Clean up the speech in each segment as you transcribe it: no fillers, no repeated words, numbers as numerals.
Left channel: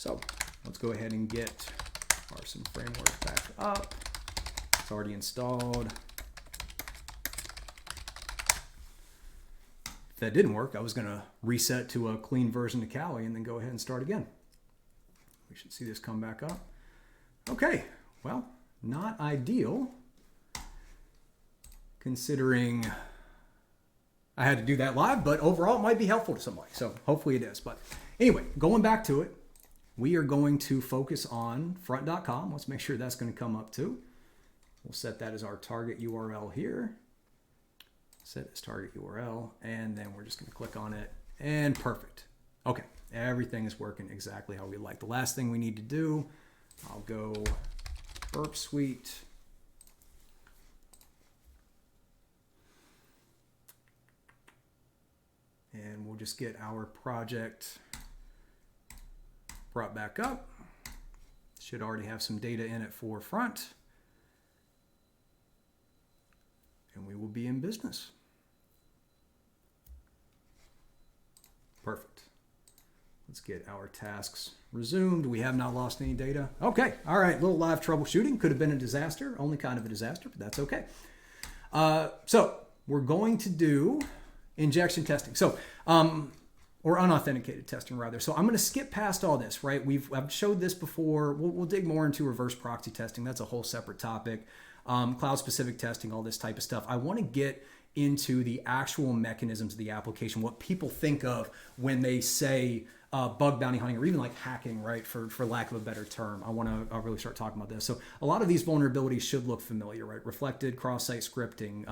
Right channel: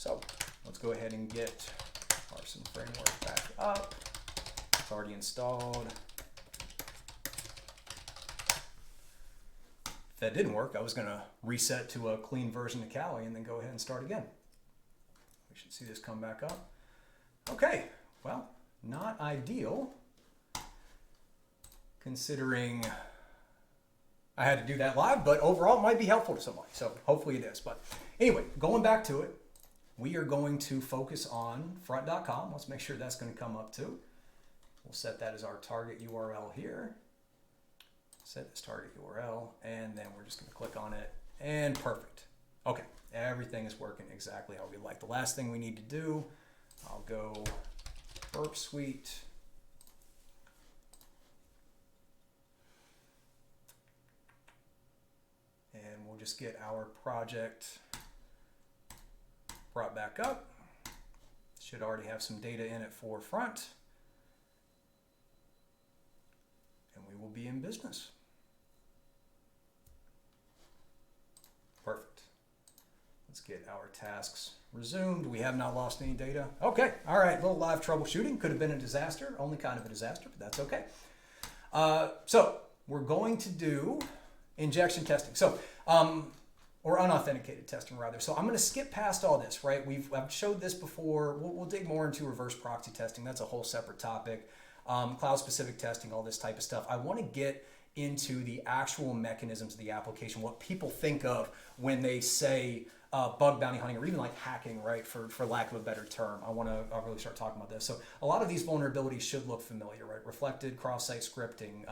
So let's go ahead and get our some framework back up. It's already installed. If that didn't work, I was going to reset to a clean version of Kali and then go ahead and start again. We should see this come back up. Okay, well, not ideal considering I had to do that live, but overall it might be helpful to somebody. So hopefully it is. But anyway, going back to it, we are going to focus on front.com. Let's make sure that's going to come up too. We'll set that as our target URL here. Set as target URL, and then we're just going to click on it, and perfect. Okay, everything is working exactly how we like. The last thing we need to do, I'll go Burp Suite. And we'll just get our project brought back up. Should already have some data in it for front. And we will be in business. Perfect. Let's get our tasks resumed. We have not lost any data. Okay, all right, little live troubleshooting. Could have been a disaster, only kind of a disaster, but that's okay. So we're going to do injection testing. So, or unauthenticated testing rather. So I'm going to skip past all this, right? I've showed this before. We'll dig more into reverse proxy testing. That's a whole separate topic. Cloud specific testing, all this type of stuff. I want to get into the actual mechanisms of the application, what people think of when they say bug bounty hunting, or even like hacking, right? For lack of a better term. I'll really start talking about this. So a lot of these vulnerabilities should look familiar, right? Reflected cross-site scripting,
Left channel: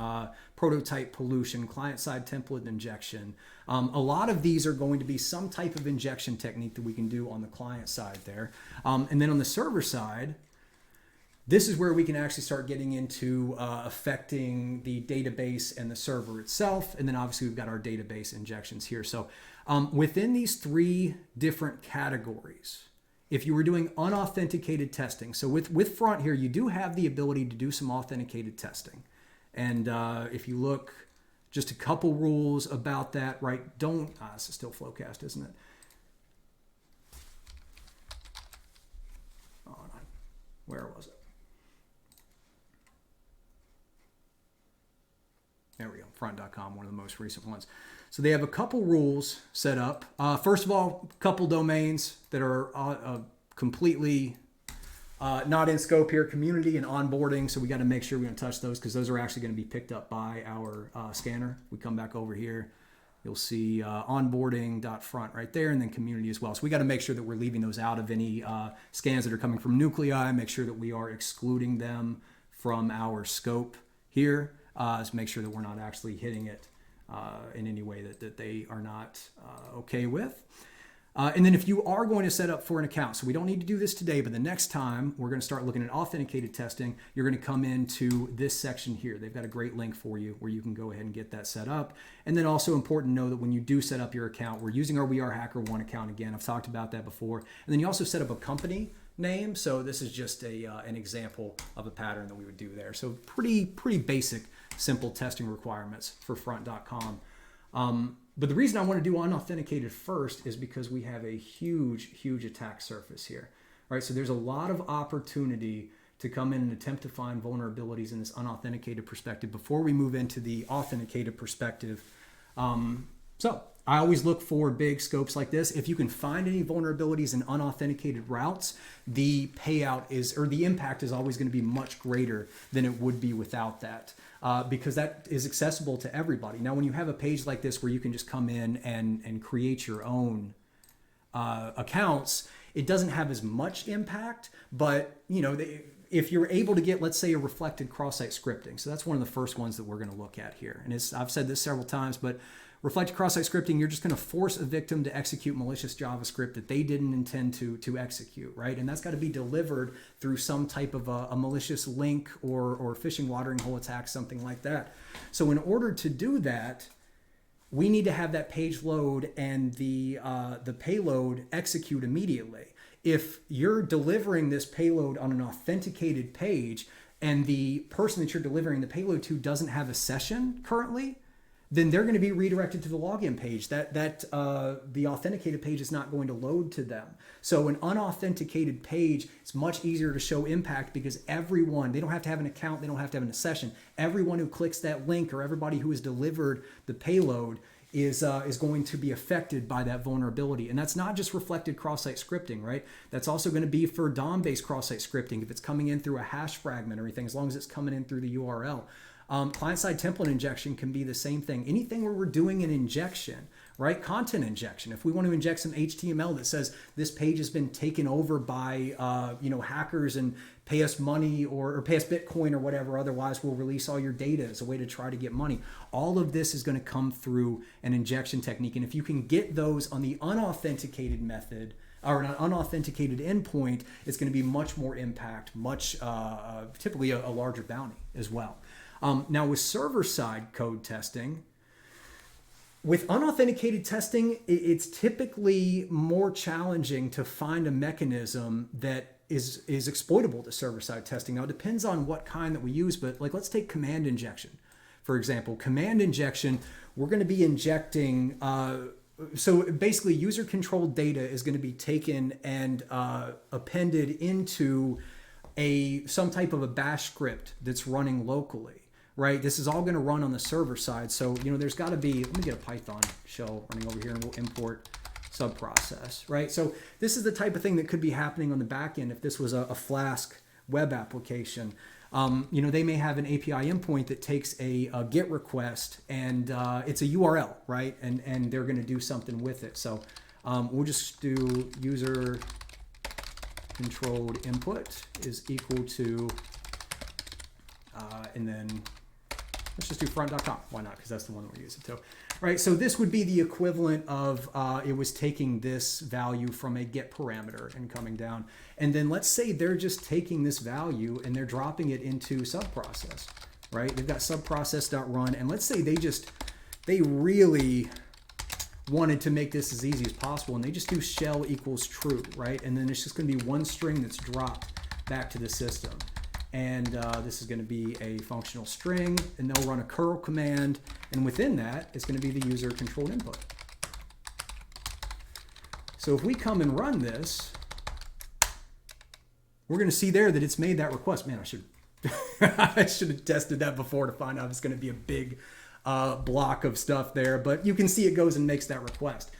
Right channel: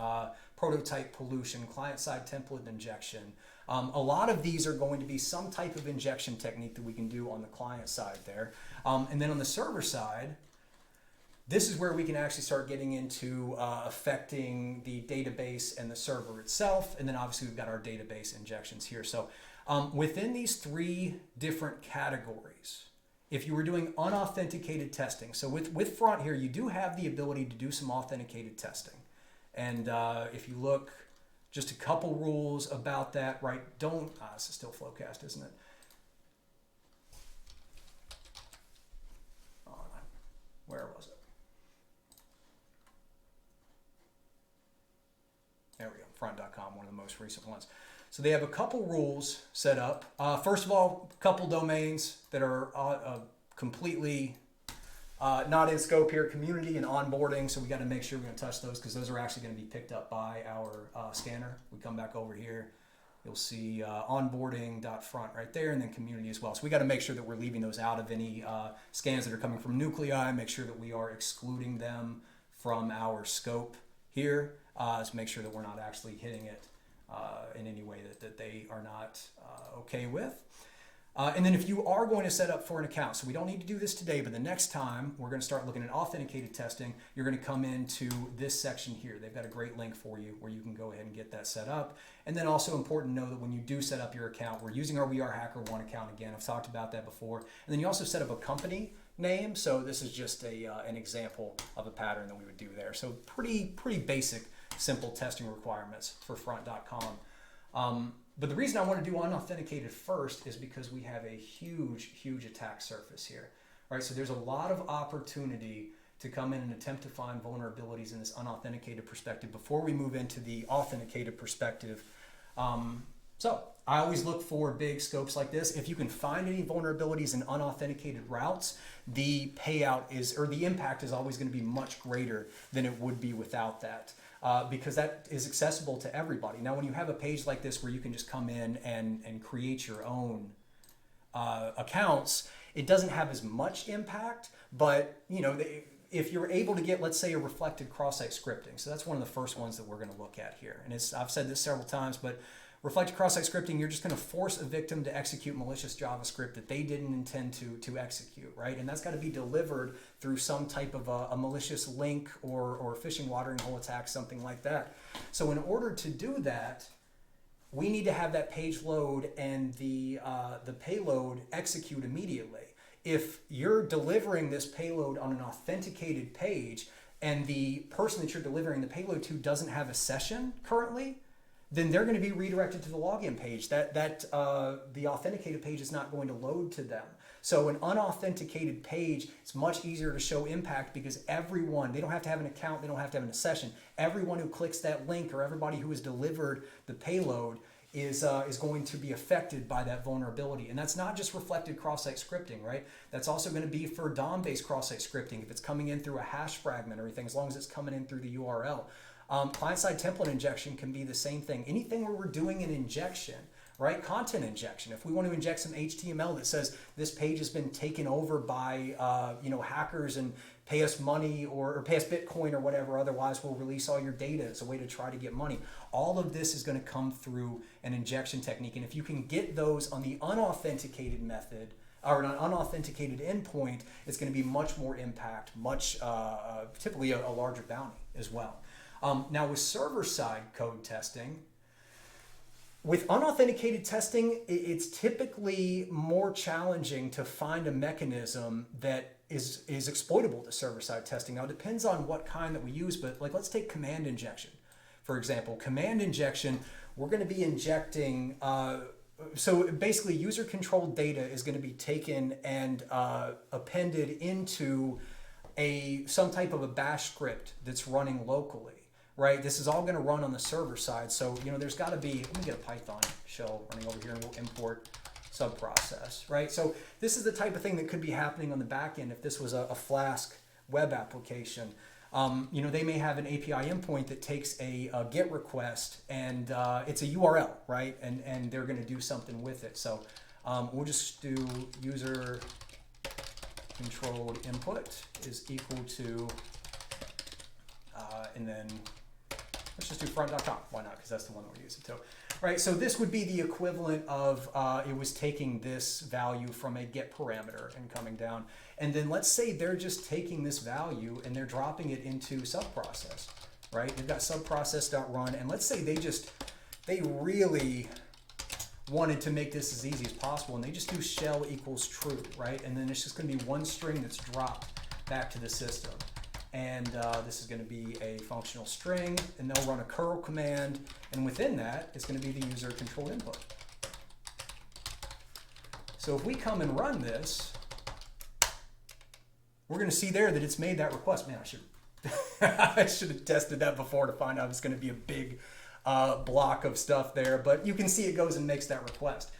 prototype pollution, client-side template injection. A lot of these are going to be some type of injection technique that we can do on the client side there. And then on the server side, this is where we can actually start getting into affecting the database and the server itself. And then obviously we've got our database injections here. So within these three different categories, if you were doing unauthenticated testing, so with front here, you do have the ability to do some authenticated testing. And if you look, just a couple rules about that, right? This is still Flowcast, isn't it? Oh, where was it? There we go, front.com, one of the most recent ones. So they have a couple rules set up. First of all, a couple domains that are completely not in scope here, community and onboarding. So we got to make sure we don't touch those because those are actually going to be picked up by our scanner. We come back over here, you'll see onboarding.front right there, and then community as well. So we got to make sure that we're leaving those out of any scans that are coming from nuclei, make sure that we are excluding them from our scope here. To make sure that we're not actually hitting it in any way that they are not okay with. And then if you are going to set up for an account, so we don't need to do this today, but the next time we're going to start looking at authenticated testing, you're going to come into this section here. They've got a great link for you where you can go ahead and get that set up. And then also important to know that when you do set up your account, we're using our We Are Hacker One account again. I've talked about that before. And then you also set up a company name. So this is just an example of a pattern that we would do there. So pretty basic, simple testing requirements for front.com. But the reason I want to do unauthenticated first is because we have a huge attack surface here, right? So there's a lot of opportunity to come in and attempt to find vulnerabilities in this unauthenticated perspective before we move into the authenticated perspective. So I always look for big scopes like this. If you can find any vulnerabilities in unauthenticated routes, the payout the impact is always going to be much greater than it would be without that. Because that is accessible to everybody. Now, when you have a page like this where you can just come in and create your own accounts, it doesn't have as much impact, but if you're able to get, let's say, a reflected cross-site scripting, so that's one of the first ones that we're going to look at here. And I've said this several times, but reflected cross-site scripting, you're just going to force a victim to execute malicious JavaScript that they didn't intend to execute, right? And that's got to be delivered through some type of a malicious link or phishing watering hole attack, something like that. So in order to do that, we need to have that page load and the payload execute immediately. If you're delivering this payload on an authenticated page and the person that you're delivering the payload to doesn't have a session currently, then they're going to be redirected to the login page. The authenticated page is not going to load to them. So an unauthenticated page, it's much easier to show impact because everyone, they don't have to have an account, they don't have to have a session. Everyone who clicks that link or everybody who has delivered the payload is going to be affected by that vulnerability. And that's not just reflected cross-site scripting, right? That's also going to be for DOM-based cross-site scripting. If it's coming in through a hash fragment or anything, as long as it's coming in through the URL. Client-side template injection can be the same thing. Anything where we're doing an injection, right? Content injection. If we want to inject some HTML that says this page has been taken over by hackers and pay us money or pay us Bitcoin or whatever, otherwise we'll release all your data as a way to try to get money. All of this is going to come through an injection technique. And if you can get those on the unauthenticated method, or an unauthenticated endpoint, it's going to be much more impact, typically a larger bounty as well. Now with server-side code testing, with unauthenticated testing, it's typically more challenging to find a mechanism that is exploitable to server-side testing. Now it depends on what kind that we use, but like let's take command injection. For example, command injection, we're going to be injecting, so basically user-controlled data is going to be taken and appended into some type of a bash script that's running locally. Right, this is all going to run on the server side. So, there's got to be, let me get a Python shell running over here and we'll import subprocess, right? So this is the type of thing that could be happening on the back end if this was a Flask web application. They may have an API endpoint that takes a GET request and it's a URL, right? And they're going to do something with it. So we'll just do user controlled input is equal to, and then let's just do front.com. Why not? Because that's the one that we're using too. Right, so this would be the equivalent of it was taking this value from a get parameter and coming down. And then let's say they're just taking this value and they're dropping it into subprocess, right? They've got subprocess.run, and let's say they really wanted to make this as easy as possible, and they just do shell equals true, right? And then it's just going to be one string that's dropped back to the system. And this is going to be a functional string, and they'll run a curl command, and within that, it's going to be the user controlled input. So if we come and run this, we're going to see there that it's made that request. Man, I should have tested that before to find out it's going to be a big block of stuff there, but you can see it goes and makes that request.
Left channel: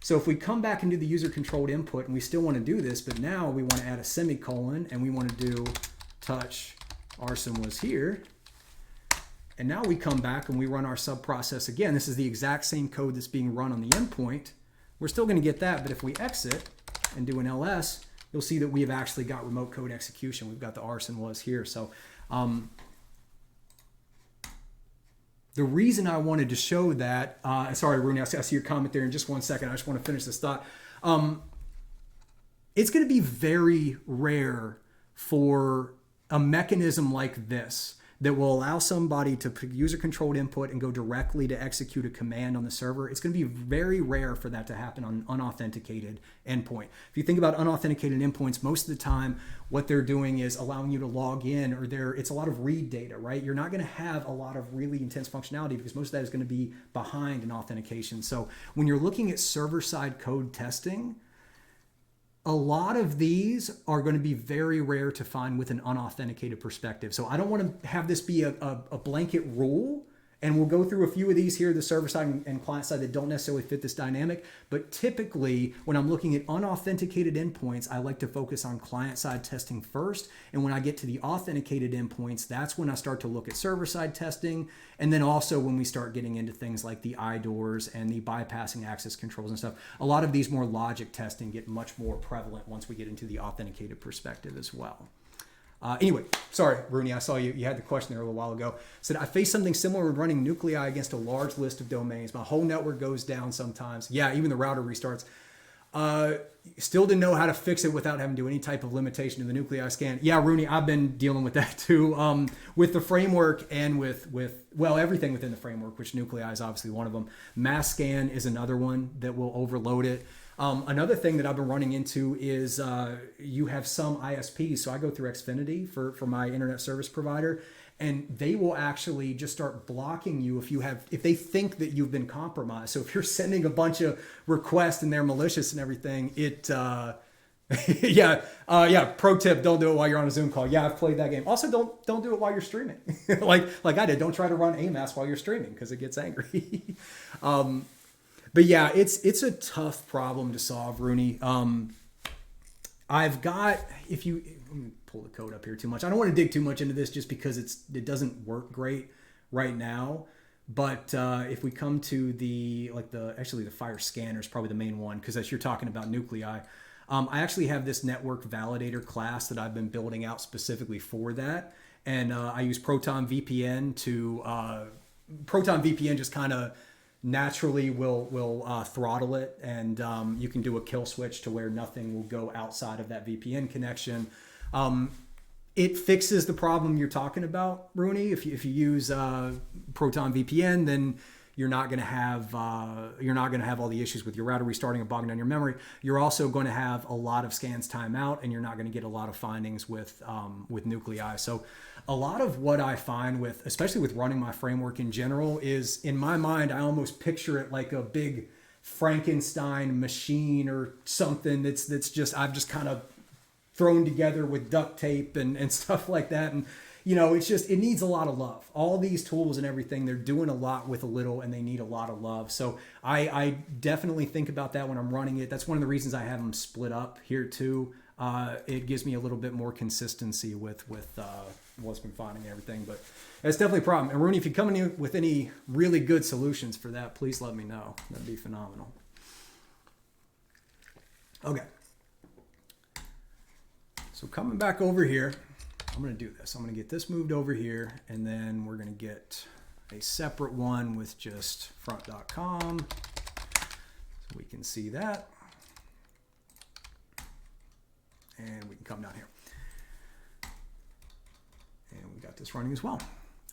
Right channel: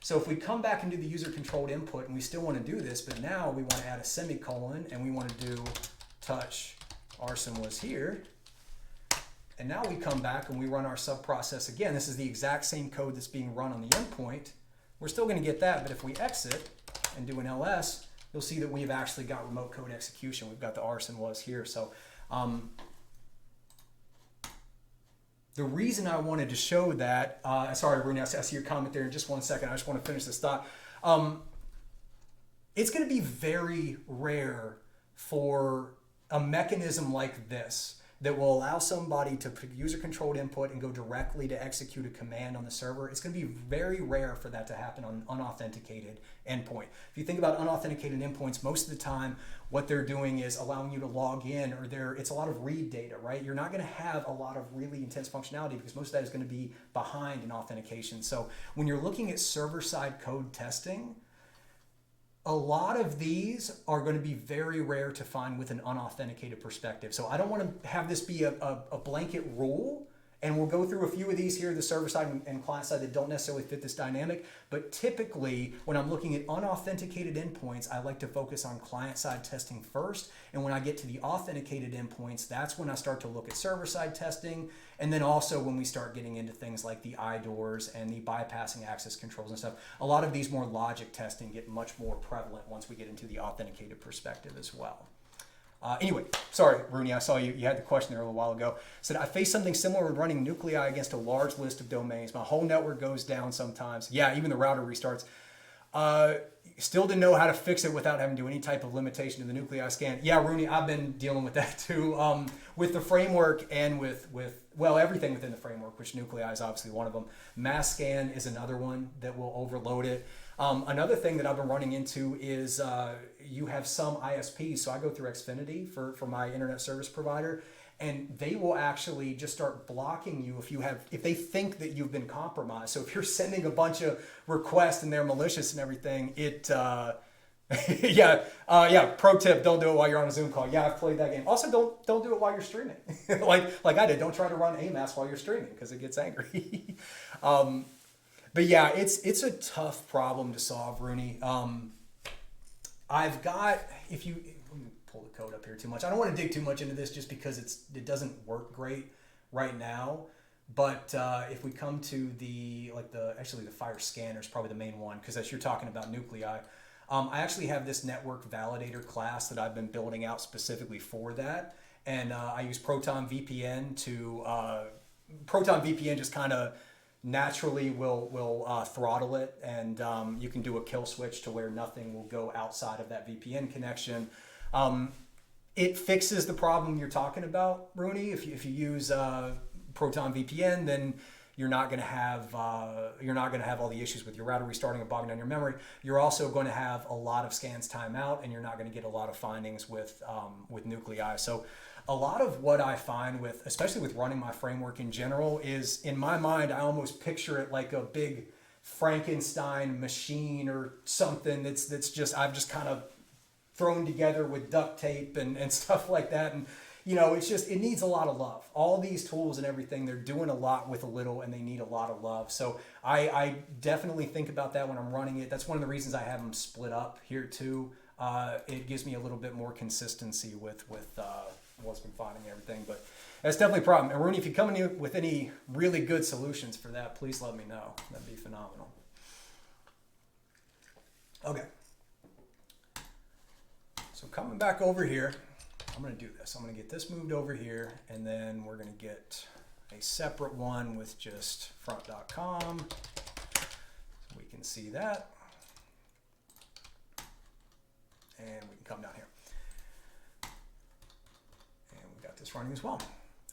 So if we come back into the user controlled input, and we still want to do this, but now we want to add a semicolon, and we want to do touch arson was here, and now we come back and we run our subprocess again. This is the exact same code that's being run on the endpoint. We're still going to get that, but if we exit and do an ls, you'll see that we've actually got remote code execution. We've got the arson was here. So the reason I wanted to show that, sorry Rooney, I see your comment there in just 1 second. I just want to finish this thought. It's going to be very rare for a mechanism like this that will allow somebody to put user-controlled input and go directly to execute a command on the server. It's going to be very rare for that to happen on unauthenticated endpoint. If you think about unauthenticated endpoints, most of the time what they're doing is allowing you to log in, or it's a lot of read data, right? You're not going to have a lot of really intense functionality because most of that is going to be behind an authentication. So when you're looking at server-side code testing, a lot of these are going to be very rare to find with an unauthenticated perspective. So I don't want to have this be a blanket rule, and we'll go through a few of these here, the server side and client side, that don't necessarily fit this dynamic. But typically, when I'm looking at unauthenticated endpoints, I like to focus on client side testing first. And when I get to the authenticated endpoints, that's when I start to look at server side testing. And then also when we start getting into things like the IDORs and the bypassing access controls and stuff, a lot of these more logic testing get much more prevalent once we get into the authenticated perspective as well. Anyway, sorry, Rooney, I saw you had the question there a little while ago. Said, I faced something similar when running nuclei against a large list of domains. My whole network goes down sometimes. Yeah, even the router restarts. Still didn't know how to fix it without having to do any type of limitation to the nuclei scan. Yeah, Rooney, I've been dealing with that too, with the framework and with everything within the framework, which nuclei is obviously one of them. Mass scan is another one that will overload it. Another thing that I've been running into is you have some ISPs. So I go through Xfinity for my internet service provider. and they will actually just start blocking you if they think that you've been compromised. So if you're sending a bunch of requests and they're malicious and everything, pro tip, don't do it while you're on a Zoom call. Yeah, I've played that game. Also, don't do it while you're streaming. like I did. Don't try to run AMAS while you're streaming because it gets angry. But yeah, it's a tough problem to solve, Rooney. Let me pull the code up here too much. I don't want to dig too much into this just because it doesn't work great right now. But if we come to the fire scanner is probably the main one, because as you're talking about nuclei, I actually have this network validator class that I've been building out specifically for that. And I use Proton VPN Proton VPN just kind of naturally will throttle it, and you can do a kill switch to where nothing will go outside of that VPN connection. It fixes the problem you're talking about, Rooney. If you use Proton VPN, then you're not going to have all the issues with your router restarting and bogging down your memory. You're also going to have a lot of scans time out, and you're not going to get a lot of findings with nuclei. So a lot of what I find especially with running my framework in general, is in my mind, I almost picture it like a big Frankenstein machine or something I've just kind of thrown together with duct tape and stuff like that. And it needs a lot of love. All these tools and everything, they're doing a lot with a little, and they need a lot of love. So I definitely think about that when I'm running it. That's one of the reasons I have them split up here too. It gives me a little bit more consistency with what's been finding and everything. But that's definitely a problem. And Rooney, if you come in with any really good solutions for that, please let me know. That'd be phenomenal. Okay. So coming back over here, I'm going to do this. I'm going to get this moved over here, and then we're going to get a separate one with just front.com so we can see that. And we can come down here. And we got this running as well.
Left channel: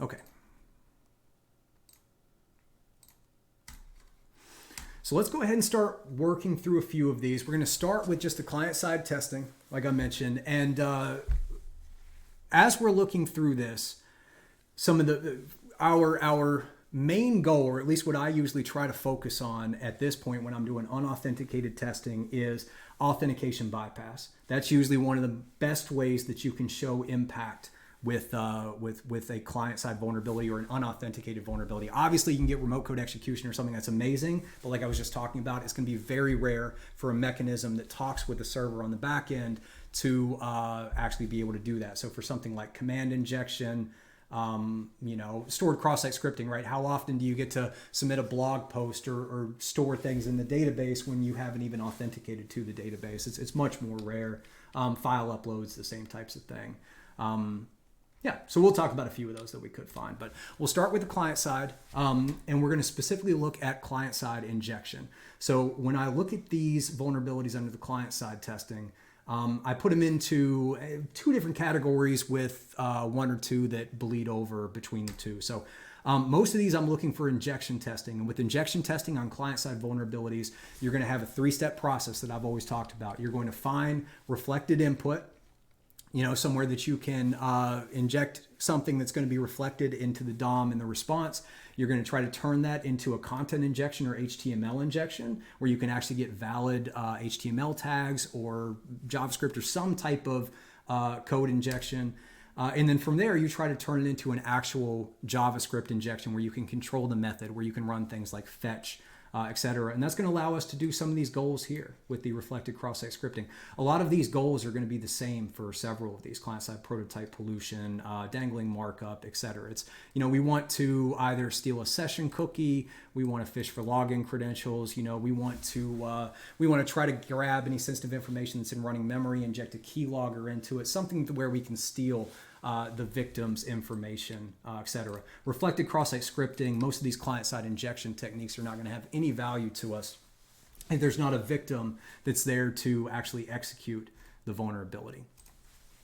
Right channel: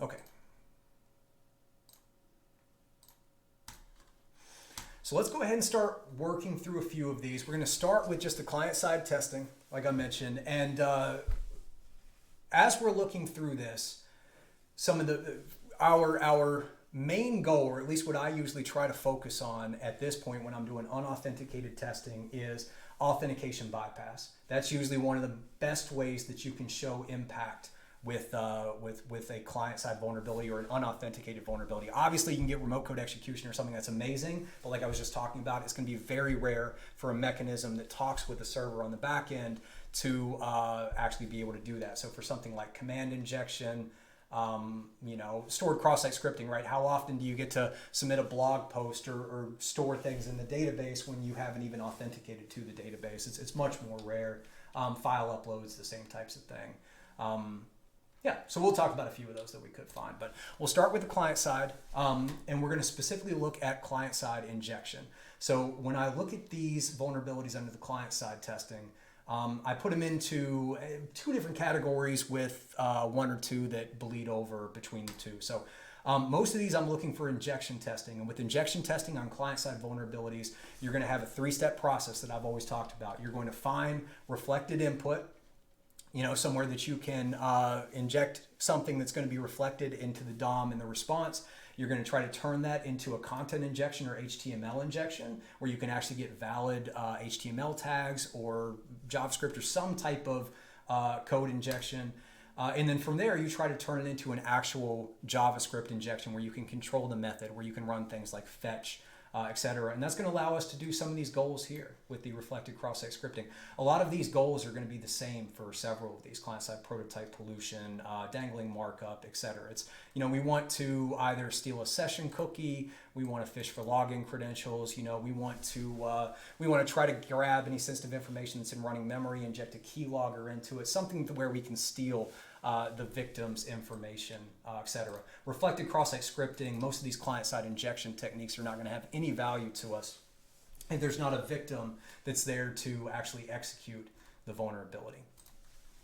Okay. So let's go ahead and start working through a few of these. We're going to start with just the client-side testing, like I mentioned. And as we're looking through this, some of our main goal, or at least what I usually try to focus on at this point when I'm doing unauthenticated testing, is authentication bypass. That's usually one of the best ways that you can show impact with a client-side vulnerability or an unauthenticated vulnerability. Obviously, you can get remote code execution or something that's amazing, but like I was just talking about, it's going to be very rare for a mechanism that talks with the server on the back end to actually be able to do that. So for something like command injection, stored cross-site scripting, right? How often do you get to submit a blog post or store things in the database when you haven't even authenticated to the database? It's much more rare. File uploads, the same types of thing. So we'll talk about a few of those that we could find, but we'll start with the client side, and we're going to specifically look at client side injection. So when I look at these vulnerabilities under the client side testing, I put them into two different categories with one or two that bleed over between the two. So most of these I'm looking for injection testing, and with injection testing on client side vulnerabilities, you're going to have a three-step process that I've always talked about. You're going to find reflected input, somewhere that you can inject something that's going to be reflected into the DOM in the response. You're going to try to turn that into a content injection or HTML injection, where you can actually get valid HTML tags or JavaScript or some type of code injection. And then from there, you try to turn it into an actual JavaScript injection where you can control the method, where you can run things like fetch, etc. And that's going to allow us to do some of these goals here with the reflected cross-site scripting. A lot of these goals are going to be the same for several of these: client-side prototype pollution, dangling markup, etc. It's, we want to either steal a session cookie, we want to fish for login credentials, we want to try to grab any sensitive information that's in running memory, inject a keylogger into it, something where we can steal the victim's information, etc. Reflected cross-site scripting, most of these client-side injection techniques are not going to have any value to us if there's not a victim that's there to actually execute the vulnerability.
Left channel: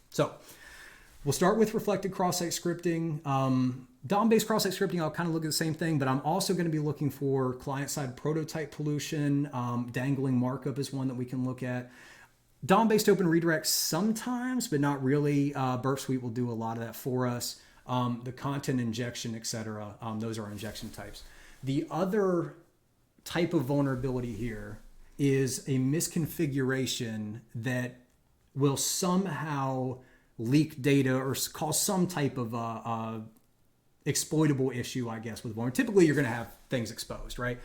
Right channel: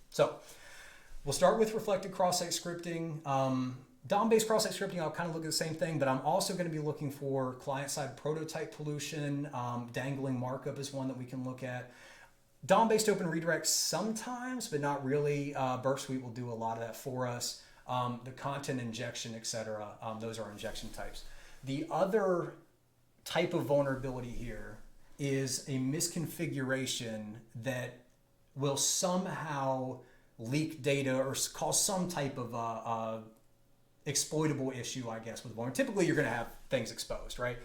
So we'll start with reflected cross-site scripting. DOM-based cross-site scripting, I'll kind of look at the same thing, but I'm also going to be looking for client-side prototype pollution. Dangling markup is one that we can look at. DOM-based open redirects sometimes, but not really. Burp Suite will do a lot of that for us. The content injection, etc. Those are injection types. The other type of vulnerability here is a misconfiguration that will somehow leak data or cause some type of exploitable issue, I guess, with vulnerability. Typically, you're going to have things exposed, right?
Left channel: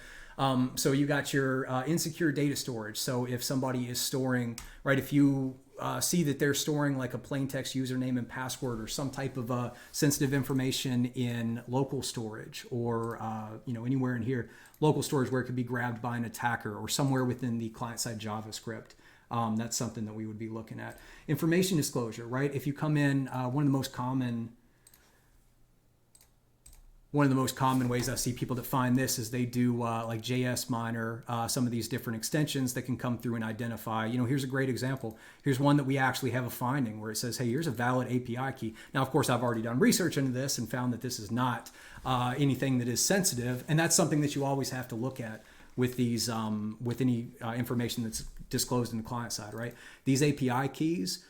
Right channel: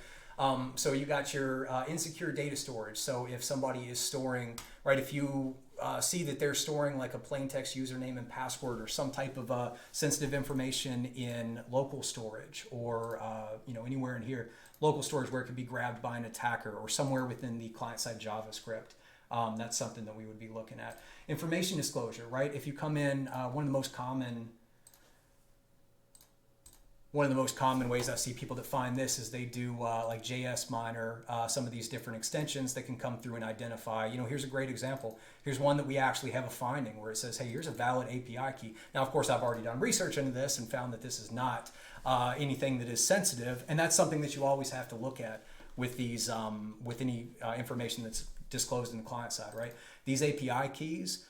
So you got your insecure data storage. So if somebody is storing, right, if you see that they're storing like a plain text username and password or some type of sensitive information in local storage or anywhere in here, local storage where it could be grabbed by an attacker or somewhere within the client-side JavaScript. That's something that we would be looking at. Information disclosure, right? If you come in, one of the most common ways I see people define this is they do like JS miner, some of these different extensions that can come through and identify, here's a great example. Here's one that we actually have a finding where it says, hey, here's a valid API key. Now, of course, I've already done research into this and found that this is not anything that is sensitive. And that's something that you always have to look at with these, with any information that's disclosed in the client side, right? These API keys,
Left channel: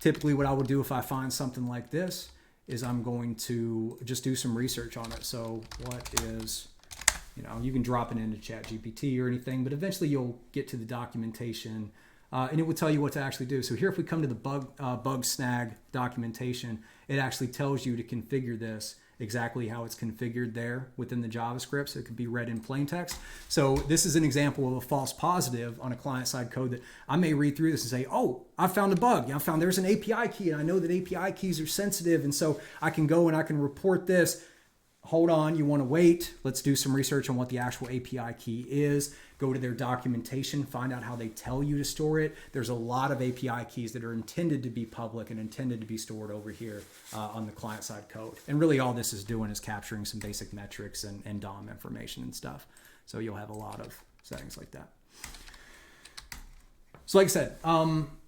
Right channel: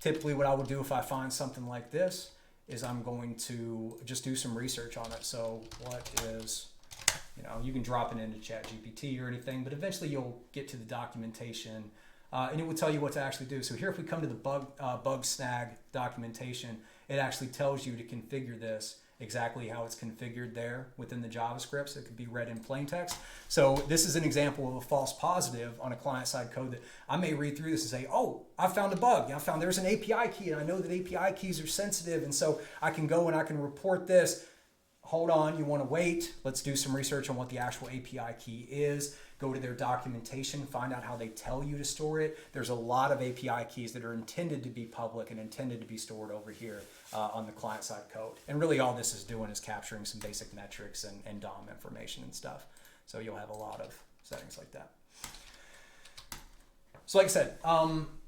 typically what I would do if I find something like this is I'm going to just do some research on it. So what is, you can drop it into ChatGPT or anything, but eventually you'll get to the documentation and it will tell you what to actually do. So here, if we come to the bug snag documentation, it actually tells you to configure this exactly how it's configured there within the JavaScript, so it could be read in plain text. So this is an example of a false positive on a client-side code that I may read through this and say, oh, I found a bug. I found there's an API key, and I know that API keys are sensitive, and so I can go and I can report this. Hold on, you want to wait. Let's do some research on what the actual API key is. Go to their documentation, find out how they tell you to store it. There's a lot of API keys that are intended to be public and intended to be stored over here on the client-side code. And really all this is doing is capturing some basic metrics and DOM information and stuff. So you'll have a lot of settings like that. So like I said,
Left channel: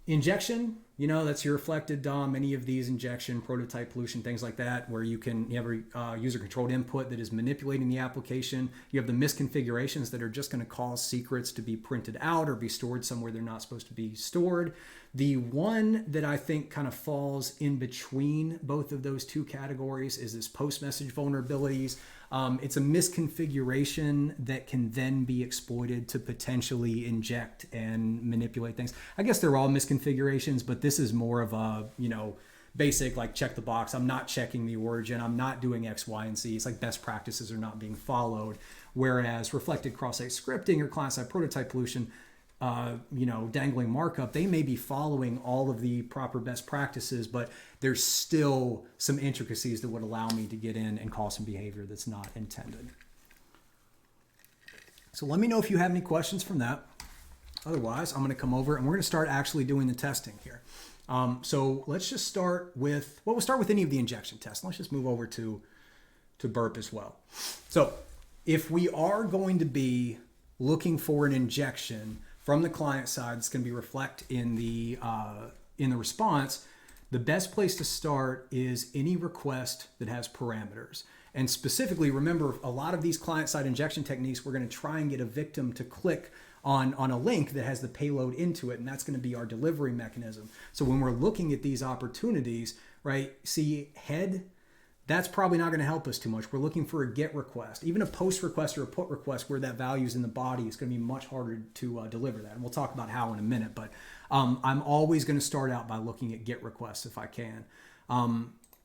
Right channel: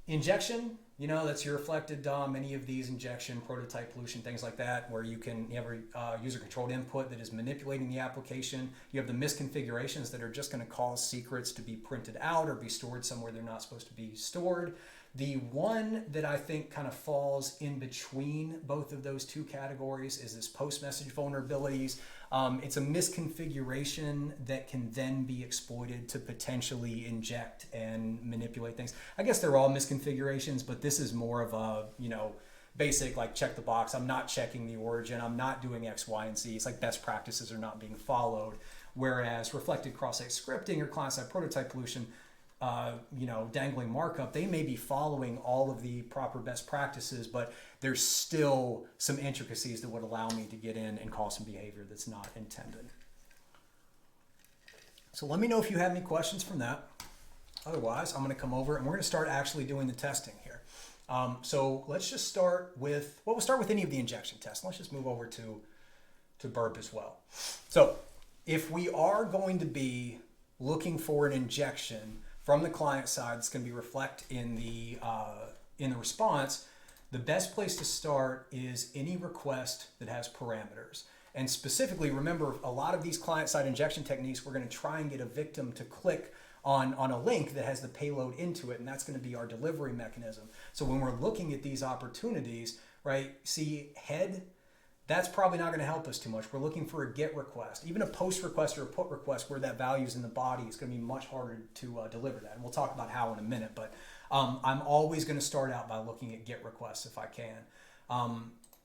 injection, that's your reflected DOM, any of these injection, prototype pollution, things like that, where you have a user-controlled input that is manipulating the application. You have the misconfigurations that are just going to cause secrets to be printed out or be stored somewhere they're not supposed to be stored. The one that I think kind of falls in between both of those two categories is this post-message vulnerabilities. It's a misconfiguration that can then be exploited to potentially inject and manipulate things. I guess they're all misconfigurations, but this is more of a, basic, like check the box. I'm not checking the origin. I'm not doing X, Y, and Z. It's like best practices are not being followed. Whereas reflected cross-site scripting or client-side prototype pollution, dangling markup, they may be following all of the proper best practices, but there's still some intricacies that would allow me to get in and cause some behavior that's not intended. So let me know if you have any questions from that. Otherwise, I'm going to come over and we're going to start actually doing the testing here. So let's just start with, we'll start with any of the injection tests. Let's just move over to Burp as well. So if we are going to be looking for an injection from the client side, it's going to be reflect in the response. The best place to start is any request that has parameters. And specifically, remember, a lot of these client-side injection techniques, we're going to try and get a victim to click on a link that has the payload into it, and that's going to be our delivery mechanism. So when we're looking at these opportunities, right, see head, that's probably not going to help us too much. We're looking for a GET request. Even a POST request or a PUT request where that value is in the body is going to be much harder to deliver that. And we'll talk about how in a minute, but I'm always going to start out by looking at GET requests if I can.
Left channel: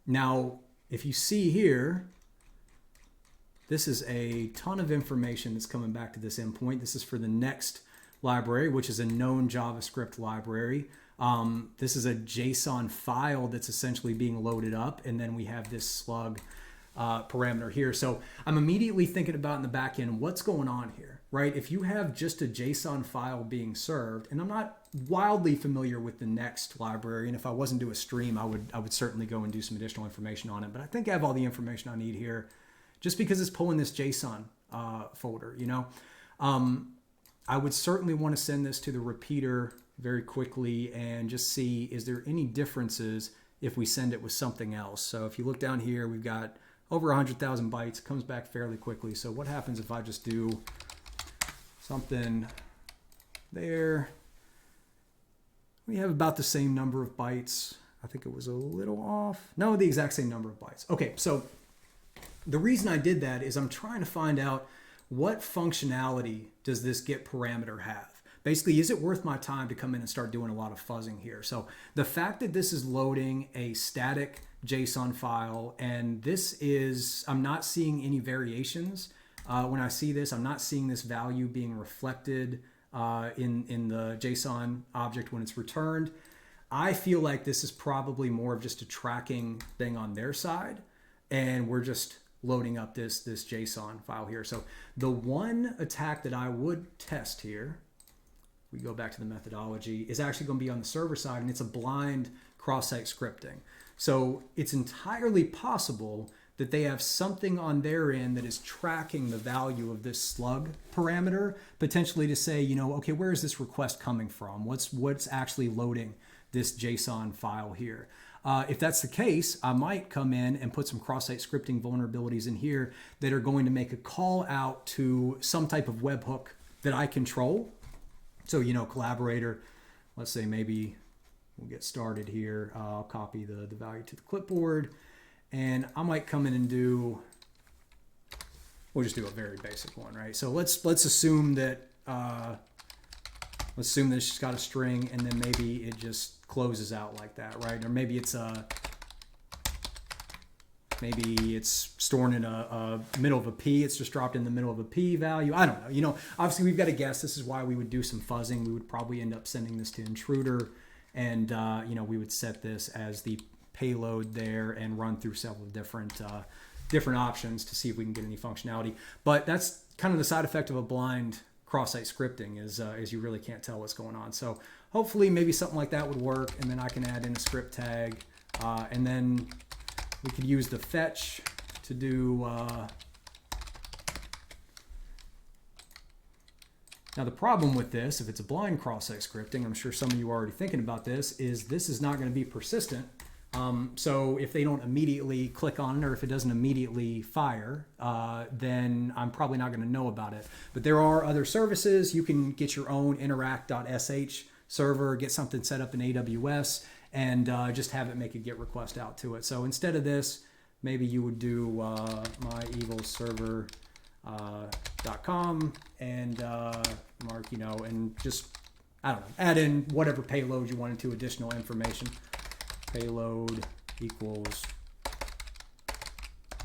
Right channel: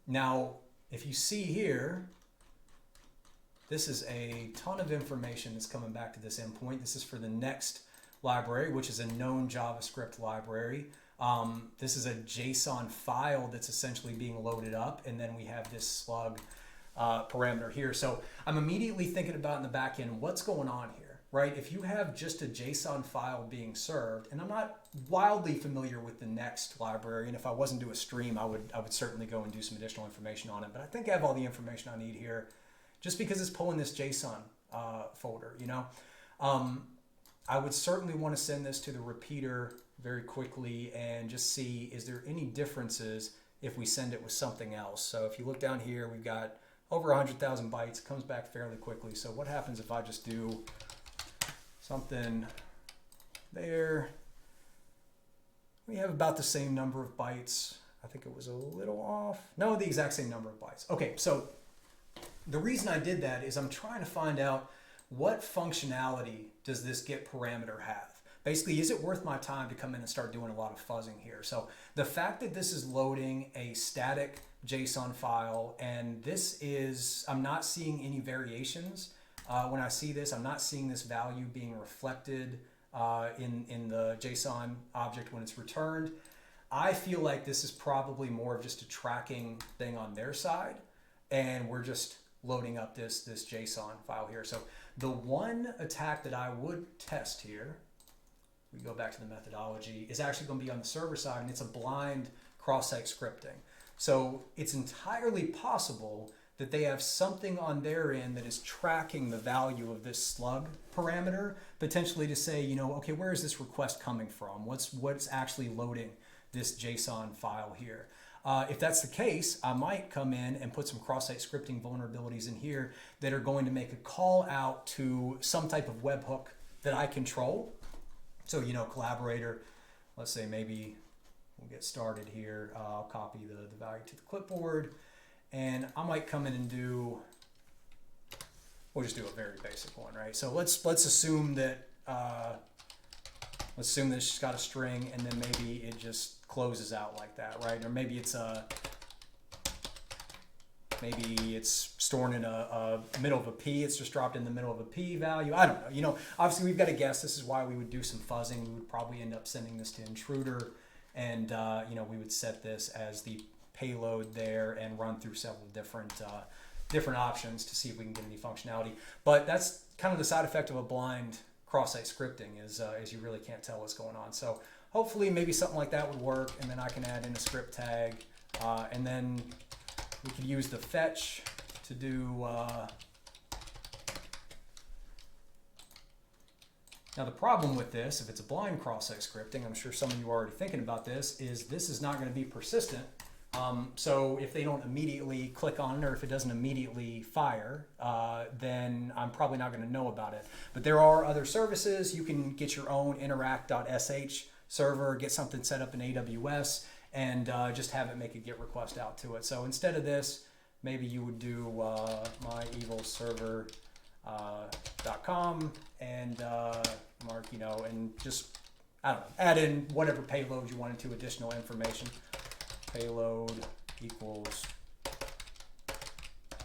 Now, if you see here, this is a ton of information that's coming back to this endpoint. This is for the next library, which is a known JavaScript library. This is a JSON file that's essentially being loaded up, and then we have this slug parameter here. So I'm immediately thinking about in the back end, what's going on here, right? If you have just a JSON file being served, and I'm not wildly familiar with the next library, and if I wasn't to a stream, I would certainly go and do some additional information on it, but I think I have all the information I need here just because it's pulling this JSON folder, I would certainly want to send this to the repeater very quickly and just see, is there any differences if we send it with something else? So if you look down here, we've got over 100,000 bytes. It comes back fairly quickly. So what happens if I just do something there? We have about the same number of bytes. I I think it was a little off. No, the exact same number of bytes. Okay, so the reason I did that is I'm trying to find out what functionality does this get parameter have? Basically, is it worth my time to come in and start doing a lot of fuzzing here? So the fact that this is loading a static JSON file, and this is, I'm not seeing any variations. When I see this, I'm not seeing this value being reflected in the JSON object when it's returned. I feel like this is probably more of just a tracking thing on their side, and we're just loading up this JSON file here. So the one attack that I would test here, we go back to the methodology, is actually going to be on the server side, and it's a blind cross-site scripting. So it's entirely possible that they have something on their end that is tracking the value of this slug parameter, potentially to say, you know, okay, where is this request coming from? What's actually loading this JSON file here? If that's the case, I might come in and put some cross-site scripting vulnerabilities in here that are going to make a call out to some type of webhook that I control. So, you know, collaborator, let's say maybe we'll get started here. I'll copy the value to the clipboard, and I might come in and do, we'll just do a very basic one, right? So let's assume that, let's assume that it's just got a string, and then maybe it just closes out like that, right? Or maybe it's stored in a middle of a P. It's just dropped in the middle of a P value. I don't know. You know, obviously we've got to guess. This is why we would do some fuzzing. We would probably end up sending this to intruder, and you know, we would set this as the payload there and run through several different options to see if we can get any functionality. But that's kind of the side effect of a blind cross-site scripting is you really can't tell what's going on. So hopefully maybe something like that would work, and then I can add in a script tag, and then we could use the fetch to do, now the problem with this, if it's a blind cross-site scripting, I'm sure some of you are already thinking about this is not going to be persistent. So if they don't immediately click on it, or if it doesn't immediately fire, then I'm probably not going to know about it. But there are other services. You can get your own interact.sh server, get something set up in AWS, and just have it make a GET request out to it. So instead of this, maybe you would do myevilserver.com and mark, you know, and just, I don't know, add in whatever payload you wanted to, additional information. Payload equals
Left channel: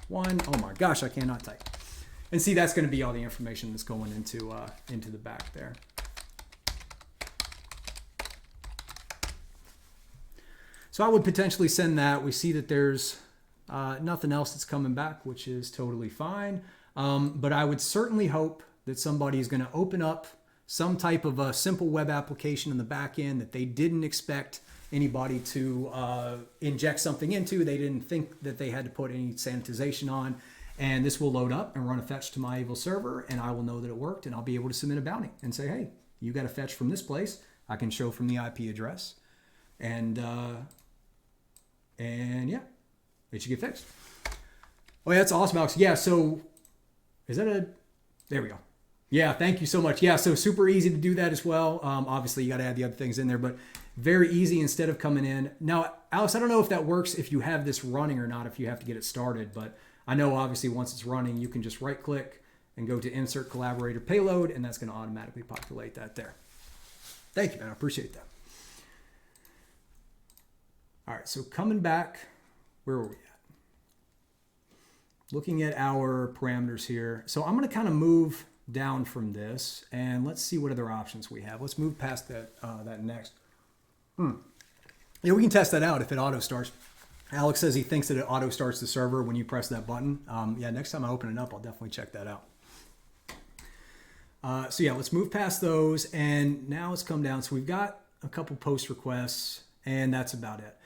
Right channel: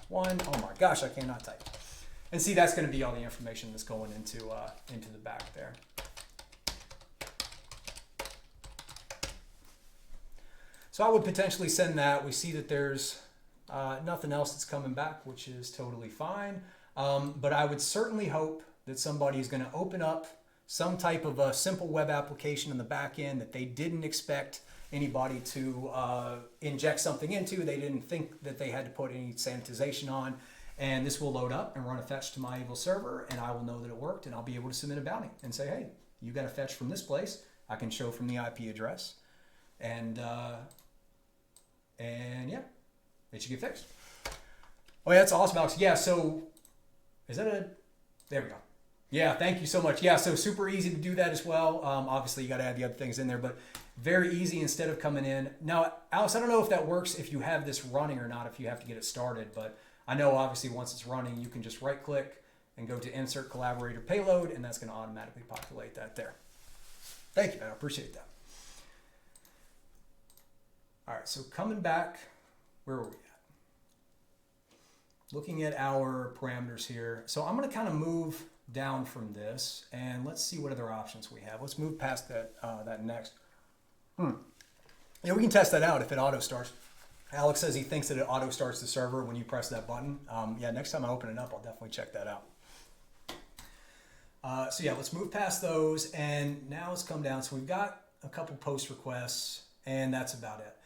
1. Oh my gosh, I cannot type. And see, that's going to be all the information that's going into the back there. So I would potentially send that. We see that there's nothing else that's coming back, which is totally fine. But I would certainly hope that somebody is going to open up some type of a simple web application in the back end that they didn't expect anybody to inject something into. They didn't think that they had to put any sanitization on. And this will load up and run a fetch to my evil server, and I will know that it worked, and I'll be able to submit a bounty and say, hey, you got a fetch from this place. I can show from the IP address. And yeah, it should get fixed. Oh yeah, that's awesome, Alex. Yeah, so is that a, there we go. Yeah, thank you so much. Yeah, so super easy to do that as well. Obviously, you got to add the other things in there, but very easy instead of coming in. Now, Alex, I don't know if that works if you have this running or not, if you have to get it started, but I know obviously once it's running, you can just right click and go to insert collaborator payload, and that's going to automatically populate that there. Thank you, man. I appreciate that. All right, so coming back, where were we at? Looking at our parameters here. So I'm going to kind of move down from this, and let's see what other options we have. Let's move past that next. Yeah, we can test that out if it auto starts. Alex says he thinks that it auto starts the server when you press that button. Yeah, next time I open it up, I'll definitely check that out. So yeah, let's move past those, and now let's come down. So we've got a couple post requests, and that's about it.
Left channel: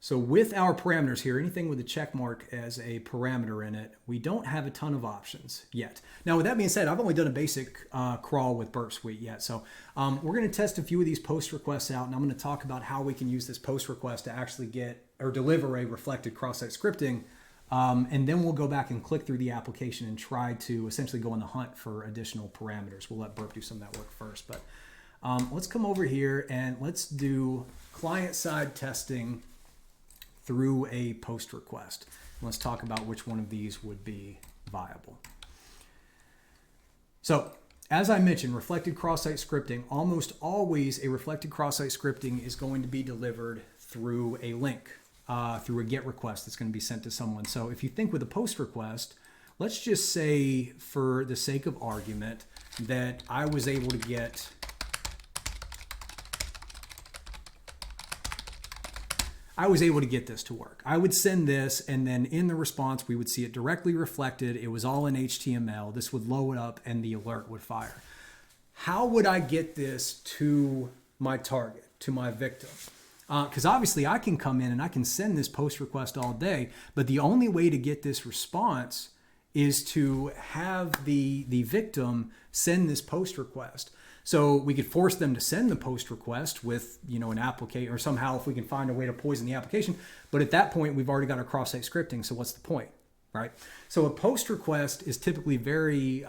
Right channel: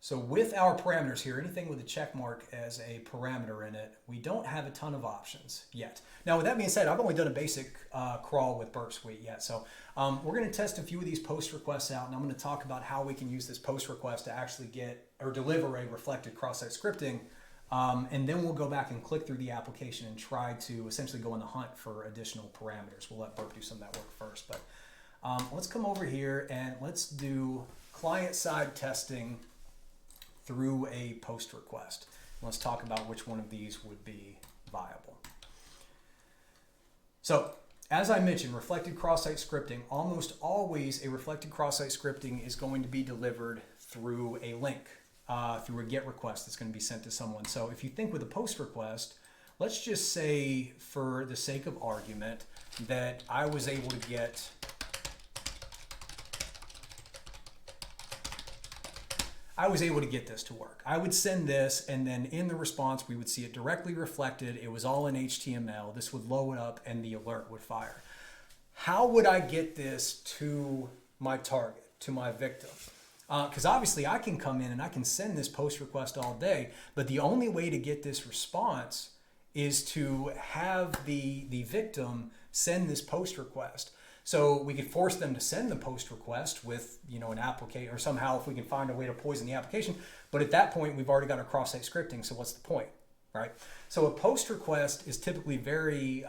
So with our parameters here, anything with a check mark as a parameter in it, we don't have a ton of options yet. Now, with that being said, I've only done a basic crawl with Burp Suite yet. So we're going to test a few of these post requests out, and I'm going to talk about how we can use this post request to actually get or deliver a reflected cross-site scripting. And then we'll go back and click through the application and try to essentially go on the hunt for additional parameters. We'll let Burp do some of that work first. But let's come over here and let's do client-side testing through a post request. Let's talk about which one of these would be viable. So as I mentioned, reflected cross-site scripting, almost always a reflected cross-site scripting is going to be delivered through a link, through a GET request that's going to be sent to someone. So if you think with a post request, let's just say for the sake of argument that I was able to get this to work. I would send this, and then in the response, we would see it directly reflected. It was all in HTML. This would load up and the alert would fire. How would I get this to my target, to my victim? Because obviously I can come in and I can send this post request all day, but the only way to get this response is to have the victim send this post request. So we could force them to send the post request with, an application, or somehow if we can find a way to poison the application. But at that point, we've already got our cross-site scripting. So what's the point, right? So a post request is typically very,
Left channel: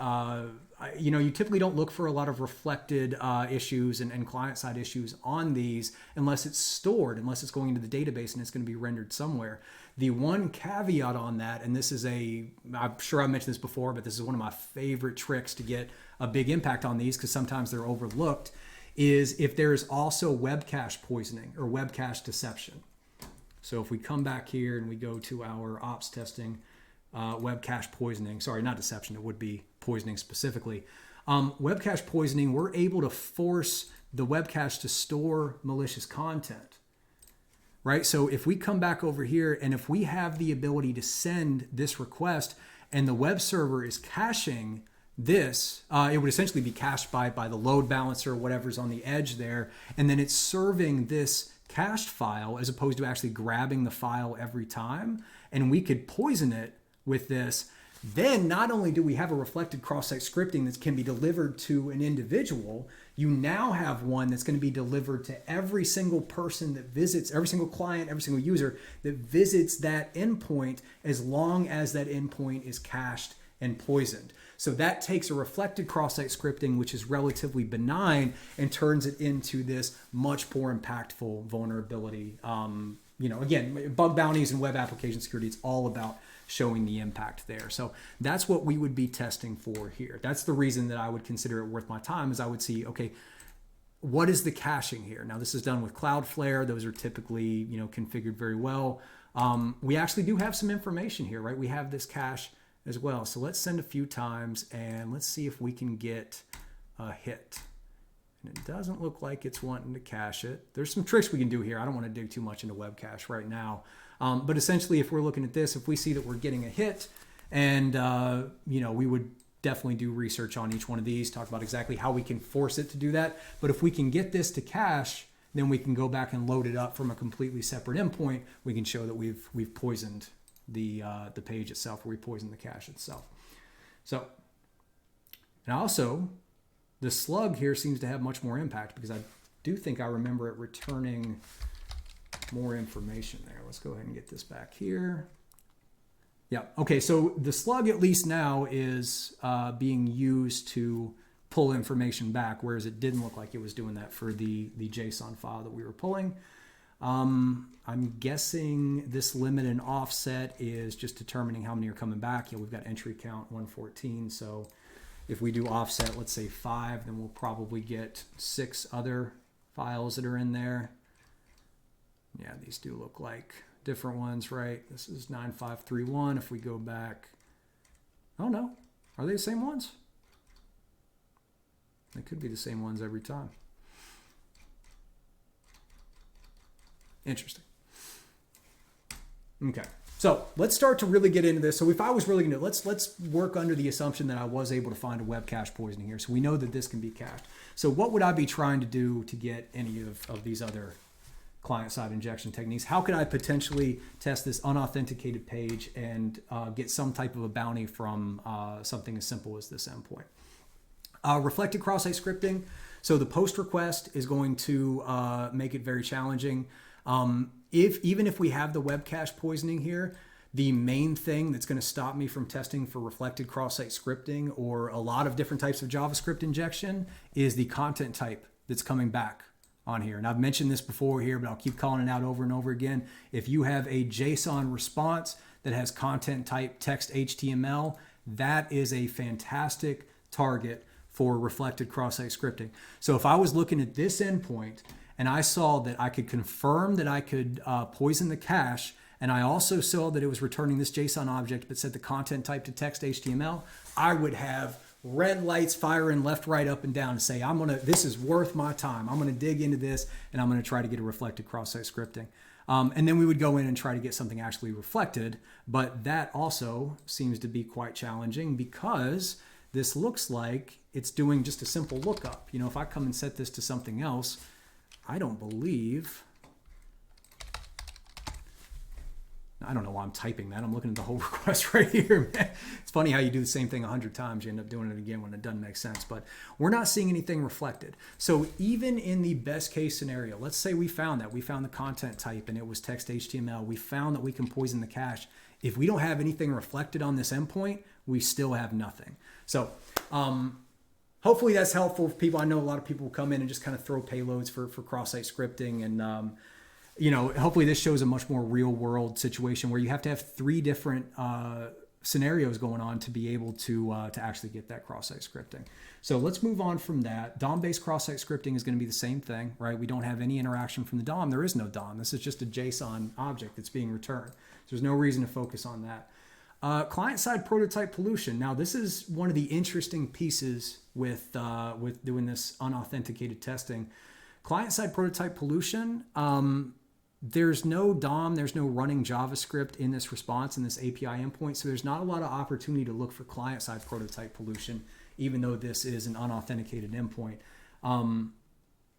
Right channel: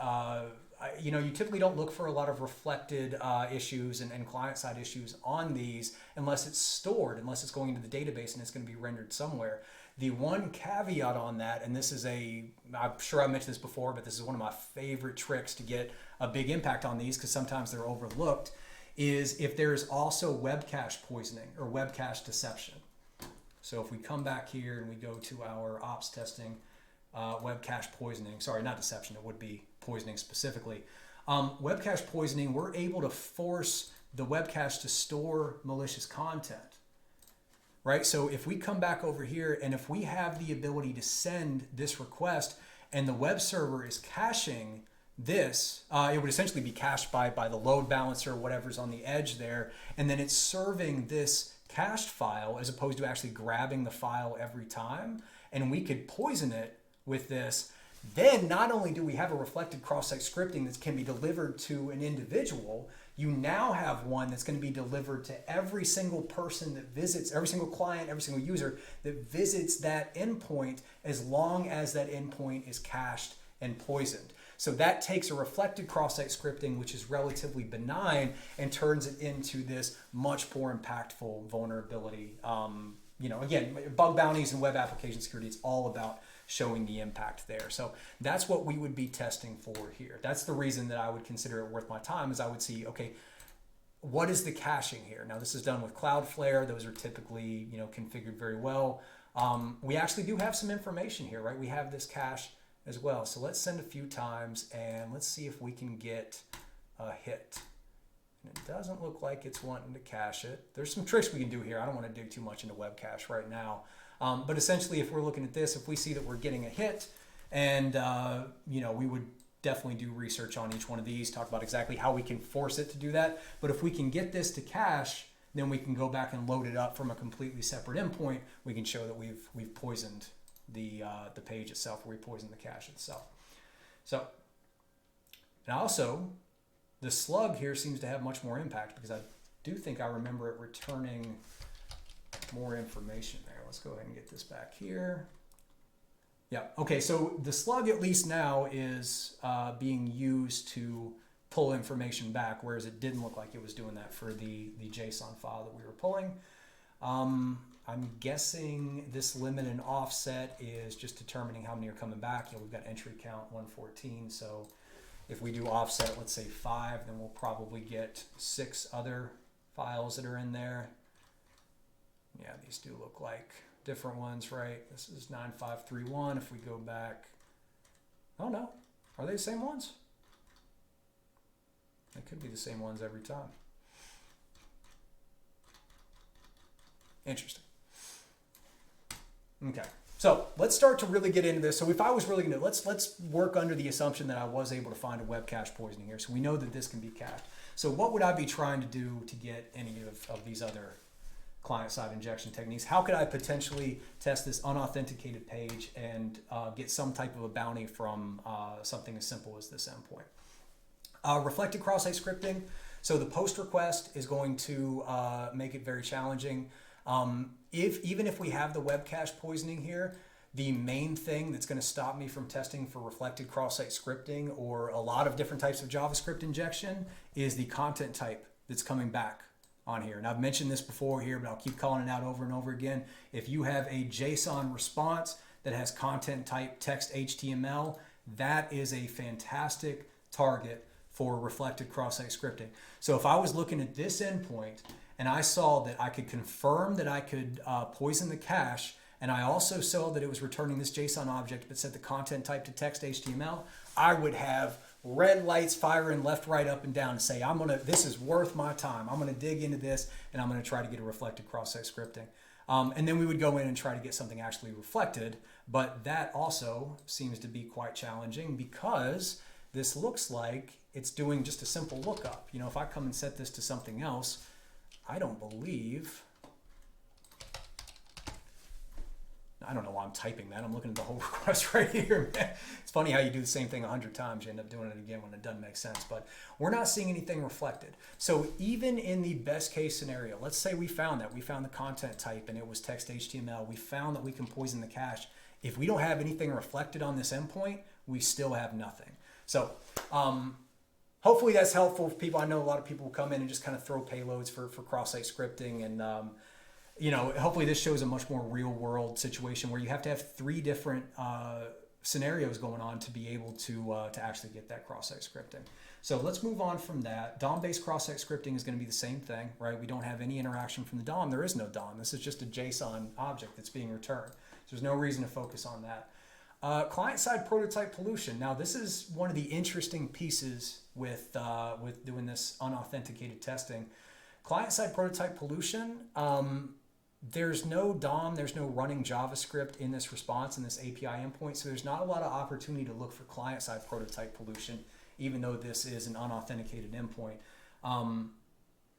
you typically don't look for a lot of reflected issues and client-side issues on these unless it's stored, unless it's going into the database and it's going to be rendered somewhere. The one caveat on that, and this is I'm sure I mentioned this before, but this is one of my favorite tricks to get a big impact on these because sometimes they're overlooked, is if there is also web cache poisoning or web cache deception. So if we come back here and we go to our ops testing, web cache poisoning, sorry, not deception, it would be poisoning specifically. Web cache poisoning, we're able to force the web cache to store malicious content. Right? So if we come back over here and if we have the ability to send this request and the web server is caching this, it would essentially be cached by the load balancer or whatever's on the edge there. And then it's serving this cached file as opposed to actually grabbing the file every time. And we could poison it with this. Then not only do we have a reflected cross-site scripting that can be delivered to an individual, you now have one that's going to be delivered to every single person that visits, every single client, every single user that visits that endpoint, as long as that endpoint is cached and poisoned. So that takes a reflected cross-site scripting, which is relatively benign, and turns it into this much more impactful vulnerability. Again, bug bounties and web application security, it's all about showing the impact there. So that's what we would be testing for here. That's the reason that I would consider it worth my time, is I would see, okay, what is the caching here? Now this is done with Cloudflare. Those are typically, configured very well. We actually do have some information here, right? We have this cache as well. So let's send a few times and let's see if we can get a hit. And it doesn't look like it's wanting to cache it. There's some tricks we can do here. I don't want to dig too much into web cache right now. But essentially, if we're looking at this, if we see that we're getting a hit, and we would definitely do research on each one of these, talk about exactly how we can force it to do that. But if we can get this to cache, then we can go back and load it up from a completely separate endpoint. We can show that we've poisoned the page itself, or we poisoned the cache itself. So, and also, the slug here seems to have much more impact because I do think I remember it returning more information there. Let's go ahead and get this back here. Yeah, okay, so the slug at least now is being used to pull information back, whereas it didn't look like it was doing that for the JSON file that we were pulling. I'm guessing this limit and offset is just determining how many are coming back. Yeah, we've got entry count 114, so if we do offset, let's say 5, then we'll probably get 6 other files that are in there. Yeah, these do look like different ones, right? This is 9531. If we go back, oh no, are they the same ones? They could be the same ones every time. Interesting. Okay, so let's start to really get into this. So if I was really going to, let's work under the assumption that I was able to find a web cache poisoning here. So we know that this can be cached. So what would I be trying to do to get any of these other client-side injection techniques? How could I potentially test this unauthenticated page and get some type of a bounty from something as simple as this endpoint? Reflected cross-site scripting. So the post request is going to make it very challenging. Even if we have the web cache poisoning here, the main thing that's going to stop me from testing for reflected cross-site scripting or a lot of different types of JavaScript injection is the content type that's coming back on here. And I've mentioned this before here, but I'll keep calling it out over and over again. If you have a JSON response that has content type text HTML, that is a fantastic target for reflected cross-site scripting. So if I was looking at this endpoint and I saw that I could confirm that I could poison the cache, and I also saw that it was returning this JSON object but set the content type to text HTML, I would have red lights firing left, right, up, and down to say, this is worth my time. I'm gonna dig into this and I'm gonna try to get a reflected cross-site scripting. And then we would go in and try to get something actually reflected, but that also seems to be quite challenging because this looks like it's doing just a simple lookup. You know, if I come and set this to something else, I don't know why I'm typing that. I'm looking at the whole request right here. It's funny how you do the same thing 100 times. You end up doing it again when it doesn't make sense. But we're not seeing anything reflected. So even in the best case scenario, let's say we found the content type and it was text HTML. We found that we can poison the cache. If we don't have anything reflected on this endpoint, we still have nothing. So hopefully that's helpful for people. I know a lot of people will come in and just kind of throw payloads for cross-site scripting, and you know, hopefully this shows a much more real world situation where you have to have 3 different scenarios going on to be able to actually get that cross-site scripting. So let's move on from that. DOM-based cross-site scripting is going to be the same thing, right? We don't have any interaction from the DOM. There is no DOM. This is just a JSON object that's being returned. So there's no reason to focus on that. Client-side prototype pollution. Now, this is one of the interesting pieces with doing this unauthenticated testing. Client-side prototype pollution, there's no DOM, there's no running JavaScript in this response in this API endpoint, so there's not a lot of opportunity to look for client-side prototype pollution, even though this is an unauthenticated endpoint.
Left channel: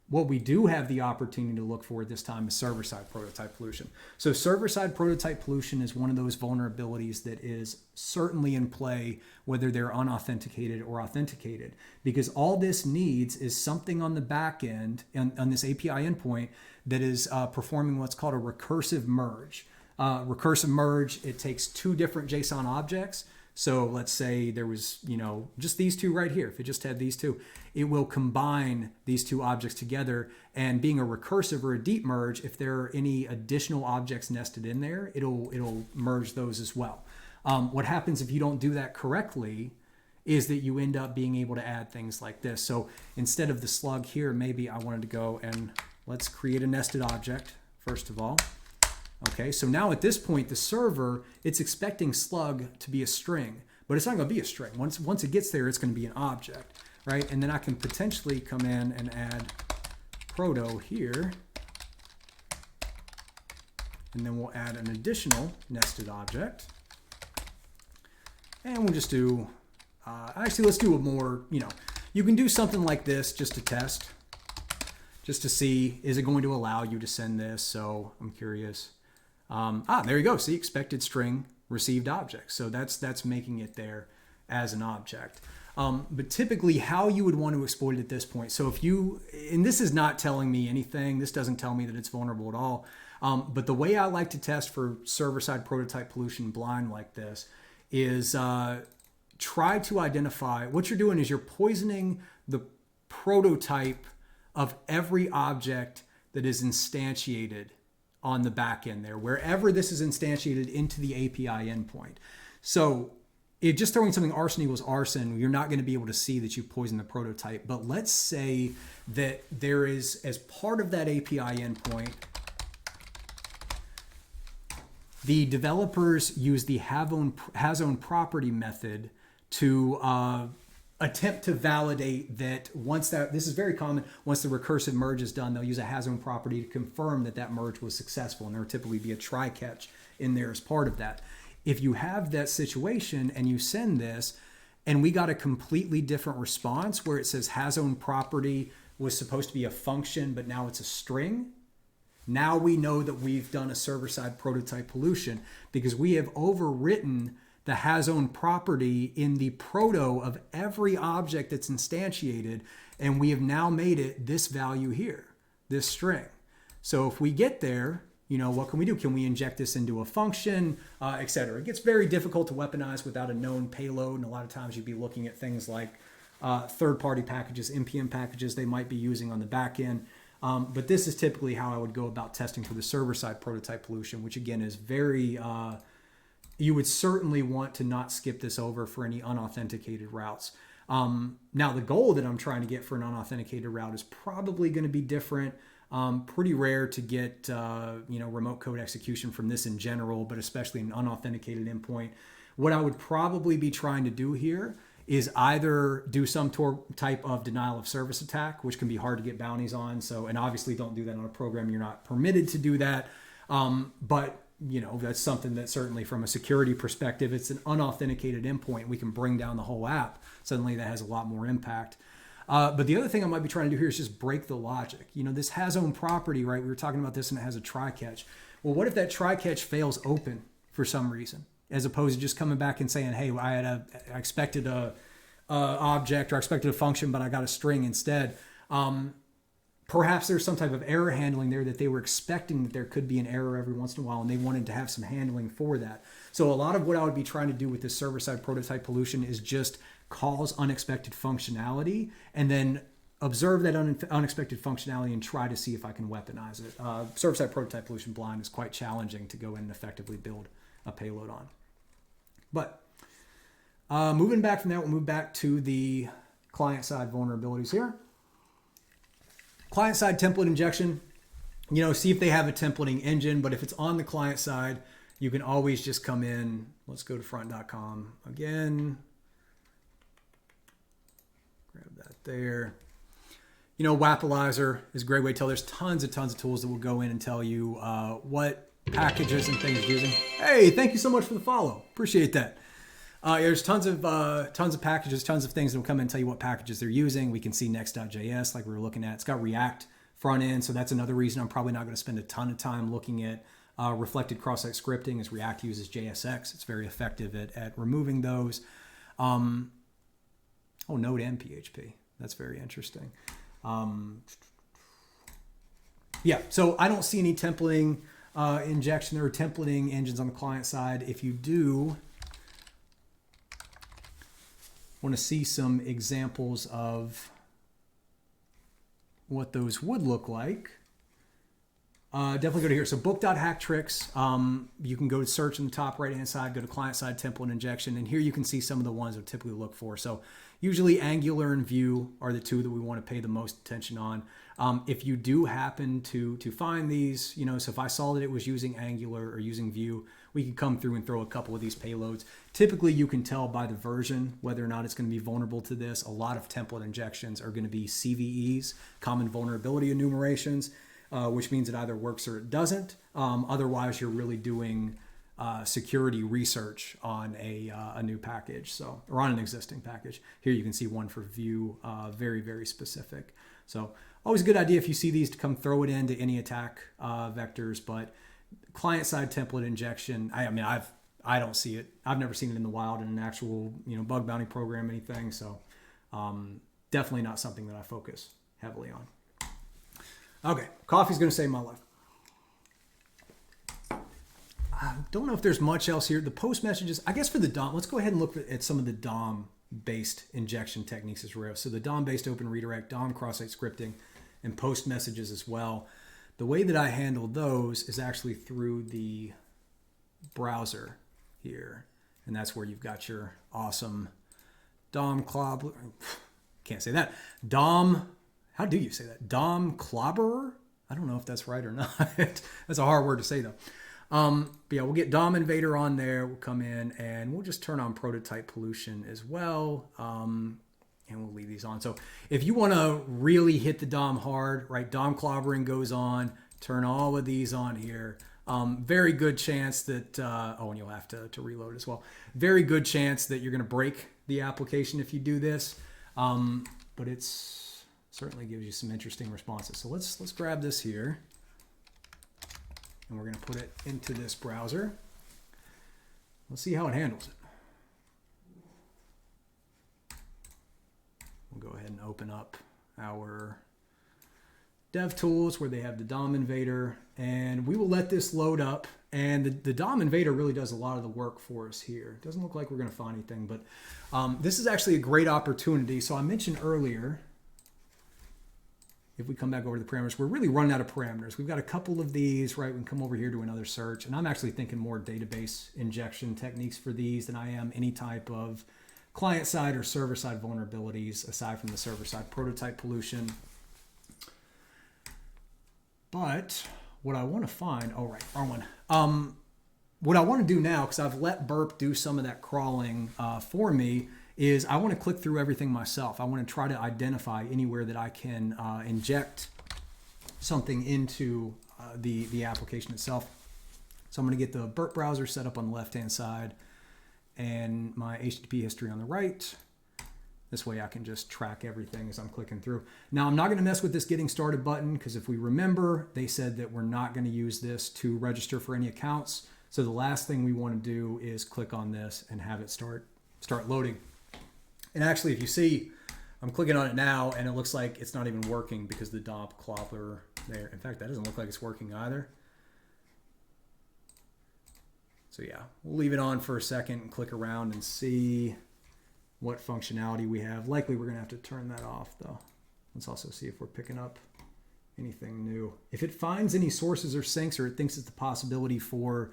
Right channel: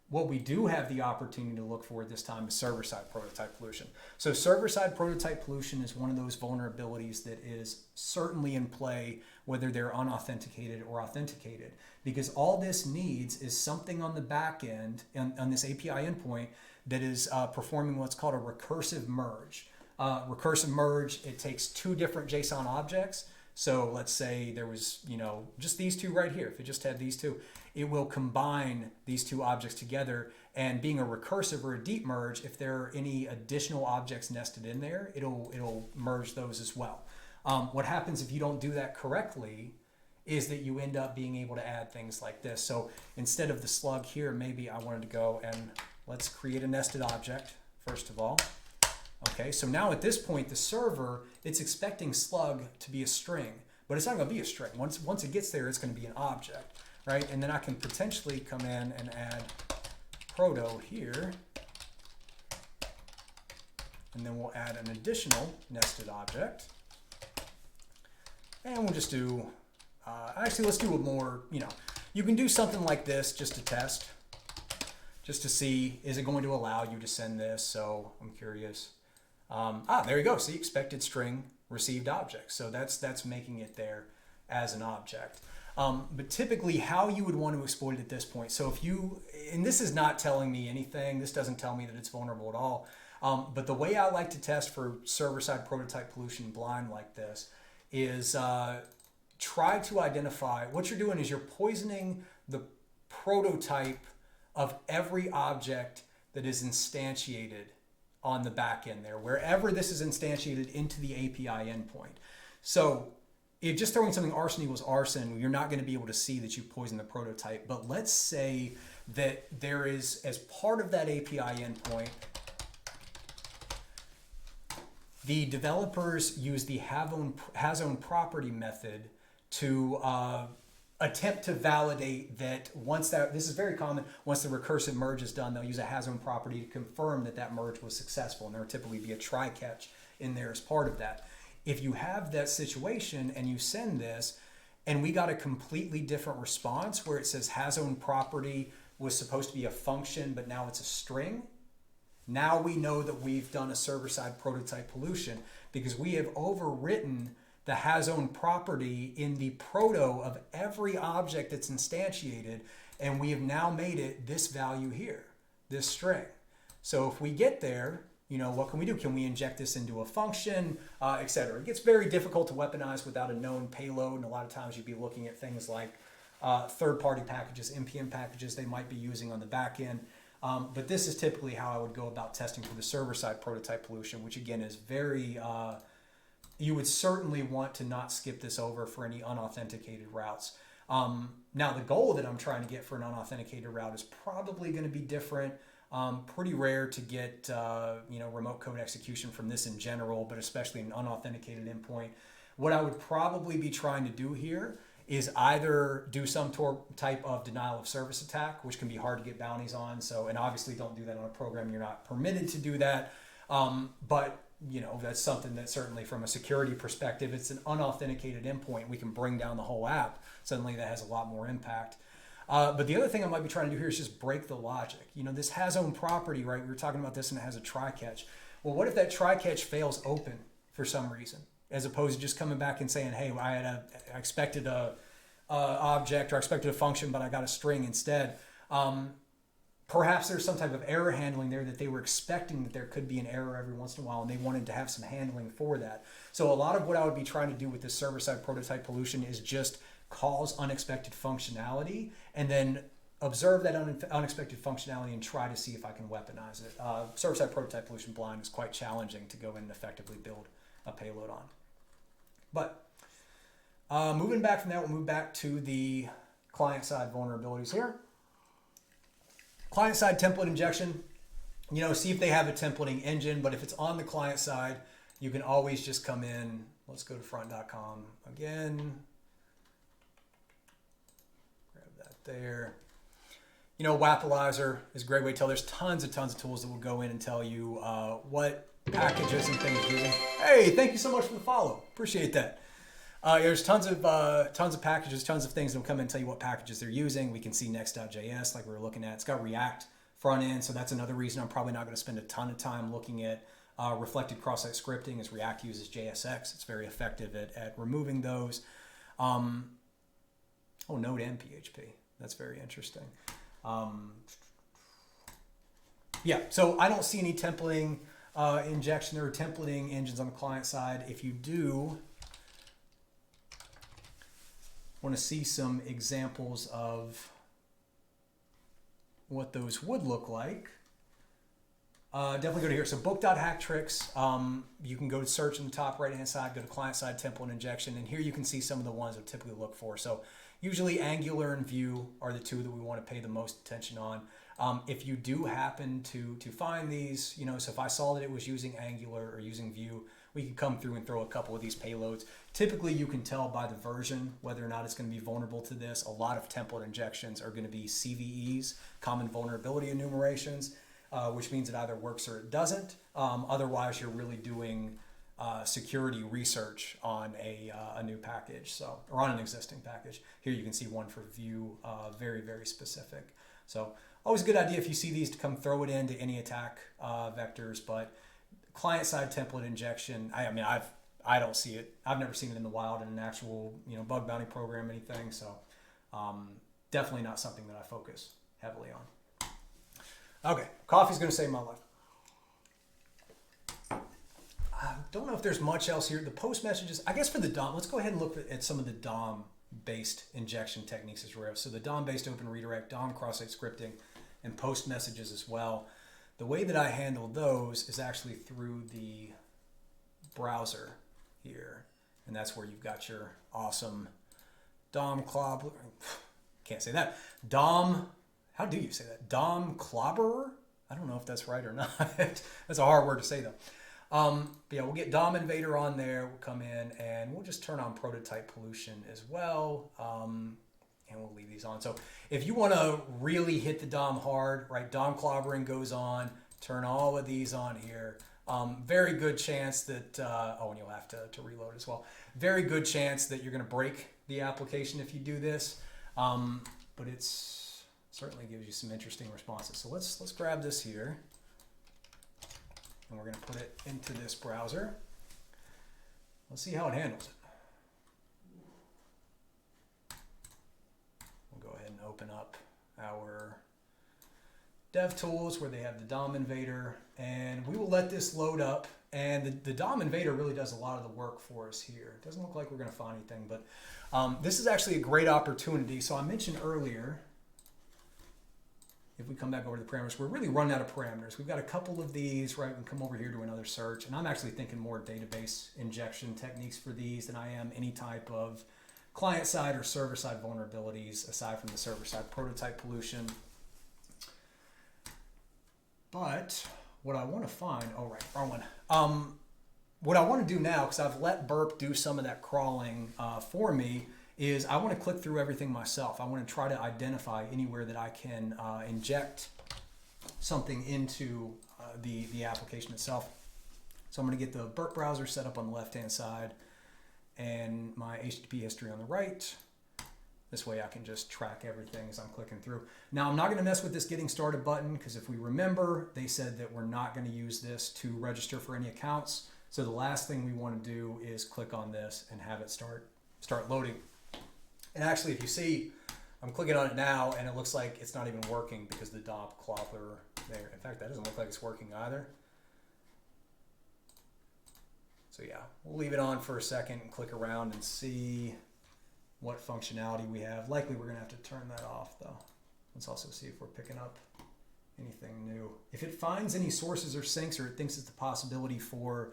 What we do have the opportunity to look for this time is server-side prototype pollution. So server-side prototype pollution is one of those vulnerabilities that is certainly in play whether they're unauthenticated or authenticated, because all this needs is something on the back end on this API endpoint that is performing what's called a recursive merge. Recursive merge, it takes 2 different JSON objects. So let's say there was, you know, just these 2 right here. If it just had these 2, it will combine these 2 objects together, and being a recursive or a deep merge, if there are any additional objects nested in there, it'll merge those as well. What happens if you don't do that correctly is that you end up being able to add things like this. So instead of the slug here, maybe I wanted to go and let's create a nested object first of all. Okay, so now at this point, the server, it's expecting slug to be a string, but it's not going to be a string. Once it gets there, it's going to be an object, right? And then I can potentially come in and add proto here, and then we'll add an additional nested object, and we'll just do. Actually, let's do a more. You know, you can do something like this just to test, just to see is it going to allow you to send this. So I'm curious. There you go. See, expected string received object. So that's making it there as an object. But typically how you would want to exploit it at this point. So if you, and this is not telling me anything, this doesn't tell me that it's vulnerable at all. But the way I like to test for server-side prototype pollution blind like this is try to identify, what you're doing is you're poisoning the prototype of every object that is instantiated on the back end there, wherever this is instantiated into the API endpoint. So if just throwing something arson equals arson, you're not going to be able to see that you poisoned the prototype. But let's say that there is, as part of that API endpoint, the developers use the has own property method to attempt to validate that this is very common, once the recursive merge is done, they'll use a has own property to confirm that that merge was successful, and there will typically be a try catch in there as part of that. If you have that situation and you send this, and we got a completely different response where it says has own property was supposed to be a function, but now it's a string, now we know that we've done a server-side prototype pollution because we have overwritten the has own property in the proto of every object that's instantiated, and we have now made it this value here, this string. So if we get there, you know, what can we do? Can we inject this into a function, etc.? It gets very difficult to weaponize without a known payload, and a lot of times you'd be looking at things like third-party packages, NPM packages they might be using on the back end. But this is typically how I would go about testing for the server-side prototype pollution, which again is very, you would certainly want to not skip this over for any unauthenticated routes. Now the goal that I'm trying to get for an unauthenticated route is probably going to be different. Pretty rare to get, remote code execution from this in general, but especially an unauthenticated endpoint. What I would probably be trying to do here is either do some type of denial of service attack, which can be hard to get bounties on. So, and obviously don't do that on a program. You're not permitted to do that. But that's something that certainly from a security perspective, it's an unauthenticated endpoint. We can bring down the whole app. Suddenly that has a lot more impact. But the other thing I might be trying to do here is just break the logic. This has own property, right? We were talking about this and it has a try catch. Well, what if that try catch fails open for some reason? As opposed to just coming back and saying, hey, I expected a object or I expected a function, but I got a string instead. Perhaps there's some type of error handling there that they were expecting that there could be an error every once in a while, and they wanted to have some handling for that. So a lot of what I would be trying to do with this server-side prototype pollution is just cause unexpected functionality and then observe that unexpected functionality and try to see if I can weaponize it. Server-side prototype pollution blind is quite challenging to go in and effectively build a payload on. But moving back from that, we'll move back to the client-side vulnerabilities here. Client-side template injection, see if they have a templating engine, but if it's on the client side, you can always just come in. Let's go to front.com again. Grab that there. Weaponizing is a great way to tell. There's tons of tools that will go in and tell you what packages and things using. Hey, thank you so much for the follow. Appreciate that. There's tons of packages, tons of things that will come in and tell you what packages they're using. We can see next.js like we were looking at. It's got React front end, so that's another reason I'm probably not going to spend a ton of time looking at reflected cross-site scripting, as React uses JSX. It's very effective at removing those. Node and PHP. That's very interesting. So I don't see any templating injection or templating engines on the client side. If you do want to see some examples of what those would look like, definitely go to here. So book.hacktricks, you can go to search in the top right hand side, go to client side template injection, and here you can see some of the ones I would typically look for. So usually Angular and Vue are the two that we want to pay the most attention on. If you do happen to find these, so if I saw that it was using Angular or using Vue, we could come through and throw a couple of these payloads. Typically, you can tell by the version whether or not it's going to be vulnerable to this. A lot of template injections are going to be CVEs, common vulnerability enumerations, which means it either works or it doesn't. Otherwise, you're really doing security research on a new package, or on an existing package. Here you can see one for Vue, very, very specific. So always a good idea if you see these to come throw it into any attack vectors, but client-side template injection, I don't see it. I've never seen it in the wild in an actual bug bounty program, anything. So definitely not something that I focus heavily on. Okay, coffee's going to save my life. I don't know if there's much else here. The post messages, I guess for the DOM, let's go ahead and look at some of the DOM-based injection techniques as well. So the DOM-based open redirect, DOM cross-site scripting, and post messages as well. The way that I handle those is actually through the browser here. And that's where you've got your awesome DOM clobber. Can't say that. How do you say that? DOM clobberer? I don't know if that's right or not. That's a hard word to say though. But yeah, we'll get DOM invader on there. We'll come in and we'll just turn on prototype pollution as well. And we'll leave these on. So if you want to really hit the DOM hard, right, DOM clobbering goes on, turn all of these on here. Very good chance that, and you'll have to reload as well. Very good chance that you're going to break the application if you do this. But it's certainly gives you some interesting responses. So let's grab this here. And we're going to put it into this browser. Let's see how it handles it. We'll go ahead and open up our DevTools where they have the DOM invader, and we will let this load up. And the DOM invader really does a lot of the work for us here. It doesn't look like we're going to find anything, but this is actually a great opportunity. So I mentioned earlier if we come back over to the parameters, we're really running out of parameters. We've got a couple of these, right? We can come over here to another search, and I'm actually thinking more database injection techniques for these than I am any type of client-side or server-side vulnerabilities, aside from the server-side prototype pollution. But what I want to find, oh, right, wrong one. What I want to do now, because I've let Burp do some of that crawling for me, is I want to click through everything myself. I want to try to identify anywhere that I can inject something into the application itself. So I'm going to get the Burp browser set up on the left-hand side and my HTTP history on the right. This way I can just track everything as I'm clicking through. Now, I'm not going to mess with this getting started button, because if we remember, they said that we're not going to use this to register for any accounts. So the last thing we want to do is click on this and have it start loading. And actually, if you see, I'm clicking on it now, and it looks like it's not even working because the DOM clobber there. In fact, that doesn't look like it's working either. So yeah, we'll leave it on for a second and click around and see what functionality we have. Likely we're going to have to turn that off, though. Let's also see if we're picking up anything new. If it finds any sources or syncs, or it thinks it's the possibility for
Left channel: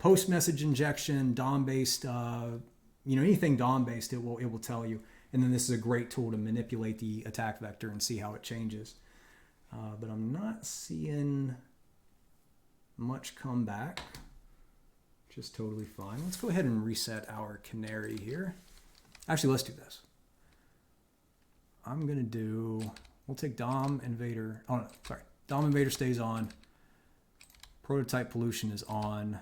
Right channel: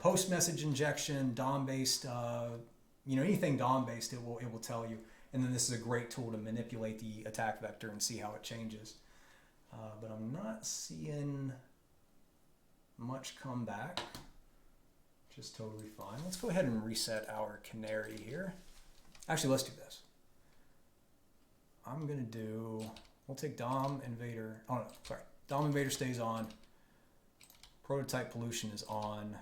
post-message injection, DOM-based, anything DOM-based, it will tell you. And then this is a great tool to manipulate the attack vector and see how it changes. But I'm not seeing much come back. Just totally fine. Let's go ahead and reset our canary here. Actually, let's do this. I'm going to do, we'll take DOM invader. Oh, no, sorry. DOM invader stays on. Prototype pollution is on.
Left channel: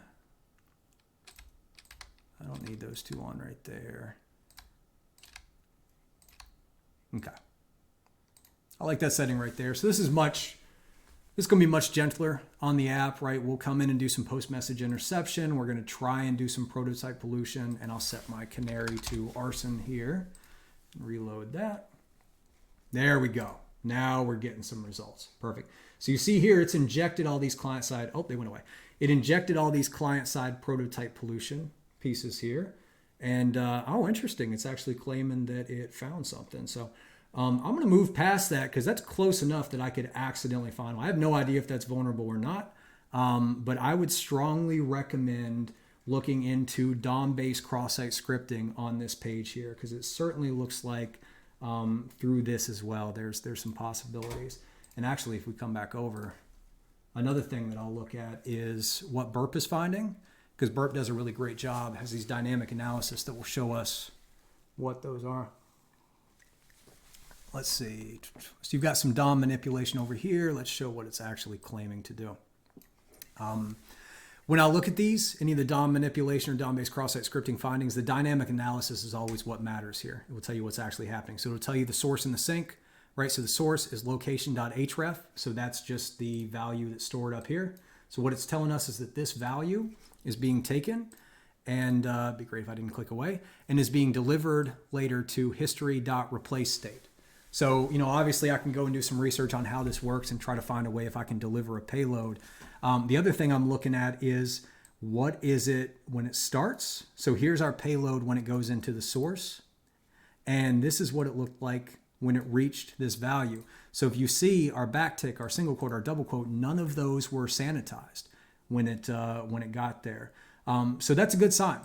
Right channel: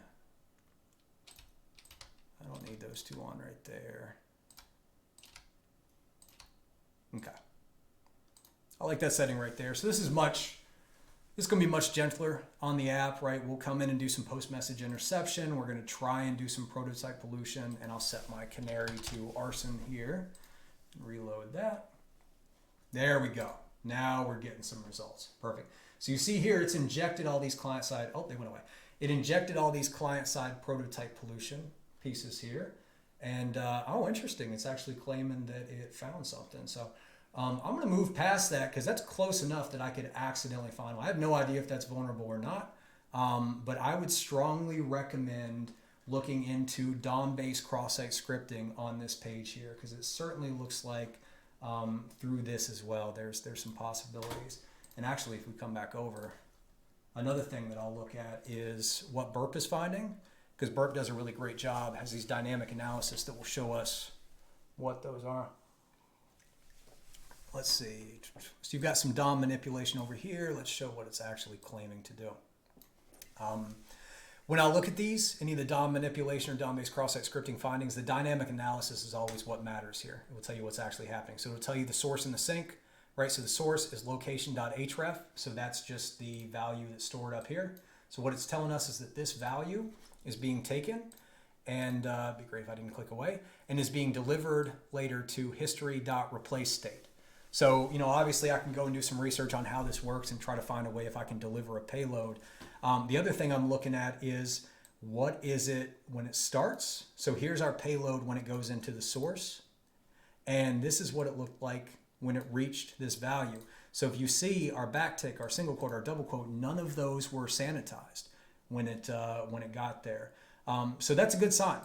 I don't need those two on right there. Okay. I like that setting right there. So this is going to be much gentler on the app, right? We'll come in and do some post-message interception. We're going to try and do some prototype pollution, and I'll set my canary to arson here. Reload that. There we go. Now we're getting some results. Perfect. So you see here, it's injected all these client-side, oh, they went away. It injected all these client-side prototype pollution pieces here. And, oh, interesting. It's actually claiming that it found something. So I'm going to move past that, because that's close enough that I could accidentally find one. I have no idea if that's vulnerable or not, but I would strongly recommend looking into DOM-based cross-site scripting on this page here, because it certainly looks like through this as well, there's some possibilities. And actually, if we come back over, another thing that I'll look at is what Burp is finding, because Burp does a really great job, has these dynamic analysis that will show us what those are. Let's see. So you've got some DOM manipulation over here. Let's show what it's actually claiming to do. When I look at these, any of the DOM manipulation or DOM-based cross-site scripting findings, the dynamic analysis is always what matters here. It will tell you what's actually happening. So it'll tell you the source and the sink, right? So the source is location.href. So that's just the value that's stored up here. So what it's telling us is that this value is being taken, and it'd be great if I didn't click away, and is being delivered later to history.replace state. So, obviously I can go and do some research on how this works and try to find a way if I can deliver a payload. The other thing I'm looking at is, what is it when it starts? So here's our payload when it goes into the source. And this is what it looked like when it reached this value. So if you see our backtick, our single quote, our double quote, none of those were sanitized when it got there. So that's a good sign.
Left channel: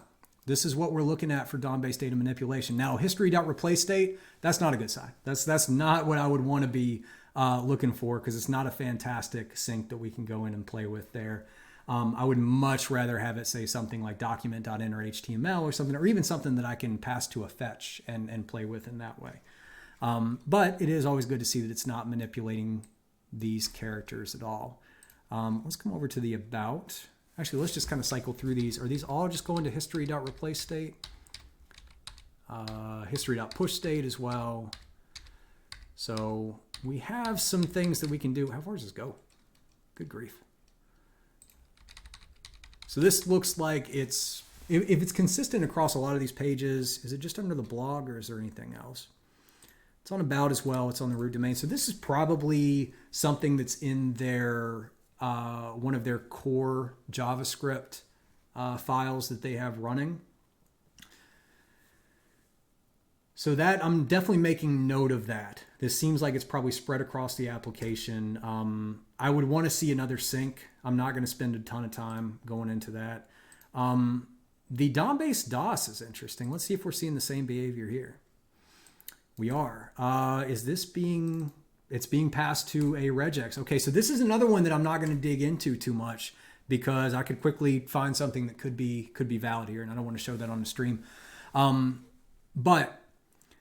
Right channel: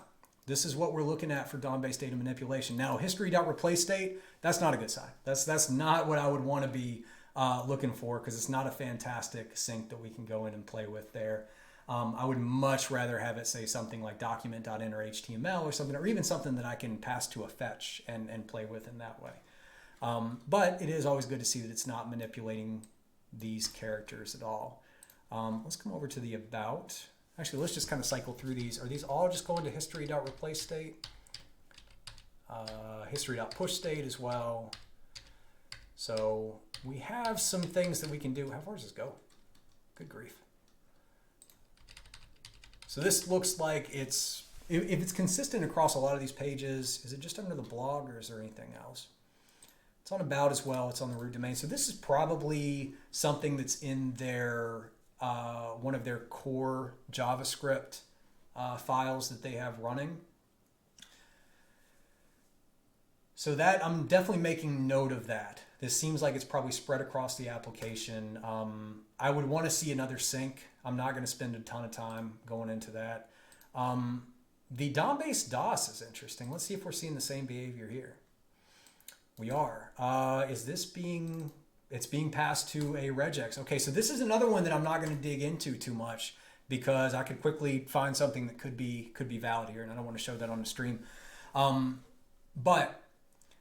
This is what we're looking at for DOM-based data manipulation. Now, history.replace state, that's not a good sign. That's not what I would want to be looking for, because it's not a fantastic sync that we can go in and play with there. I would much rather have it say something like document.enter HTML or something, or even something that I can pass to a fetch and play with in that way. But it is always good to see that it's not manipulating these characters at all. Let's come over to the about. Actually, let's just kind of cycle through these. Are these all just going to history.replace state? History.push state as well. So we have some things that we can do. How far does this go? Good grief. So this looks like it's, if it's consistent across a lot of these pages, is it just under the blog, or is there anything else? It's on about as well. It's on the root domain. So this is probably something that's in their one of their core JavaScript files that they have running. So that I'm definitely making note of that. This seems like it's probably spread across the application. I would want to see another sync. I'm not going to spend a ton of time going into that. The DOM-based DOS is interesting. Let's see if we're seeing the same behavior here. We are. Is this being... It's being passed to a regex. Okay, so this is another one that I'm not going to dig into too much because I could quickly find something that could be valid here, and I don't want to show that on the stream. But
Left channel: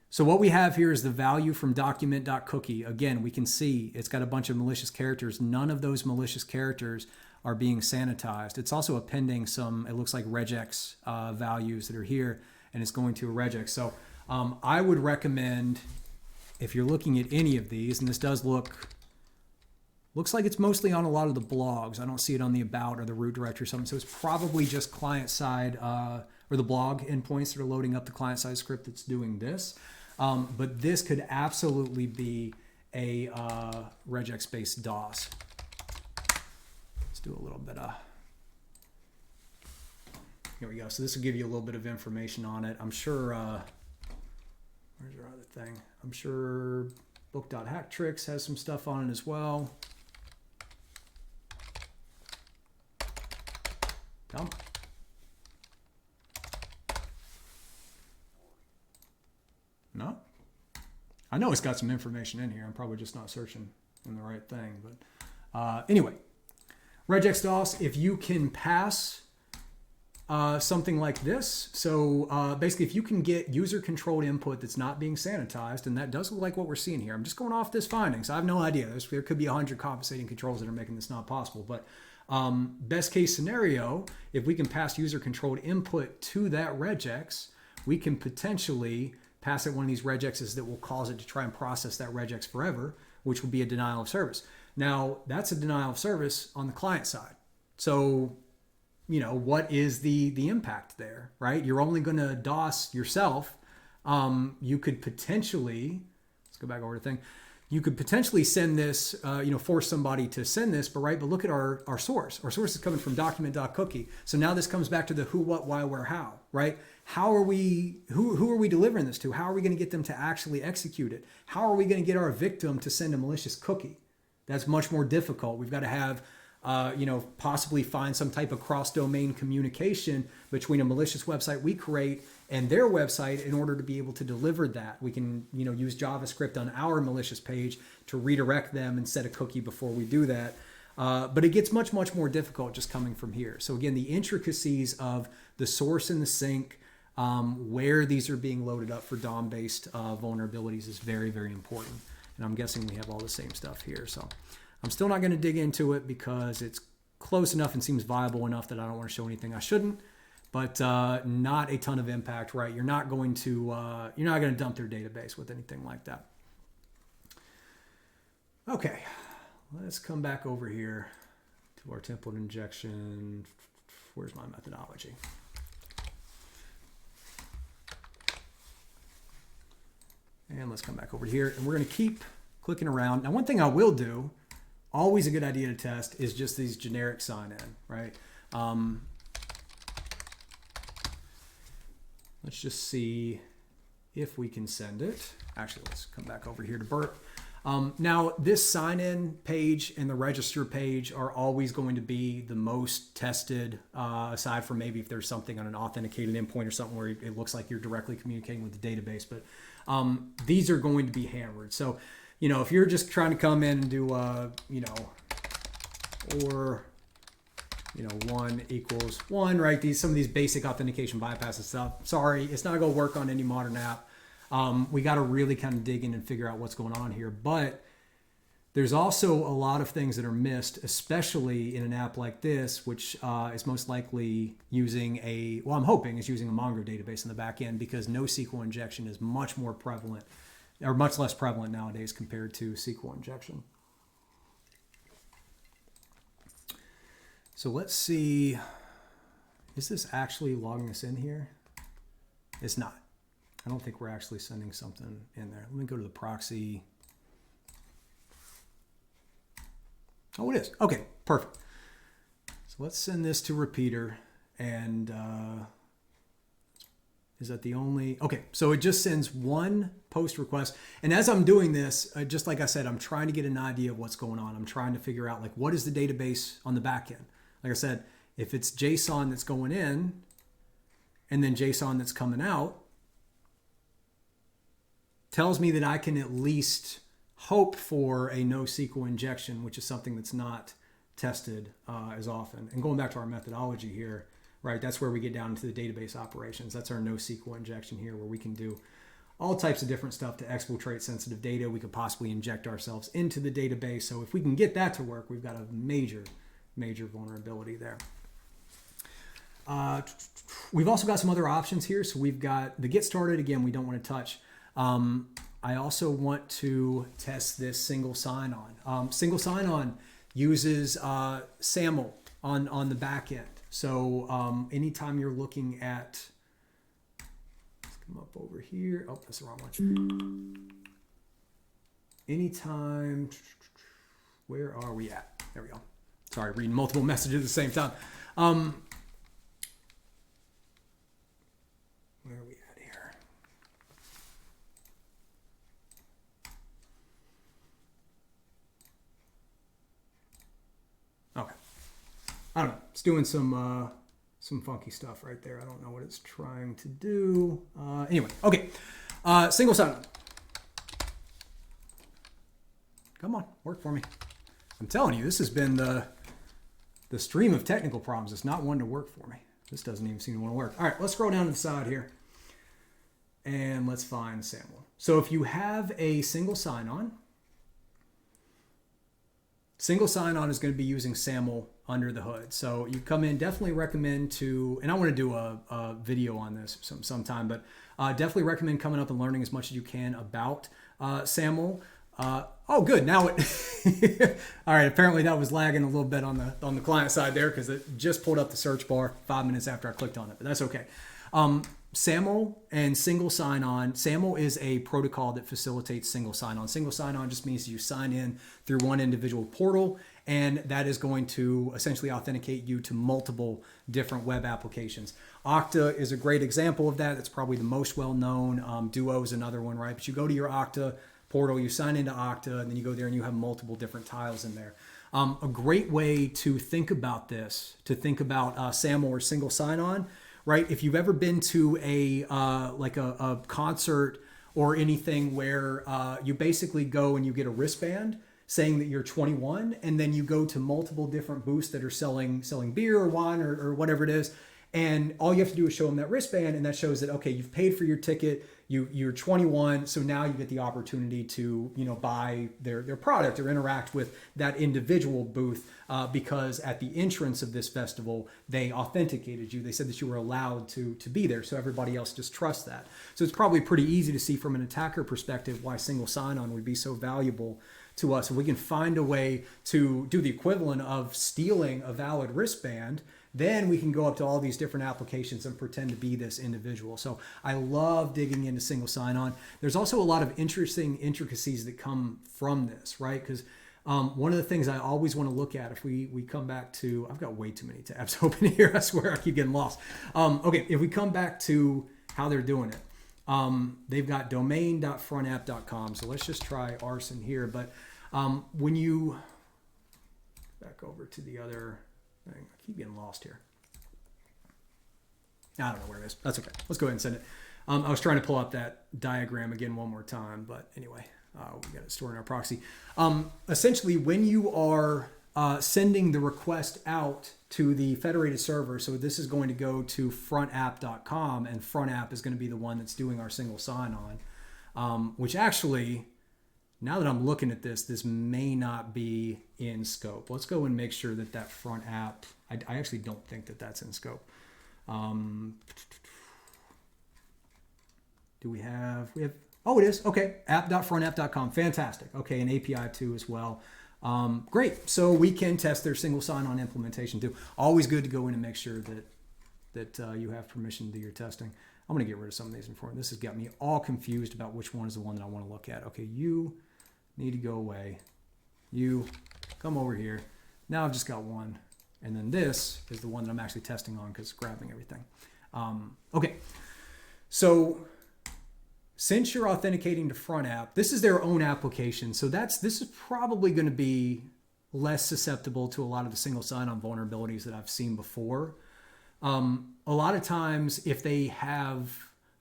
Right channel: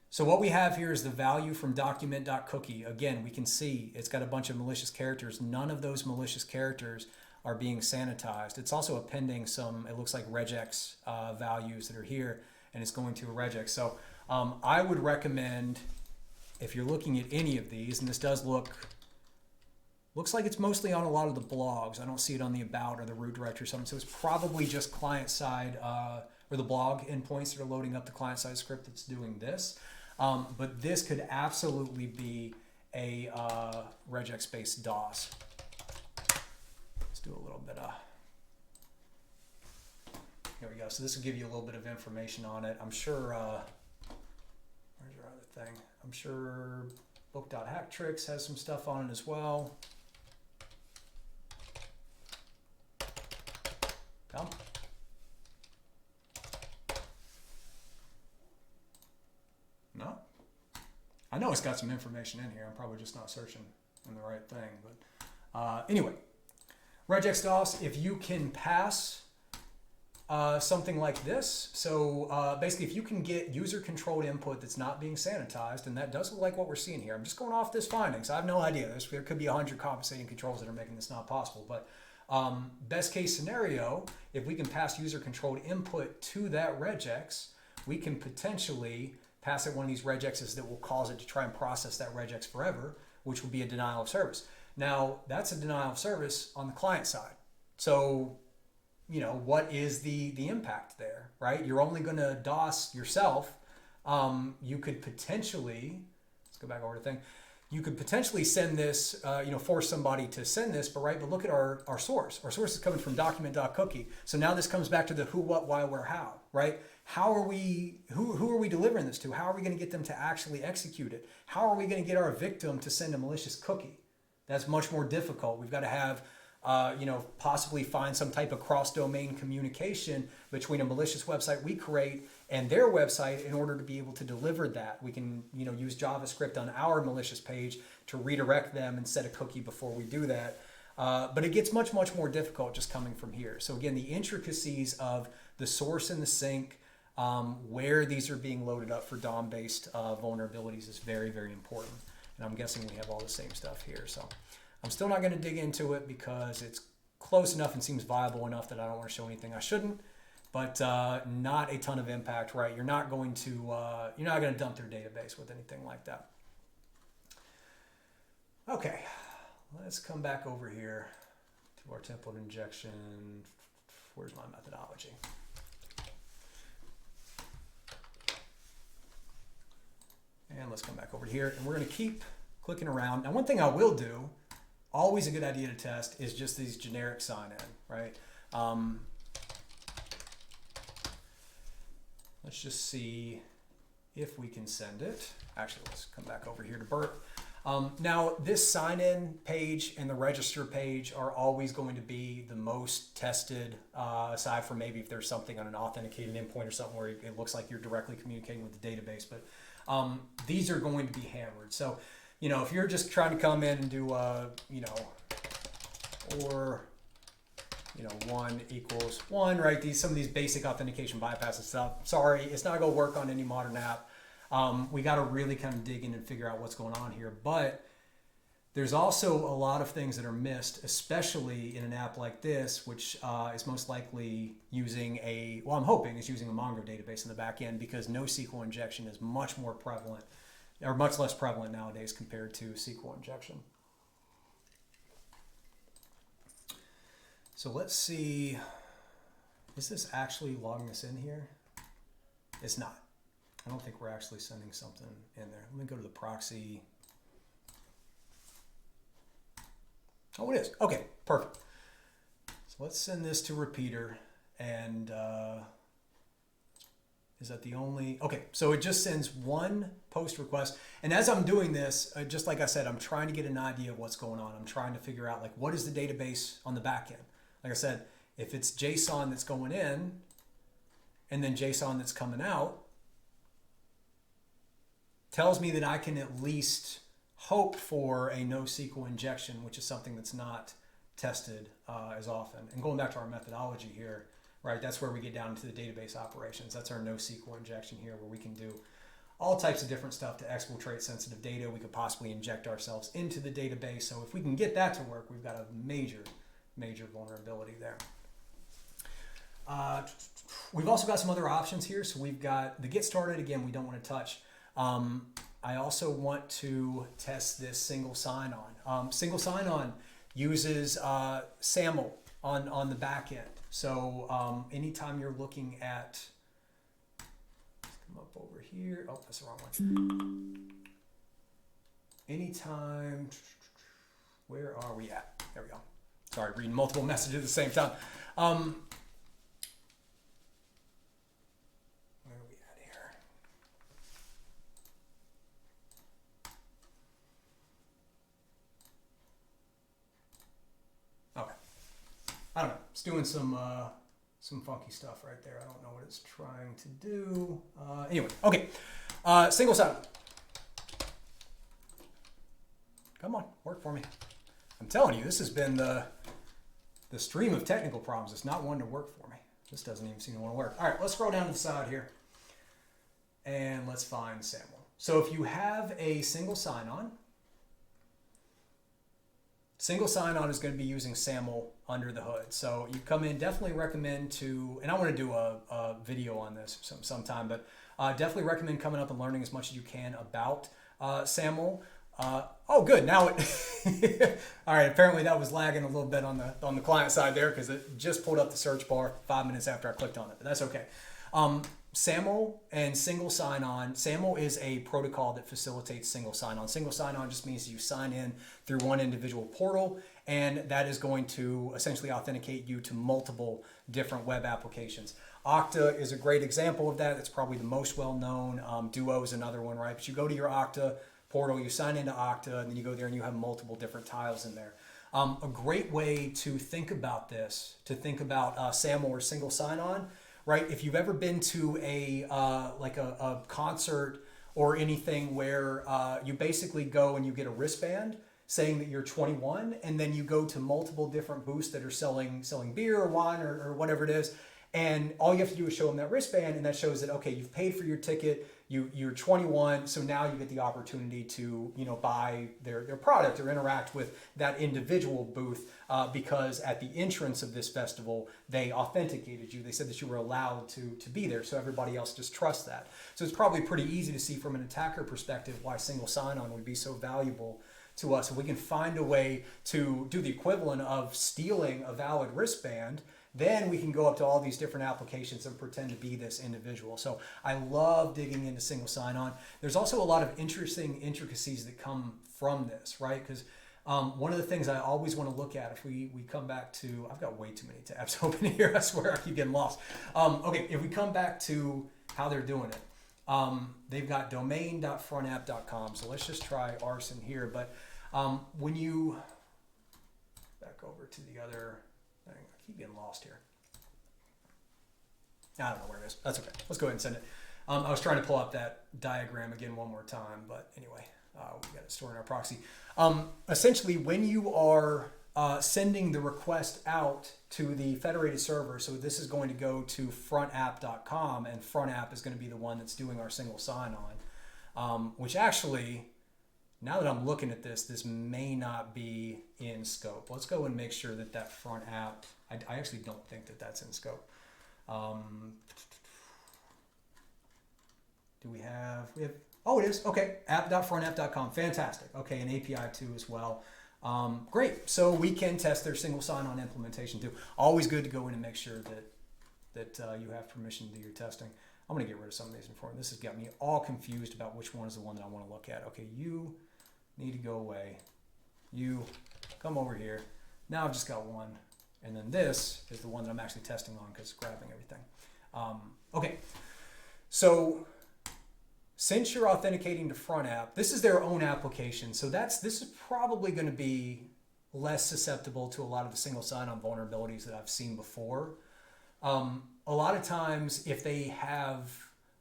so what we have here is the value from document.cookie. Again, we can see it's got a bunch of malicious characters. None of those malicious characters are being sanitized. It's also appending some, it looks like regex values that are here, and it's going to a regex. So I would recommend, if you're looking at any of these, and this does looks like it's mostly on a lot of the blogs. I don't see it on the about or the root directory or something. So it's probably just client side or the blog endpoints that are loading up the client side script that's doing this. But this could absolutely be a regex based DOS. Let's do a little bit of, here we go. So this will give you a little bit of information on it. I'm sure, where's our other thing? I'm sure book.hacktricks has some stuff on it as well. Come. No? I know it's got some information in here. I'm probably just not searching in the right thing. But anyway, regex DOS, if you can pass something like this. So basically, if you can get user-controlled input that's not being sanitized, and that does look like what we're seeing here. I'm just going off this findings. I have no idea. There could be 100 compensating controls that are making this not possible. But best case scenario, if we can pass user-controlled input to that regex, we can potentially pass it one of these regexes that will cause it to try and process that regex forever, which would be a denial of service. Now, that's a denial of service on the client side. So, you know, what is the impact there, right? You're only going to DOS yourself. You could potentially, let's go back over the thing. You could potentially send this, force somebody to send this, but look at our source. Our source is coming from document.cookie. So now this comes back to the who, what, why, where, how, right? How are we, who are we delivering this to? How are we going to get them to actually execute it? How are we going to get our victim to send a malicious cookie? That's much more difficult. We've got to have, possibly find some type of cross-domain communication between a malicious website we create and their website in order to be able to deliver that. We can, use JavaScript on our malicious page to redirect them and set a cookie before we do that. But it gets much, much more difficult just coming from here. So again, the intricacies of the source and the sink, where these are being loaded up for DOM-based vulnerabilities is very, very important. And I'm guessing we have all the same stuff here. So I'm still not going to dig into it because it's close enough and seems viable enough that I don't want to show anything I shouldn't. But not a ton of impact, right? You're not going to dump their database with anything like that. Okay, let's come back over here to our template injection. Where's my methodology? And let's come back over here, and we're going to keep clicking around. Now, one thing I will do, always a good idea to test, is just these generic sign-in, right? Let's just see if we can send it. Actually, let's come back over here to Burp. Now, this sign-in page and the register page are always going to be the most tested, aside from maybe if there's something on an authenticated endpoint or something where it looks like you're directly communicating with the database. But these are going to be hammered. So, if you're just trying to come in and do, or 1 equals 1, right? Some of these basic authentication bypasses stuff. Sorry, it's not going to work on any modern app. We got to really kind of dig in and figure out what's going on here. But there's also a lot of things that are missed, especially in an app like this, which is most likely using I'm hoping is using a Mongo database in the back end, because NoSQL injection is much more prevalent, or much less prevalent nowadays compared to SQL injection. So let's see, is this actually logging us in here? It's not. I don't think we're actually sending something in there. Let me go to the proxy. Oh, it is. Okay, perfect. So let's send this to repeater, and Is that the only? Okay, so it just sends one post request. And as I'm doing this, just like I said, I'm trying to get an idea of what's going on. I'm trying to figure out like what is the database on the back end. Like I said, if it's JSON that's going in and then JSON that's coming out, tells me that I can at least hope for a NoSQL injection, which is something that's not tested as often. And going back to our methodology here, right, that's where we get down into the database operations. That's our NoSQL injection here, where we can do all types of different stuff to exfiltrate sensitive data. We could possibly inject ourselves into the database. So if we can get that to work, we've got a major vulnerability there. We've also got some other options here. So we've got the get started. Again, we don't want to touch. I also want to test this single sign-on. Single sign-on uses SAML on the back end. So anytime you're looking at, let's come up over here. Oh, that's the wrong one. Anytime, where are we at? There we go. Sorry, reading multiple messages at the same time. Where are we at here? Okay. I don't know. It's doing some funky stuff right there. I don't know what it's trying to do. Anyway, okay. Single sign-on. Come on, work for me. I'm telling you, this has been the stream of technical problems. It's not one to work for me. This doesn't even seem to want to work. All right, let's scroll down to the side here. And let's find SAML. So if you have a single sign-on, single sign-on is going to be using SAML under the hood. So you come in, definitely recommend to, and I want to do a video on this sometime, but definitely recommend coming up and learning as much as you can about SAML. Oh, good. Now it, all right. Apparently that was lagging a little bit on the client side there because it just pulled up the search bar 5 minutes after I clicked on it, but that's okay. SAML and single sign-on. SAML is a protocol that facilitates single sign-on. Single sign-on just means you sign in through one individual portal, and that is going to essentially authenticate you to multiple different web applications. Okta is a great example of that. It's probably the most well-known. Duo is another one, right? But you go to your Okta portal, you sign into Okta, and then you go there and you have multiple different tiles in there. A great way to think about this, to think about SAML or single sign-on, right? If you've ever been to a concert or anything where you basically go and you get a wristband saying that you're 21, and then you go to multiple different booths that are selling beer or wine or whatever it is, and all you have to do is show them that wristband, and that shows that, okay, you've paid for your ticket, you're 21, so now you get the opportunity to, buy their product or interact with that individual booth because at the entrance of this festival, they authenticated you. They said that you were allowed to be there, so everybody else just trusts that. So it's probably pretty easy to see from an attacker perspective why single sign-on would be so valuable to us. If we can find a way to do the equivalent of stealing a valid wristband, then we can go up to all these different applications and pretend to be this individual. So I love digging into single sign-on. There's also a lot of interesting intricacies that come from this, right? Because one of the things I always want to look at, if we come back to, I've got way too many tabs open here. I swear I keep getting lost. Okay, if we come back to how they're doing it, they've got domain.frontapp.com. So let's just try arson here. But when you back over to the other thing, I keep getting lost here. I don't know where it is. That's okay. Let's go ahead and send it. I was trying to pull up that diagram again one more time, but anyway, we got it stored in our proxy. Essentially, when you are sending the request out to the federated server, so this is going to go to frontapp.com, and frontapp is going to be the one that's doing our single sign-on, which actually, now that I'm looking at this may not be in scope. Let's go and make sure that front app, I actually don't think that that's in scope. Do we have, oh, it is. Okay. app.frontapp.com. Fantastic. Okay. An API too as well. Great. So we can test their single sign-on implementation too. Always good to go in and make sure that you have permission to do your testing. I'm going to get rid of some of these information. This has got me all confused about which one is the one that I want to look at. Okay. You need to go away. You come over here. Now I've just got one. And then this is the one that I'm actually testing on because it's grabbing everything. Okay. So since you're authenticating to front app, this is their own application. So this is probably going to be less susceptible to a lot of the single sign-on vulnerabilities that I've seen before. A lot of times if they have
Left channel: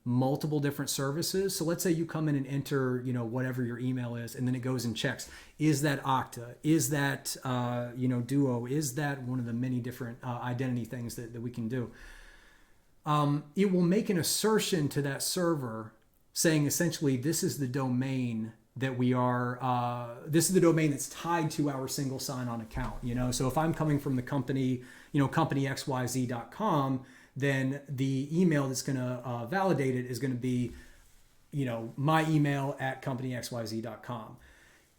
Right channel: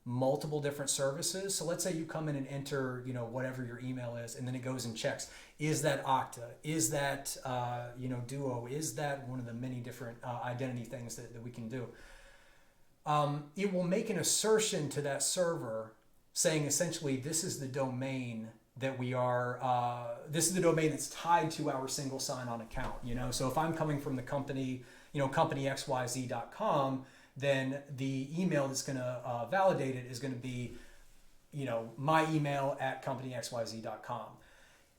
multiple different services, so let's say you come in and enter, whatever your email is, and then it goes and checks, is that Okta? Is that, Duo? Is that one of the many different identity things that we can do? It will make an assertion to that server saying essentially this is the domain that we are, this is the domain that's tied to our single sign-on account. So if I'm coming from the company, companyxyz.com, then the email that's going to validate it is going to be, my email at companyxyz.com.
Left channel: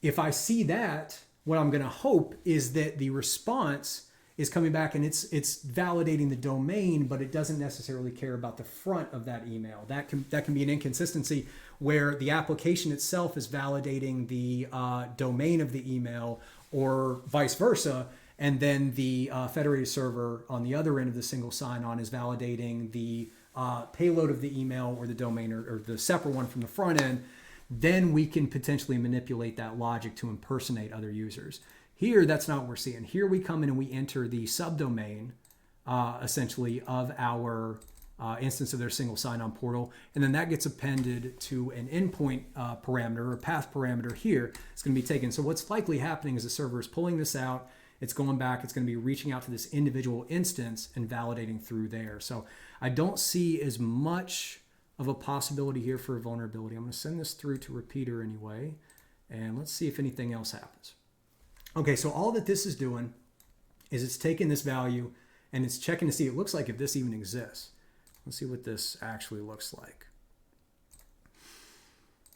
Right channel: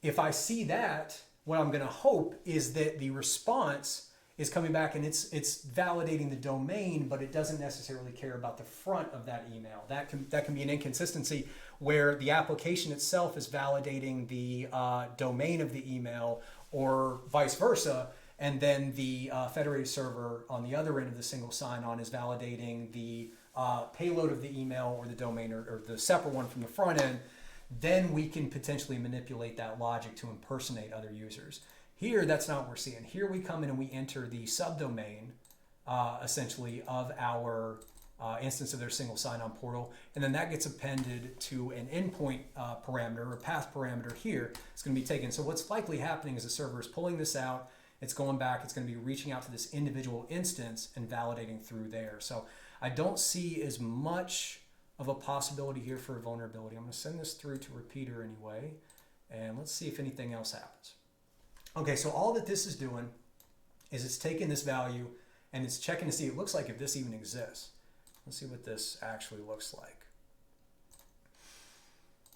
If I see that, what I'm going to hope is that the response is coming back and it's validating the domain, but it doesn't necessarily care about the front of that email. That can be an inconsistency where the application itself is validating the domain of the email or vice versa. And then the federated server on the other end of the single sign-on is validating the payload of the email or the domain or the separate one from the front end. Then we can potentially manipulate that logic to impersonate other users. Here, that's not what we're seeing. Here we come in and we enter the subdomain, essentially, of our instance of their single sign-on portal. And then that gets appended to an endpoint parameter or path parameter here. It's going to be taken. So what's likely happening is the server is pulling this out. It's going back, it's going to be reaching out to this individual instance and validating through there. So I don't see as much of a possibility here for a vulnerability. I'm going to send this through to repeater anyway, and let's see if anything else happens. Okay, so all that this is doing is it's taking this value and it's checking to see, it looks like if this even exists. Let's see what this actually looks like.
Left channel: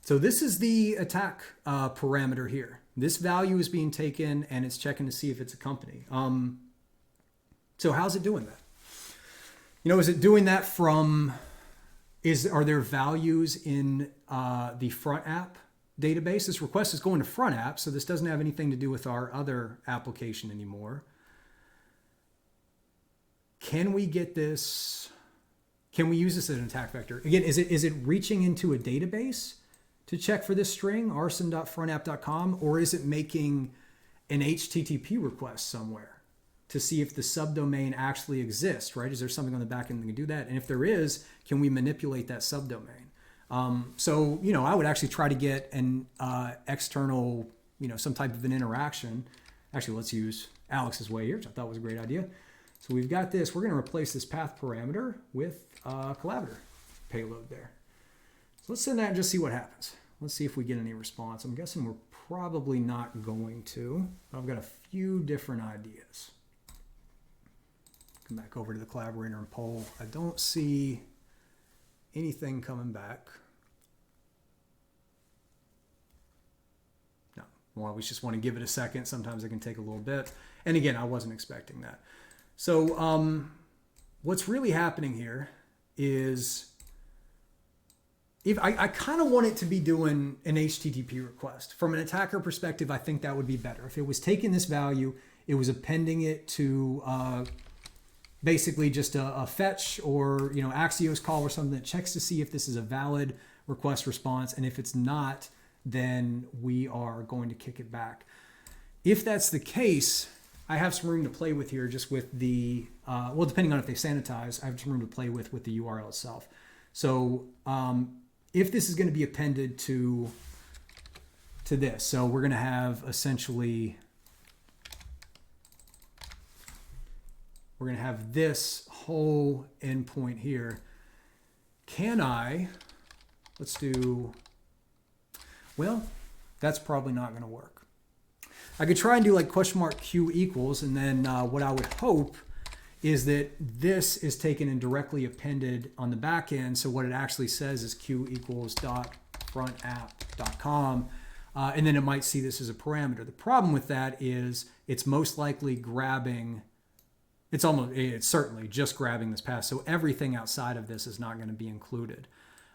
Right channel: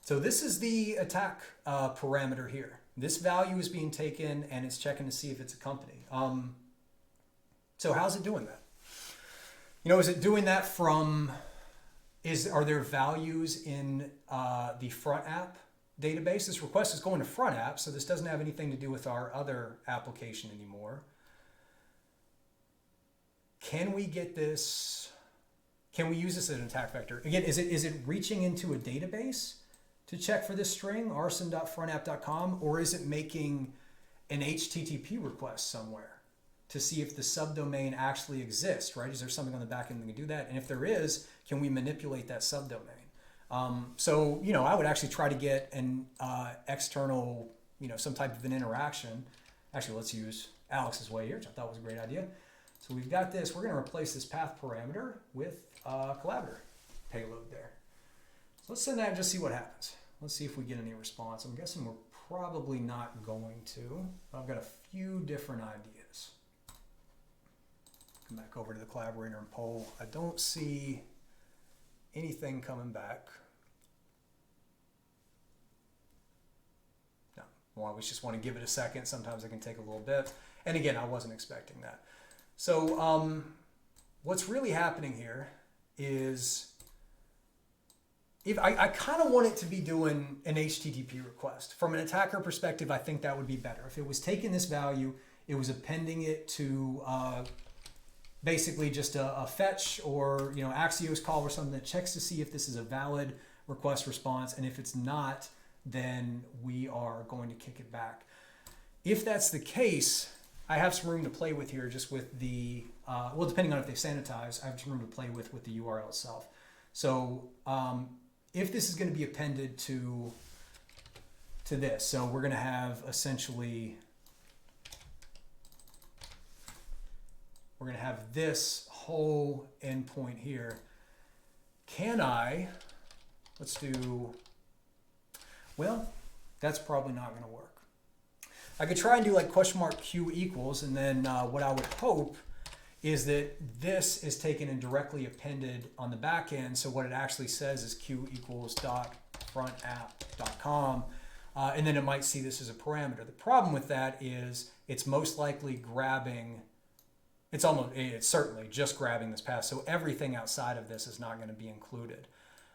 So this is the attack parameter here. This value is being taken and it's checking to see if it's a company. So how's it doing that? Is it doing that from, are there values in the front app database? This request is going to front app, so this doesn't have anything to do with our other application anymore. Can we get this, can we use this as an attack vector? Again, is it reaching into a database to check for this string, arson.frontapp.com, or is it making an HTTP request somewhere to see if the subdomain actually exists, right? Is there something on the back end that can do that? And if there is, can we manipulate that subdomain? So, I would actually try to get an external, some type of an interaction. Actually, let's use Alex's way here, which I thought was a great idea. So we've got this. We're going to replace this path parameter with collaborator payload there. So let's send that and just see what happens. Let's see if we get any response. I'm guessing we're probably not going to, but I've got a few different ideas. Come back over to the collaborator and poll. I don't see anything coming back. No, well, we just want to give it a second. Sometimes it can take a little bit. And again, I wasn't expecting that. So what's really happening here is, if I kind of want it to be doing an HTTP request. From an attacker perspective, I think that would be better. If it was taking this value, it was appending it to basically just a fetch or Axios call or something that checks to see if this is a valid request response. And if it's not, then we are going to kick it back. If that's the case, I have some room to play with here just with the, depending on if they sanitize, I have some room to play with the URL itself. So if this is going to be appended to this, so we're going to have essentially, we're going to have this whole endpoint here. Can I, let's do, well, that's probably not going to work. I could try and do like $Q equals, and then what I would hope is that this is taken and directly appended on the back end. So what it actually says is Q equals .frontapp.com, and then it might see this as a parameter. The problem with that is it's most likely grabbing, it's certainly just grabbing this path. So everything outside of this is not going to be included.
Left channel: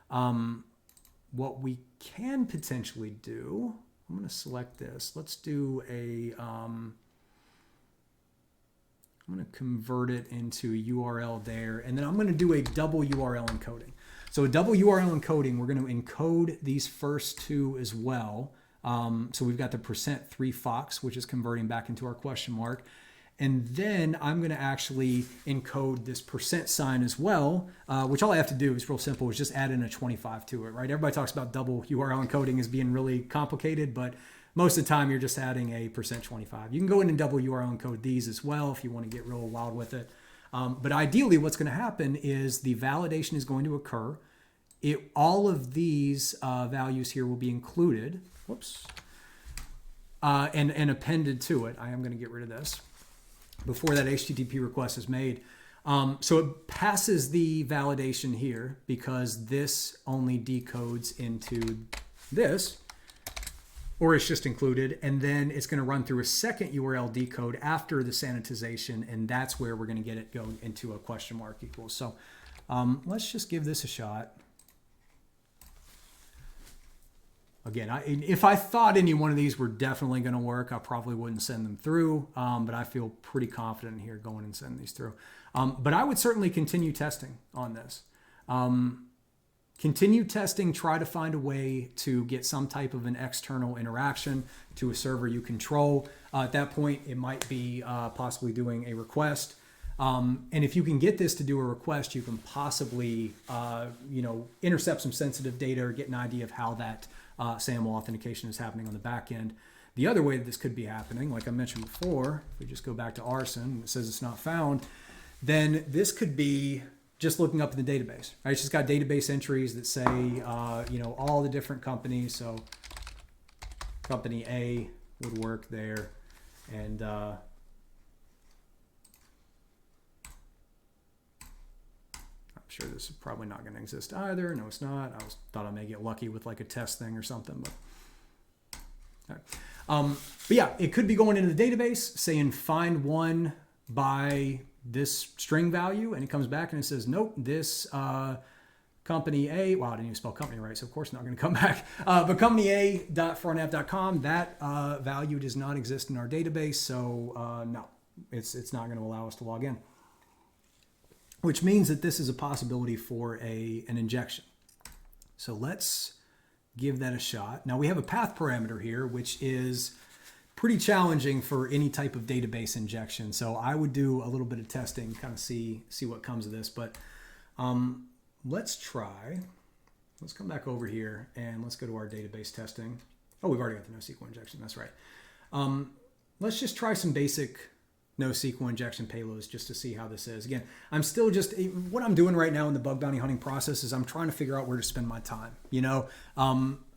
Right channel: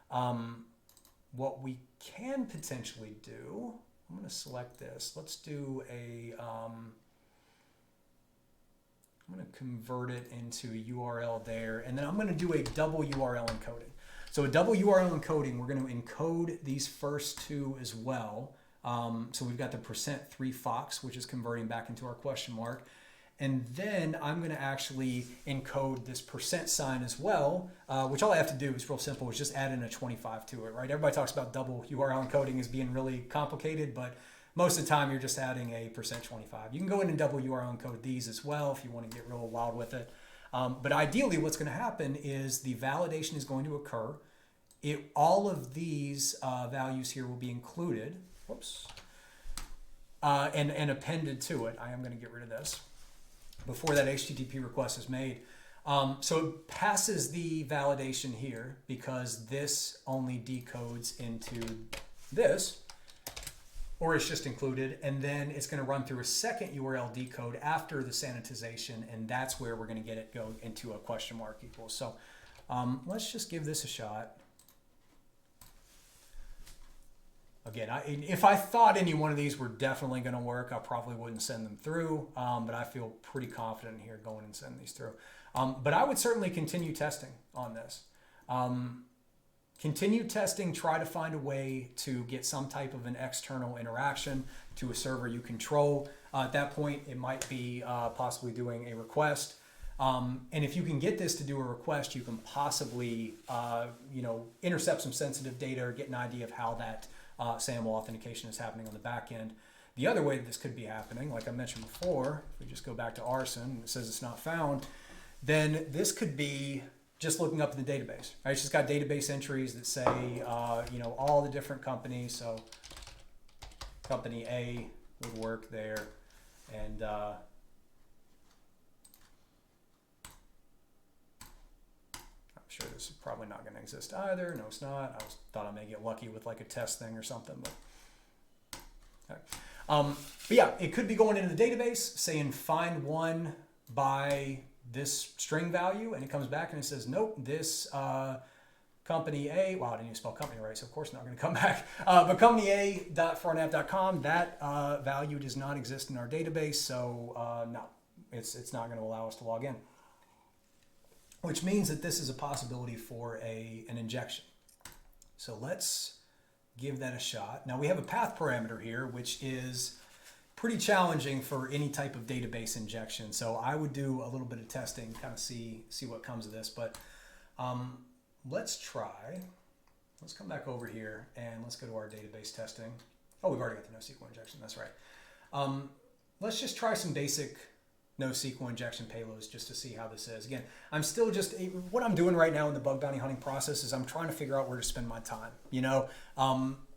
What we can potentially do, I'm going to select this. Let's do a, I'm going to convert it into a URL there, and then I'm going to do a double URL encoding. So a double URL encoding, we're going to encode these first two as well. So we've got the %3 Fox, which is converting back into our question mark. And then I'm going to actually encode this % as well, which all I have to do is real simple, is just add in a 25 to it, right? Everybody talks about double URL encoding as being really complicated, but most of the time you're just adding a %25. You can go in and double URL encode these as well if you want to get real wild with it. But ideally what's going to happen is the validation is going to occur. All of these values here will be included, whoops, and appended to it. I am going to get rid of this before that HTTP request is made. So it passes the validation here because this only decodes into this, or it's just included, and then it's going to run through a second URL decode after the sanitization, and that's where we're going to get it going into a question mark equals. So let's just give this a shot. Again, if I thought any one of these were definitely going to work, I probably wouldn't send them through, but I feel pretty confident here going and sending these through. But I would certainly continue testing on this. Continue testing, try to find a way to get some type of an external interaction to a server you control. At that point, it might be possibly doing a request. And if you can get this to do a request, you can possibly intercept some sensitive data or get an idea of how that SAML authentication is happening on the back end. The other way that this could be happening, like I mentioned before, if we just go back to arson and it says it's not found, then this could be just looking up in the database, right? It's just got database entries that say, all the different companies. So company A would work there, and I'm sure this is probably not going to exist either. No, it's not. Thought I may get lucky with like a test thing or something, but. Okay. But yeah, it could be going into the database, saying find one by this string value, and it comes back and it says, nope, this company A, wow, I didn't even spell company right, so of course not going to come back. But company A.foreignapp.com, that value does not exist in our database, so no, it's not going to allow us to log in. Which means that this is a possibility for an injection. So let's give that a shot. Now we have a path parameter here, which is pretty challenging for any type of database injection. So I would do a little bit of testing, kind of see what comes of this. But let's try. Let's come back over here and let's go to our database testing. Oh, we've already got the NoSQL injection. That's right. Let's just try some basic NoSQL injection payloads just to see how this is. Again, I'm still what I'm doing right now in the bug bounty hunting process is I'm trying to figure out where to spend my time. You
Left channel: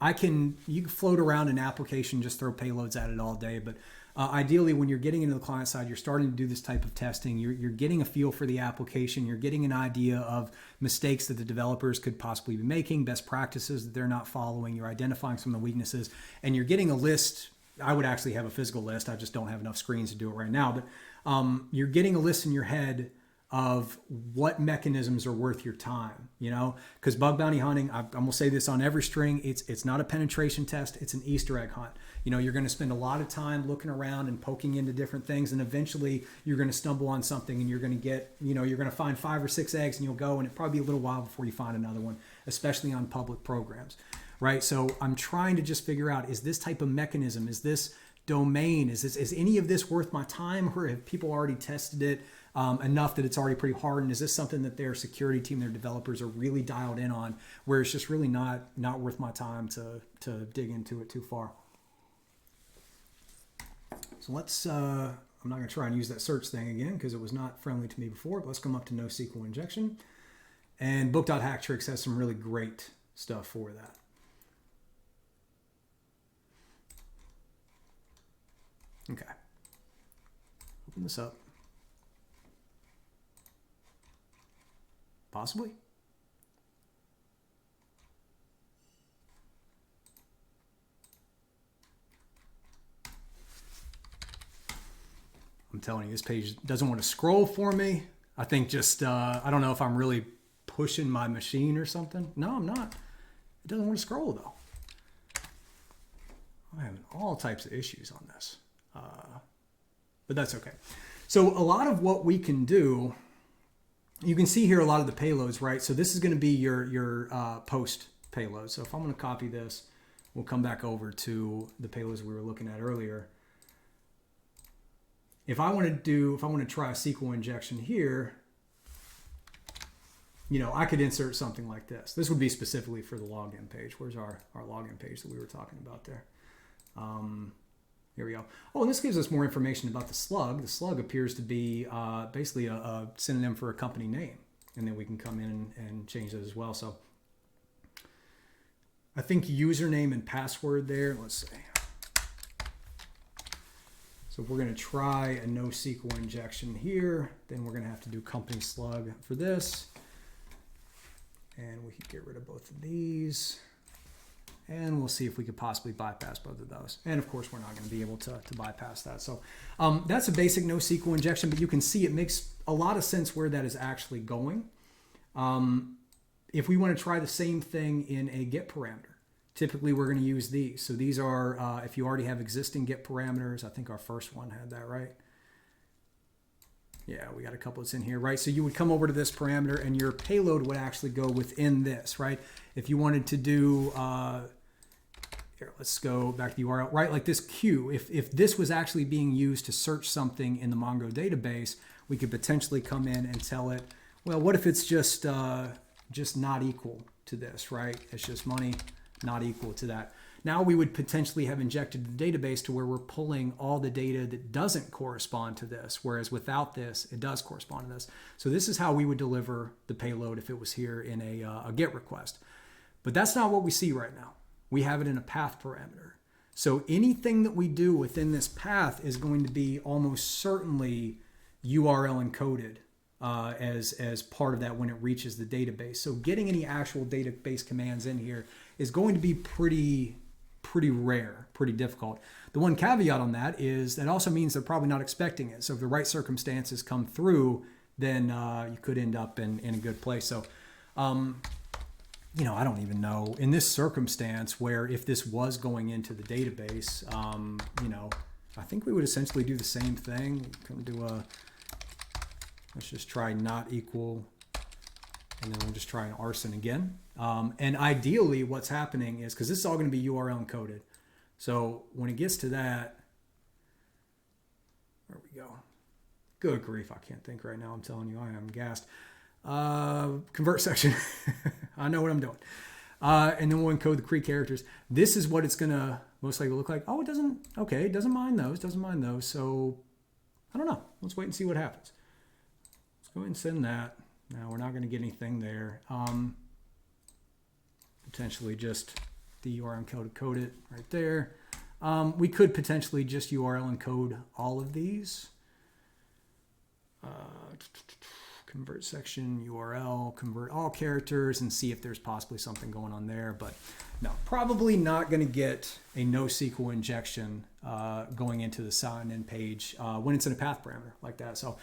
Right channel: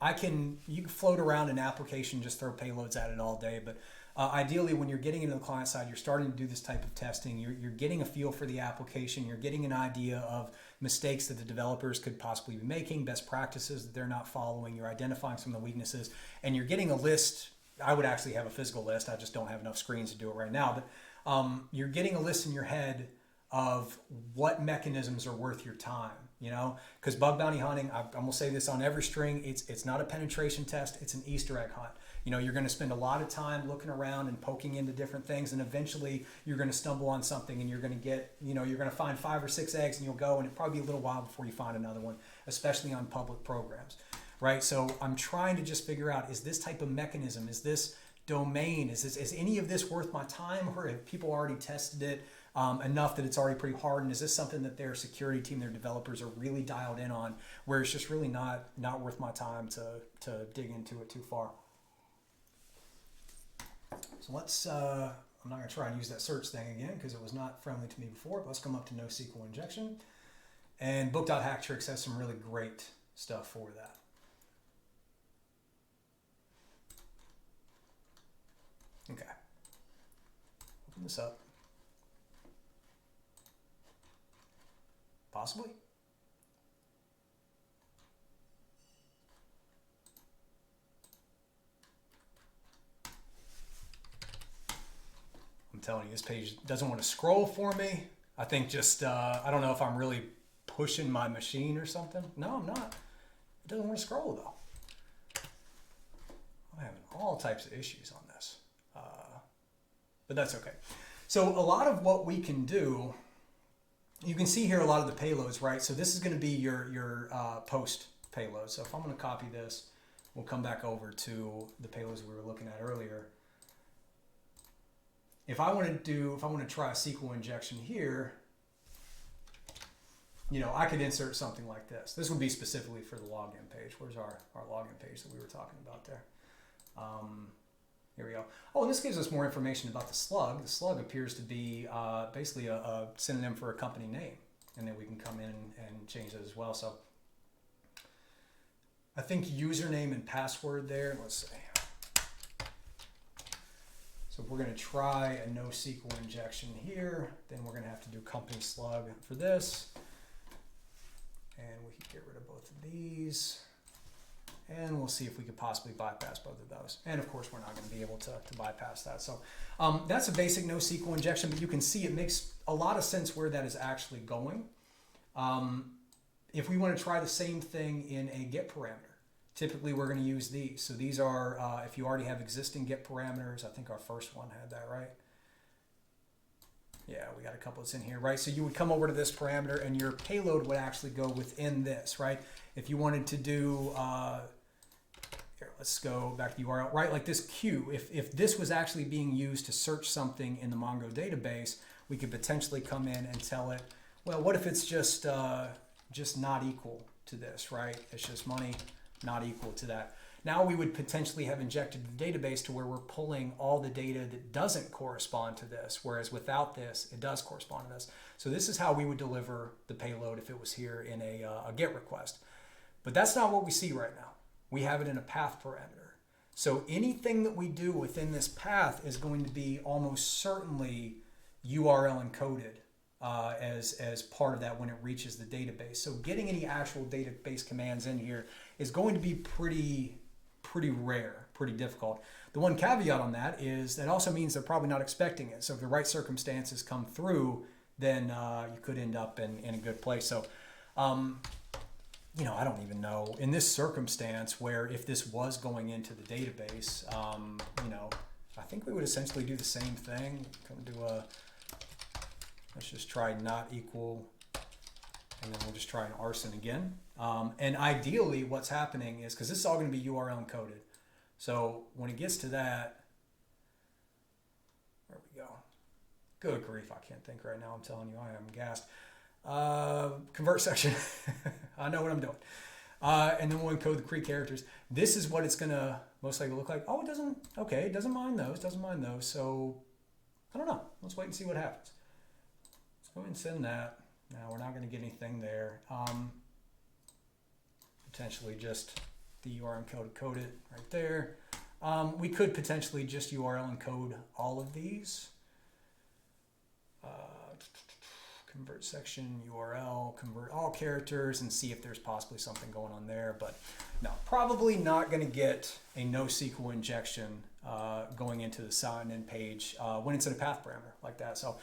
can float around an application, just throw payloads at it all day. But ideally, when you're getting into the client side, you're starting to do this type of testing. You're getting a feel for the application. You're getting an idea of mistakes that the developers could possibly be making, best practices that they're not following. You're identifying some of the weaknesses, and you're getting a list. I would actually have a physical list. I just don't have enough screens to do it right now. But you're getting a list in your head of what mechanisms are worth your time, because bug bounty hunting, I'm going to say this on every string, it's not a penetration test, it's an Easter egg hunt. You're going to spend a lot of time looking around and poking into different things, and eventually you're going to stumble on something and you're going to get, you're going to find 5 or 6 eggs, and you'll go, and it'll probably be a little while before you find another one, especially on public programs, right? So I'm trying to just figure out, is this type of mechanism, is this domain, is any of this worth my time, or have people already tested it enough that it's already pretty hard, and is this something that their security team, their developers are really dialed in on, where it's just really not worth my time to dig into it too far. So let's I'm not going to try and use that search thing again because it was not friendly to me before, but let's come up to NoSQL injection, and book.hacktricks has some really great stuff for that. Okay, open this up. Possibly. I'm telling you, this page doesn't want to scroll for me. I think just, I don't know if I'm really pushing my machine or something. No, I'm not. It doesn't want to scroll though. I'm having all types of issues on this. But that's okay. So a lot of what we can do You can see here a lot of the payloads, right? So this is going to be your post payload. So if I'm going to copy this, we'll come back over to the payloads we were looking at earlier. If I want to try a SQL injection here, you know, I could insert something like this. This would be specifically for the login page. Where's our login page that we were talking about there? Here we go. Oh, and this gives us more information about the slug. The slug appears to be basically a synonym for a company name. And then we can come in and change that as well. So I think username and password there. Let's see. So if we're going to try a NoSQL injection here, then we're going to have to do company slug for this. And we can get rid of both of these. And we'll see if we could possibly bypass both of those. And of course, we're not going to be able to bypass that. So that's a basic NoSQL injection, but you can see it makes a lot of sense where that is actually going. If we want to try the same thing in a get parameter, typically we're going to use these. So these are, if you already have existing get parameters, I think our first one had that, right? Yeah, we got a couple that's in here, right? So you would come over to this parameter and your payload would actually go within this, right? If you wanted to do, here, let's go back to the URL, right? Like this queue, if this was actually being used to search something in the Mongo database, we could potentially come in and tell it, well, what if it's just not equal to this, right? It's just money not equal to that. Now we would potentially have injected the database to where we're pulling all the data that doesn't correspond to this, whereas without this, it does correspond to this. So this is how we would deliver the payload if it was here in a GET request. But that's not what we see right now. We have it in a path parameter. So anything that we do within this path is going to be almost certainly URL encoded as part of that when it reaches the database. So getting any actual database commands in here is going to be pretty rare, pretty difficult. The one caveat on that is that also means they're probably not expecting it. So if the right circumstances come through, then you could end up in a good place. So, you know, I don't even know in this circumstance where if this was going into the database, you know, I think we would essentially do the same thing. Come do let's just try not equal, and then we'll just try an arson again. And ideally what's happening is, because this is all going to be URL encoded. So when it gets to that, there we go. Good grief, I can't think right now. I'm telling you, I am gassed. Convert section. I know what I'm doing. And then we'll encode the Cree characters. This is what it's going to most likely look like. Oh, it doesn't, okay, it doesn't mind those. So I don't know. Let's wait and see what happens. Let's go ahead and send that. Now we're not going to get anything there. Potentially just the URL encode it right there. We could potentially just URL encode all of these. Convert section, URL, convert all characters, and see if there's possibly something going on there. But no, probably not going to get a NoSQL injection going into the sign-in page when it's in a path parameter like that. So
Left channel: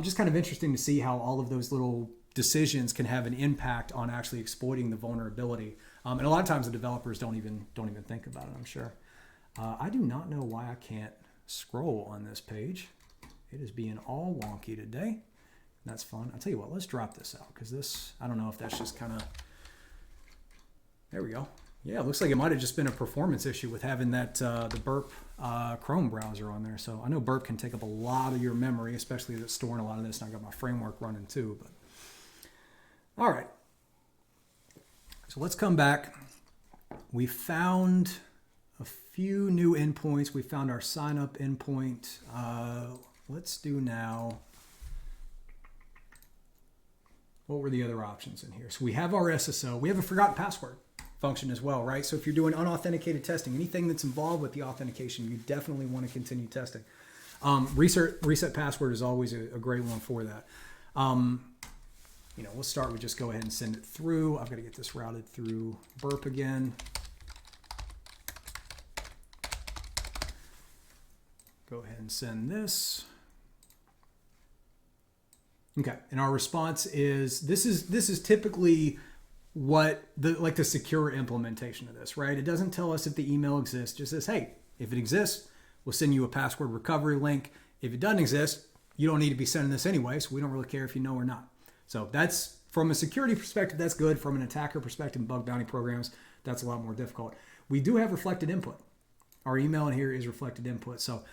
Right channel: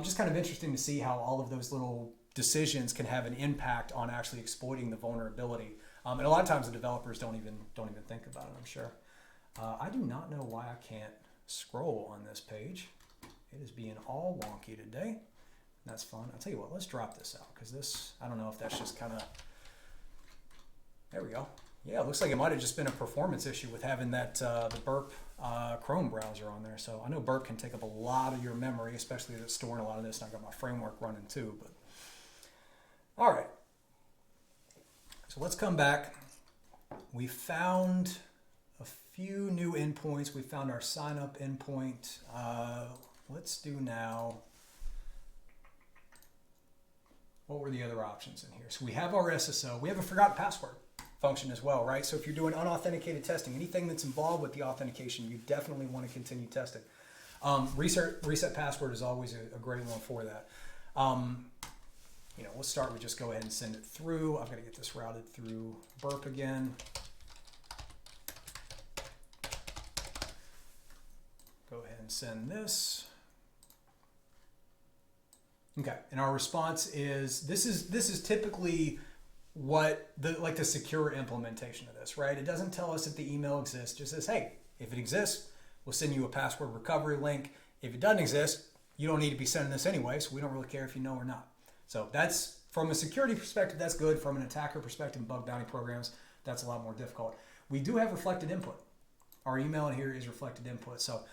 just kind of interesting to see how all of those little decisions can have an impact on actually exploiting the vulnerability. And a lot of times the developers don't even think about it, I'm sure. I do not know why I can't scroll on this page. It is being all wonky today. That's fun. I'll tell you what, let's drop this out because this, I don't know if that's just kind of, there we go. Yeah, it looks like it might have just been a performance issue with having that the Burp Chrome browser on there. So I know Burp can take up a lot of your memory, especially if it's storing a lot of this. And I got my framework running too. But all right. So let's come back. We found a few new endpoints. We found our sign up endpoint. Let's do now. What were the other options in here? So we have our SSO. We have a forgotten password function as well, right? So if you're doing unauthenticated testing, anything that's involved with the authentication, you definitely want to continue testing. Reset password is always a great one for that. You know, we'll start with just go ahead and send it through. I've got to get this routed through Burp again. Go ahead and send this. Okay, and our response is this is typically what the secure implementation of this, right? It doesn't tell us if the email exists. It just says, hey, if it exists, we'll send you a password recovery link. If it doesn't exist, you don't need to be sending this anyway, so we don't really care if you know or not. So that's, from a security perspective, that's good. From an attacker perspective, bug bounty programs, that's a lot more difficult. We do have reflected input. Our email in here is reflected input. So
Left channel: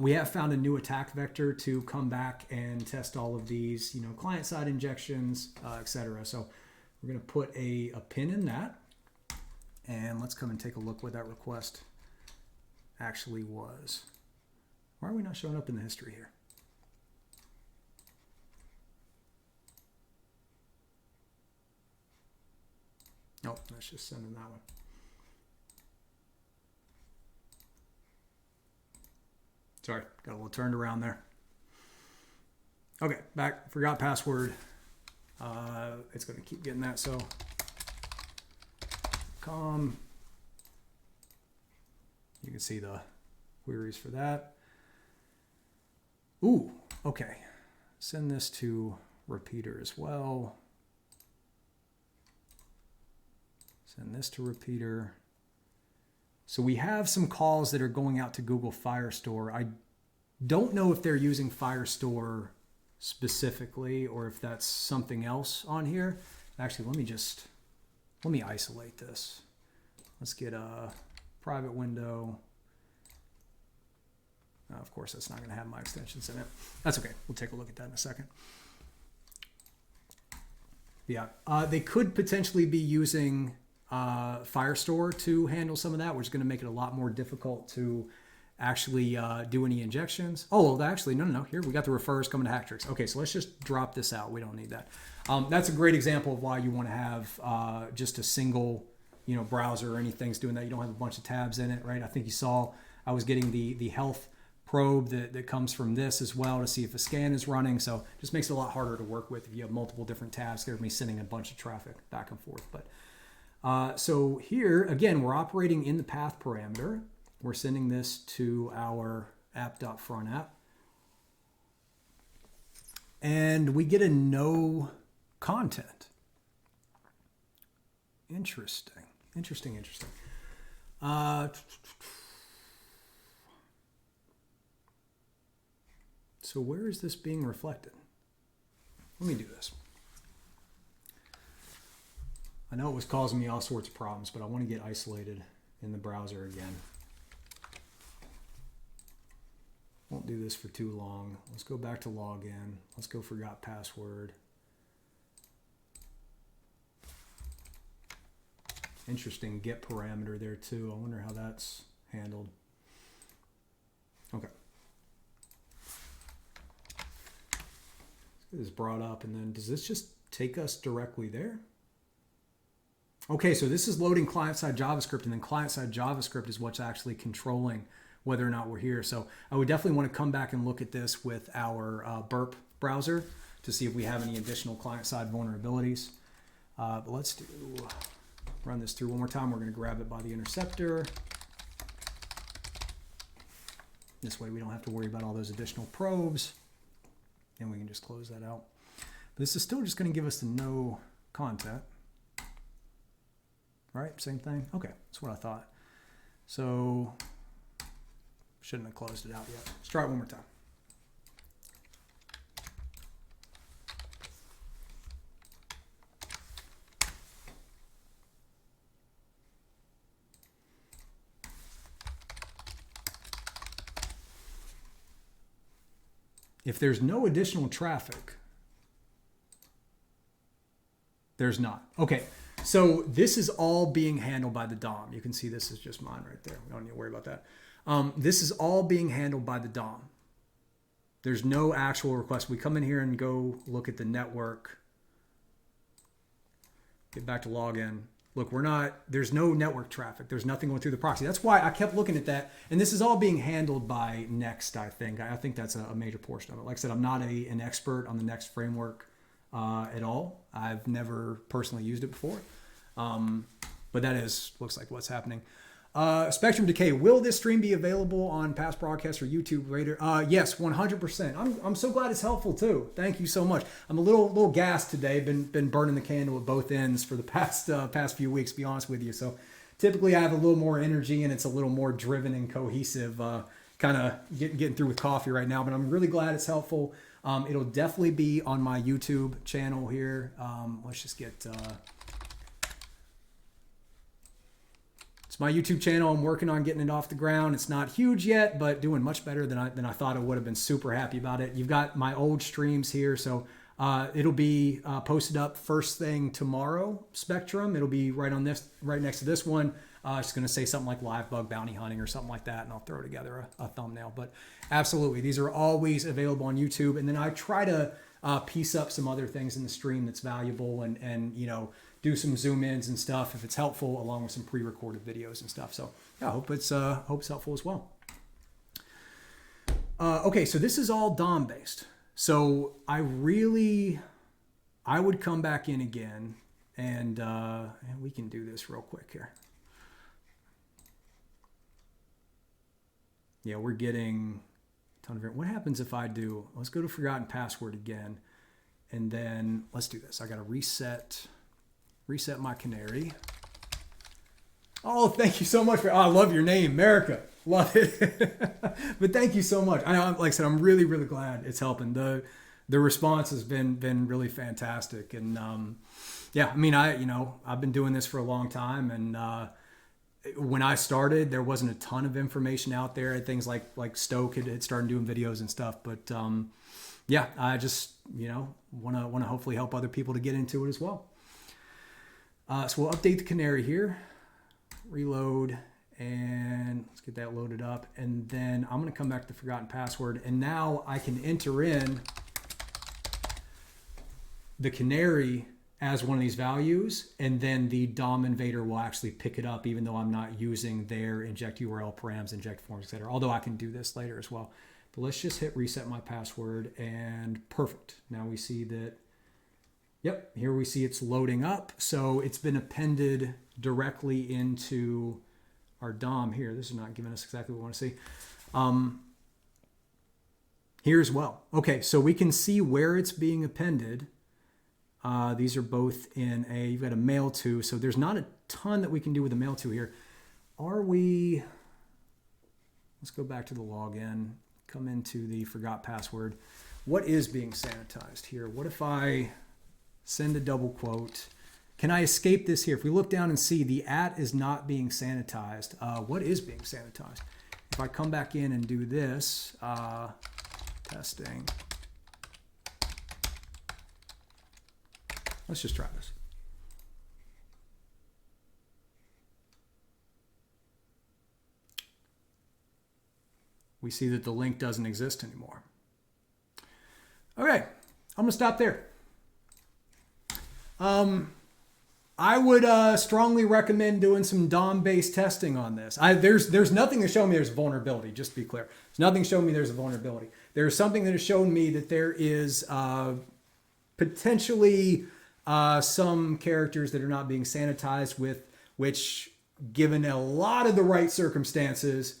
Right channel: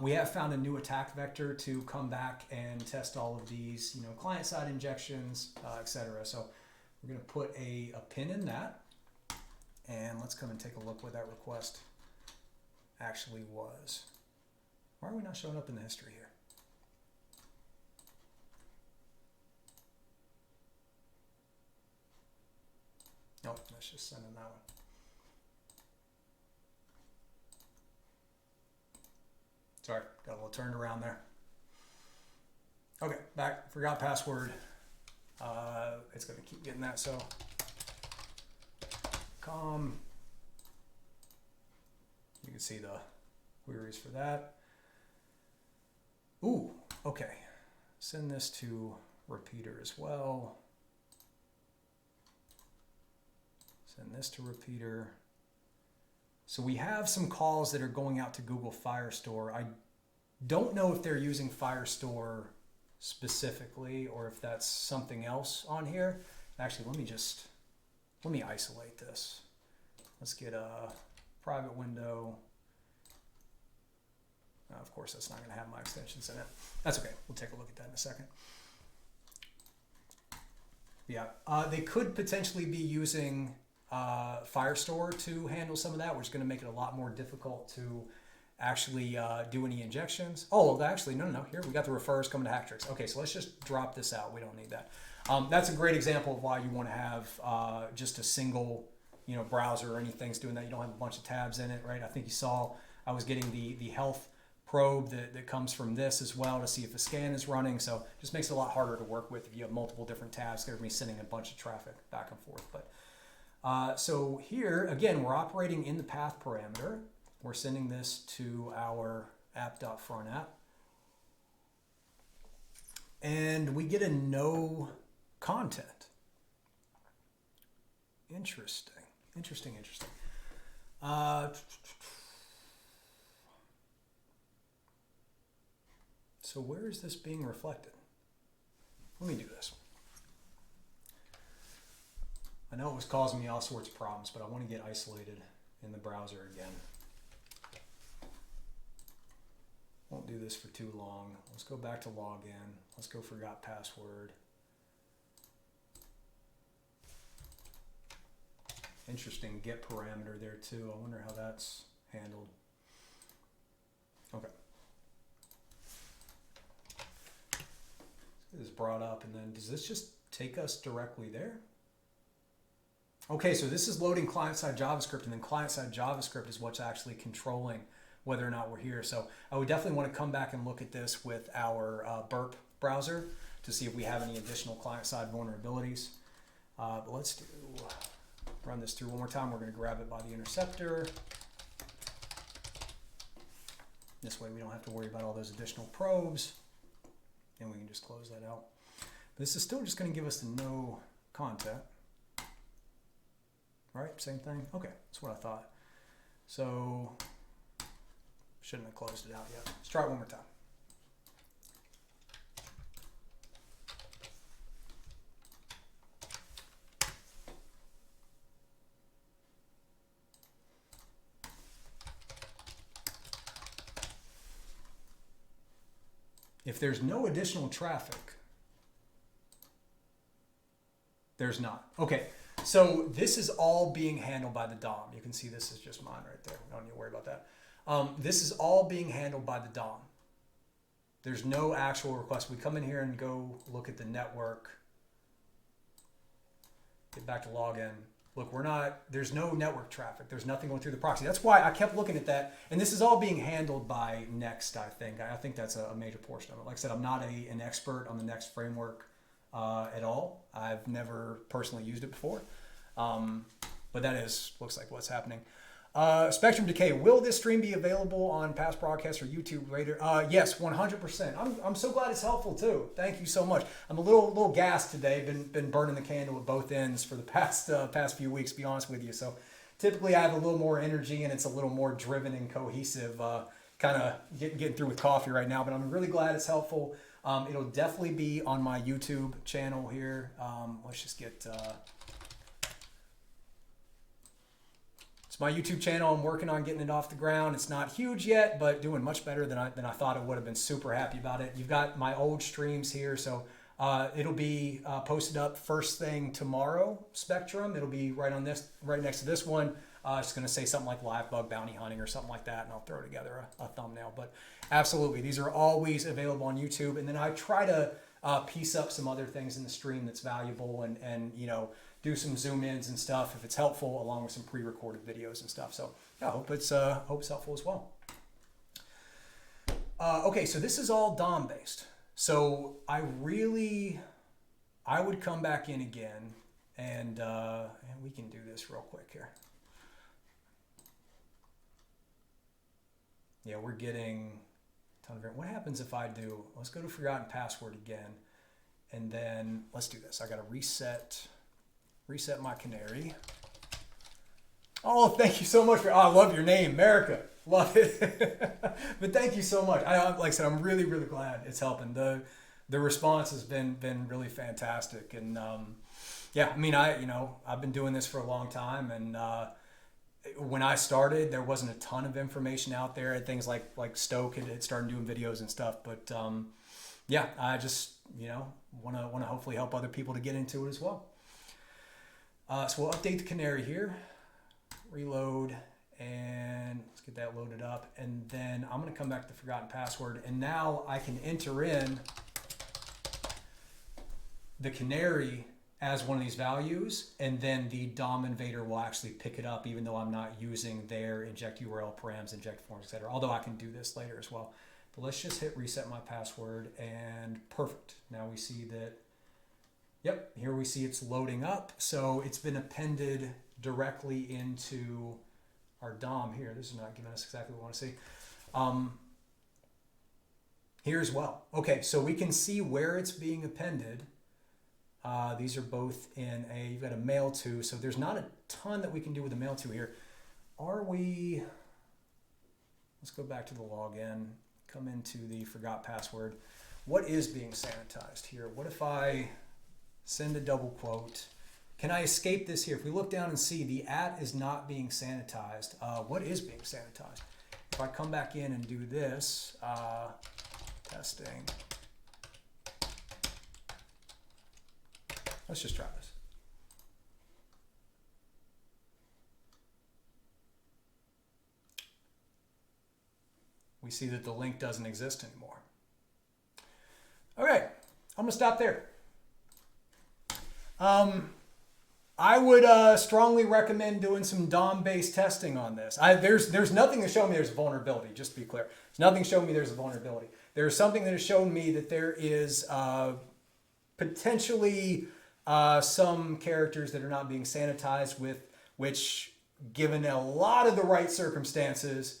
we have found a new attack vector to come back and test all of these, client-side injections, etc. So we're going to put a pin in that. And let's come and take a look what that request actually was. Why are we not showing up in the history here? Nope, let's just send in that one. Sorry, got a little turned around there. Okay, back, forgot password. It's going to keep getting that, so you can see the queries for that. Ooh, okay. Send this to repeater as well. Send this to repeater. So we have some calls that are going out to Google Firestore. I don't know if they're using Firestore specifically or if that's something else on here. Actually, let me isolate this. Let's get a private window. Of course, that's not going to have my extensions in it. That's okay. We'll take a look at that in a second. Yeah, they could potentially be using Firestore to handle some of that, which is going to make it a lot more difficult to actually do any injections. Oh, well, actually, no. Here, we got the refers coming to Hacktricks. Okay, so let's just drop this out. We don't need that. That's a great example of why you want to have just a single, browser or anything's doing that. You don't have a bunch of tabs in it, right? I think you saw I was getting the health probe that comes from this as well to see if a scan is running. So it just makes it a lot harder to work with if you have multiple different tabs. They're going to be sending a bunch of traffic back and forth. But so here, again, we're operating in the path parameter. We're sending this to our app.frontApp. And we get a no content. Interesting. So where is this being reflected? Let me do this. I know it was causing me all sorts of problems, but I want to get isolated in the browser again. Won't do this for too long. Let's go back to login. Let's go forgot password. Interesting get parameter there too. I wonder how that's handled. Okay. This is brought up, and then does this just take us directly there? Okay, so this is loading client-side JavaScript, and then client-side JavaScript is what's actually controlling whether or not we're here. So I would definitely want to come back and look at this with our Burp browser to see if we have any additional client-side vulnerabilities. But let's run this through one more time. We're going to grab it by the interceptor. This way we don't have to worry about all those additional probes. And we can just close that out. But this is still just going to give us the no content. Right, same thing. Okay, that's what I thought. So, shouldn't have closed it out yet. Let's try it one more time. If there's no additional traffic, there's not. Okay. So this is all being handled by the DOM. You can see this is just mine right there. We don't need to worry about that. This is all being handled by the DOM. There's no actual request. We come in here and go look at the network. Get back to login. Look, there's no network traffic. There's nothing going through the proxy. That's why I kept looking at that. And this is all being handled by Next, I think. I think that's a major portion of it. Like I said, I'm not an expert on the Next framework at all. I've never personally used it before. But that looks like what's happening. Spectrum Decay, will this stream be available on past broadcasts or YouTube later? Yes, 100%. I'm so glad it's helpful too. Thank you so much. I'm a little gassed today. Been burning the candle at both ends for the past few weeks, to be honest with you. So typically I have a little more energy and it's a little more driven and cohesive, kind of getting through with coffee right now, but I'm really glad it's helpful. It'll definitely be on my YouTube channel here. Let's just get... It's my YouTube channel. I'm working on getting it off the ground. It's not huge yet, but doing much better than I thought it would have been. Super happy about it. You've got my old streams here, so it'll be posted up first thing tomorrow. Spectrum. It'll be right next to this one. Just going to say something like live bug bounty hunting or something like that, and I'll throw together a thumbnail. But absolutely, these are always available on YouTube. And then I try to piece up some other things in the stream that's valuable, and you know, do some zoom ins and stuff if it's helpful, along with some pre-recorded videos and stuff. So yeah, I hope it's helpful as well. Okay, so this is all DOM based. So I would come back in again, and we can do this real quick here. Yeah, we're getting a ton of it. What happens if I do, let's go to forgotten password again, and then let's do this. I got to reset my canary. Oh, thank you so much I love your name, America. Love it. But thank you so much. Like I said, I'm really, really glad it's helping. The response has been really fantastic. And yeah, I mean, I've been doing this for a long time, and when I started, there wasn't a ton of information out there. Things like Stoke had started doing videos and stuff. But yeah, I just want to hopefully help other people to get into it as well. So we'll update the canary here, reload, and let's get that loaded up. And then I'm going to come back to the forgotten password, and now I can enter in the canary as one of these values, and then the DOM invader will actually pick it up, even though I'm not using their inject URL params, inject forms, etc. Although I can do this later as well. But let's just hit reset my password, and perfect. Now we see that, yep, here we see it's loading up. So it's been appended directly into our DOM here. This is not giving us exactly what we want to see. Here as well. Okay, so we can see where it's being appended. These are both in you've got a mail to, so there's not a ton that we can do with the mail to here. Let's go back to the login, come into the forgot password. What is being sanitized here? What if I send a double quote? Can I escape this here? If we look down and see the @ is not being sanitized, what is being sanitized? If I come back in and do this, testing. Let's just try this. We see that the link doesn't exist anymore. Okay, I'm gonna stop there. I would strongly recommend doing some DOM-based testing on this. There's nothing to show me there's a vulnerability, just to be clear. There's nothing showing me there's a vulnerability. There's something that has shown me that there is potentially some characters that are not being sanitized with, which, given a lot of the right circumstances,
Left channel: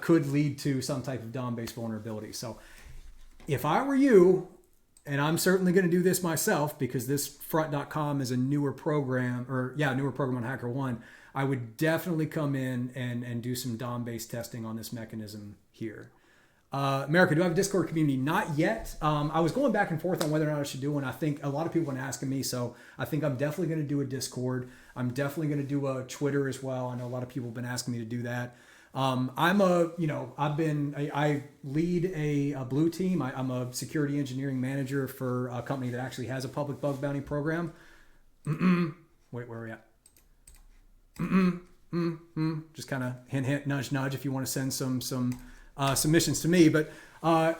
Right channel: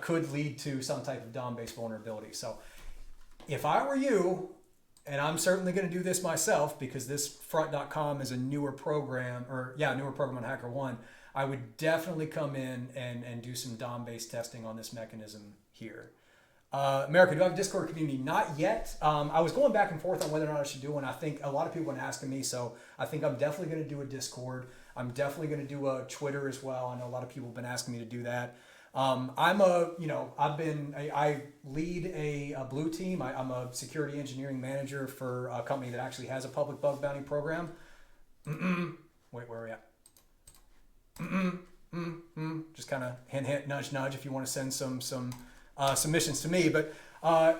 could lead to some type of DOM-based vulnerability. So if I were you, and I'm certainly going to do this myself because this front.com is a newer program, newer program on HackerOne, I would definitely come in and do some DOM-based testing on this mechanism here. America, do I have a Discord community? Not yet. I was going back and forth on whether or not I should do one. I think a lot of people have been asking me, so I think I'm definitely going to do a Discord. I'm definitely going to do a Twitter as well. I know a lot of people have been asking me to do that. I lead a blue team. I'm a security engineering manager for a company that actually has a public bug bounty program. Wait, where are we at? Just kind of hint, nudge, nudge if you want to send some submissions to me. But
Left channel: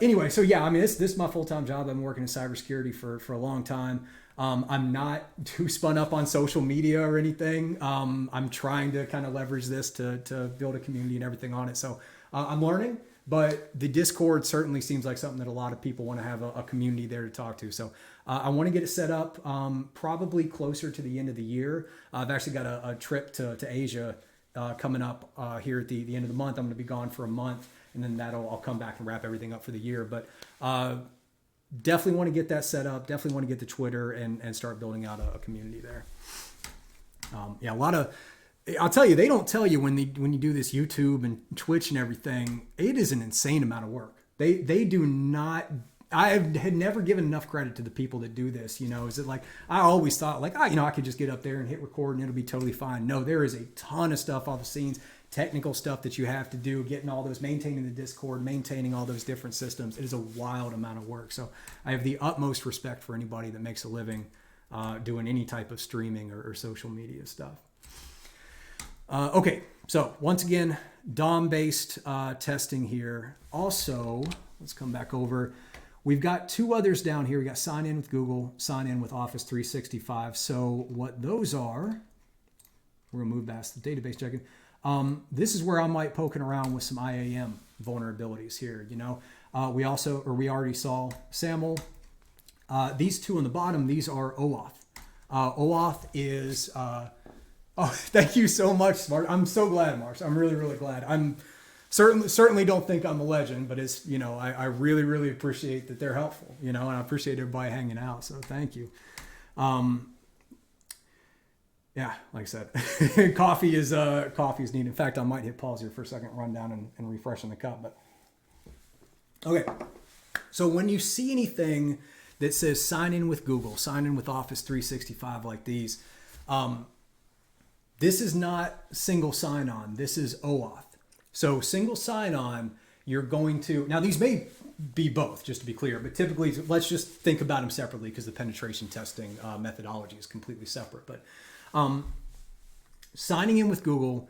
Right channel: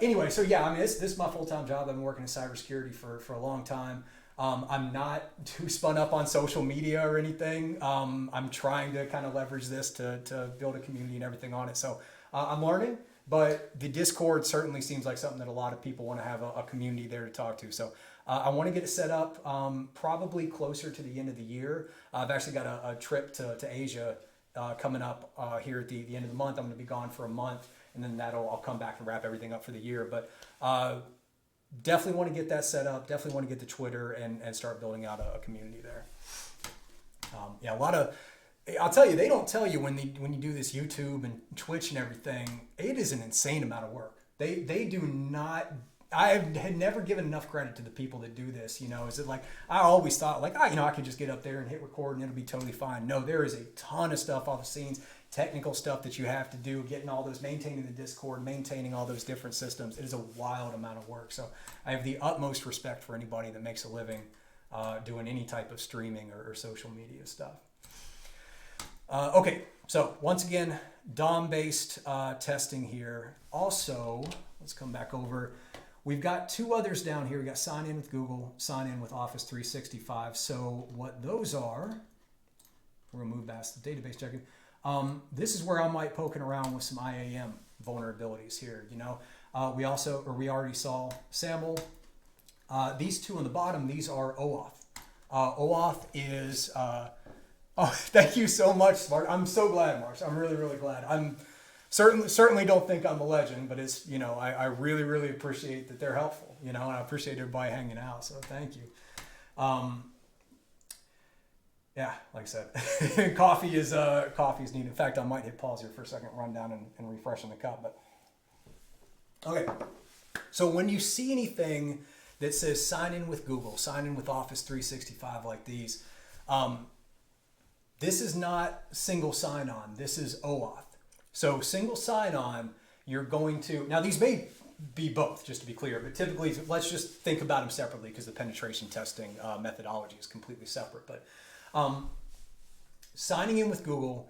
anyway, so yeah, I mean, this is my full-time job. I've been working in cybersecurity for a long time. I'm not too spun up on social media or anything. I'm trying to kind of leverage this to build a community and everything on it. So I'm learning, but the Discord certainly seems like something that a lot of people want to have a community there to talk to. So I want to get it set up probably closer to the end of the year. I've actually got a trip to Asia coming up here at the end of the month. I'm going to be gone for a month, and then I'll come back and wrap everything up for the year. But definitely want to get that set up. Definitely want to get the Twitter and start building out a community there. Yeah, a lot of, I'll tell you, they don't tell you when you do this YouTube and Twitch and everything, it is an insane amount of work. They do not I had never given enough credit to the people that do this. You know, is it like, I always thought like, I could just get up there and hit record and it'll be totally fine. No, there is a ton of stuff off the scenes, technical stuff that you have to do, getting all those, maintaining the Discord, maintaining all those different systems. It is a wild amount of work. So I have the utmost respect for anybody that makes a living doing any type of streaming or social media stuff. Okay, so once again, DOM-based testing here. Also, let's come back over. We've got two others down here. We got sign in with Google, sign in with Office 365. So what those are, we're gonna move past the database checking. This is where I might poking around with some IAM vulnerabilities here. You know, we already saw SAML. These two on the bottom, these are OAuth. OAuth is, oh, thank you so much, Marsh. I'm so glad, Marsh. I'm really, really glad. I'm certainly don't think I'm a legend, but it's, you know, I really, really appreciate that they're helpful, you know, and I appreciate everybody hanging out. So thank you. Yeah, like I said, coffee is needed. In fact, I might hit pause here for a second, run down and refresh the cup. But okay, so when you see anything that says sign in with Google, sign in with Office 365 like these, this is not single sign-on. This is OAuth. So single sign-on, you're going to, now these may be both, just to be clear, but typically, let's just think about them separately because the penetration testing methodology is completely separate. But signing in with Google,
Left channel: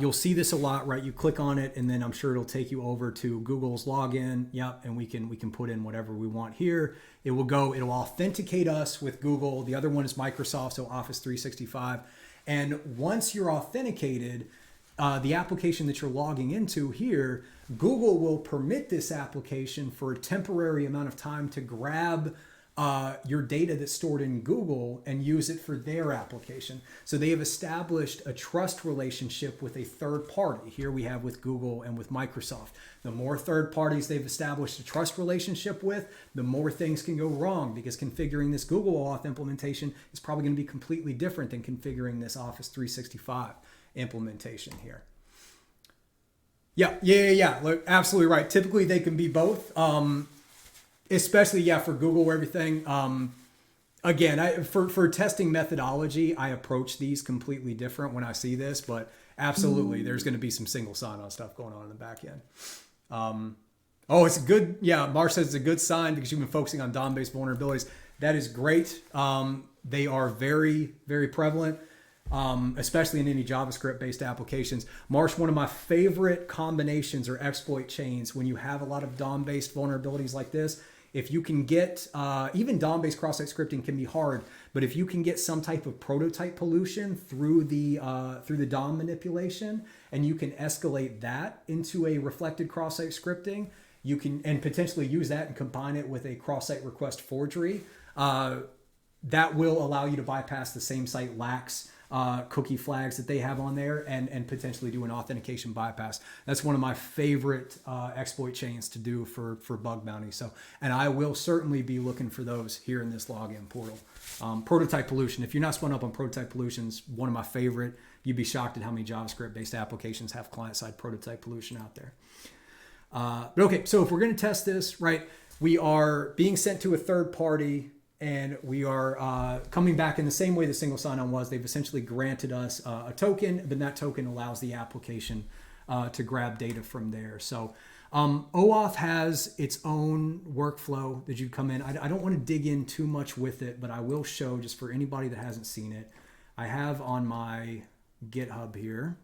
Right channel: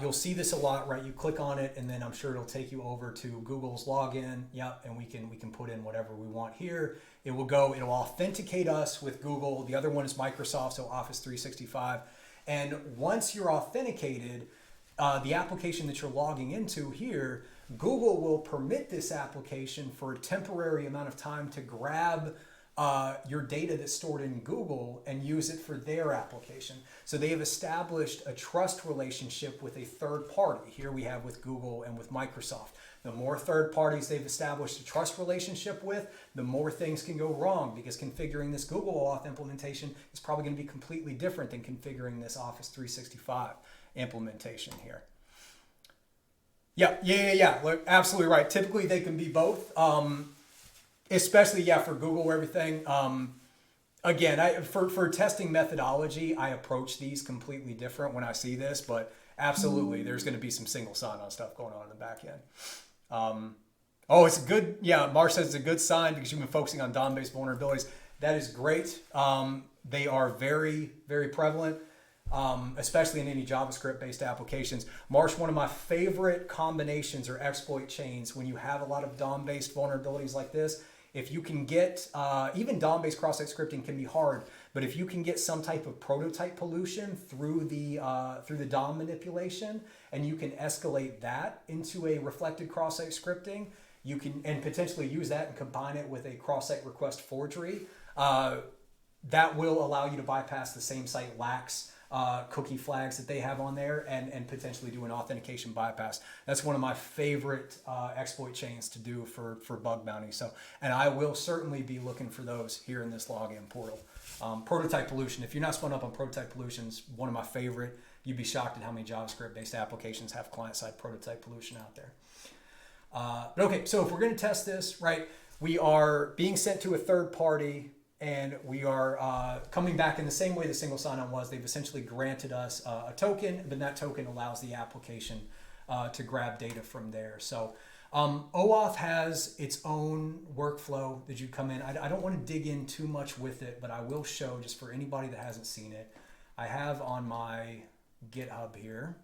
you'll see this a lot, right? You click on it and then I'm sure it'll take you over to Google's login. Yep, and we can put in whatever we want here. It'll authenticate us with Google. The other one is Microsoft, so Office 365. And once you're authenticated, the application that you're logging into here, Google will permit this application for a temporary amount of time to grab your data that's stored in Google and use it for their application. So they have established a trust relationship with a third party. Here we have with Google and with Microsoft. The more third parties they've established a trust relationship with, the more things can go wrong, because configuring this Google Auth implementation is probably going to be completely different than configuring this Office 365 implementation here. Yeah. Look, absolutely right. Typically they can be both. Especially, for Google everything. Again, for testing methodology, I approach these completely different when I see this, but absolutely, there's going to be some single sign-on stuff going on in the back end. It's a good, Marsh says it's a good sign because you've been focusing on DOM-based vulnerabilities. That is great. They are very, very prevalent, especially in any JavaScript-based applications. Marsh, one of my favorite combinations or exploit chains when you have a lot of DOM-based vulnerabilities like this, if you can get, even DOM-based cross-site scripting can be hard, but if you can get some type of prototype pollution through the DOM manipulation, and you can escalate that into a reflected cross-site scripting, you can, and potentially use that and combine it with a cross-site request forgery, that will allow you to bypass the same site lax cookie flags that they have on there and potentially do an authentication bypass. That's one of my favorite exploit chains to do for bug bounty. So, and I will certainly be looking for those here in this login portal. Prototype pollution. If you're not spun up on prototype pollutions, one of my favorite. You'd be shocked at how many JavaScript-based applications have client-side prototype pollution out there. But okay, so if we're going to test this, right, we are being sent to a third party. And we are coming back in the same way the single sign-on was. They've essentially granted us a token, but that token allows the application to grab data from there. So OAuth has its own workflow that you come in. I don't want to dig in too much with it, but I will show just for anybody that hasn't seen it. I have on my GitHub here.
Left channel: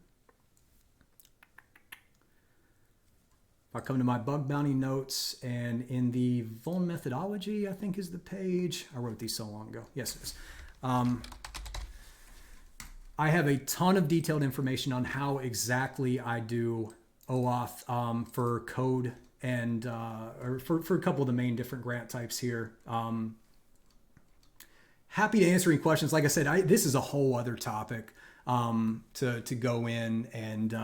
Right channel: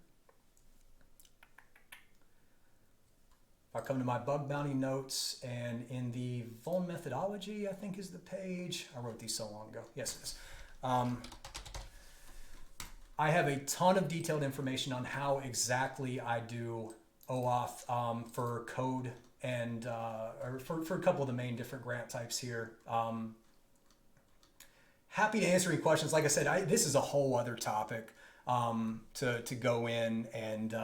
I come to my bug bounty notes, and in the vuln methodology, I think is the page. I wrote these so long ago. Yes, it is. I have a ton of detailed information on how exactly I do OAuth for code and or for a couple of the main different grant types here. Happy to answer any questions. Like I said, this is a whole other topic to go in and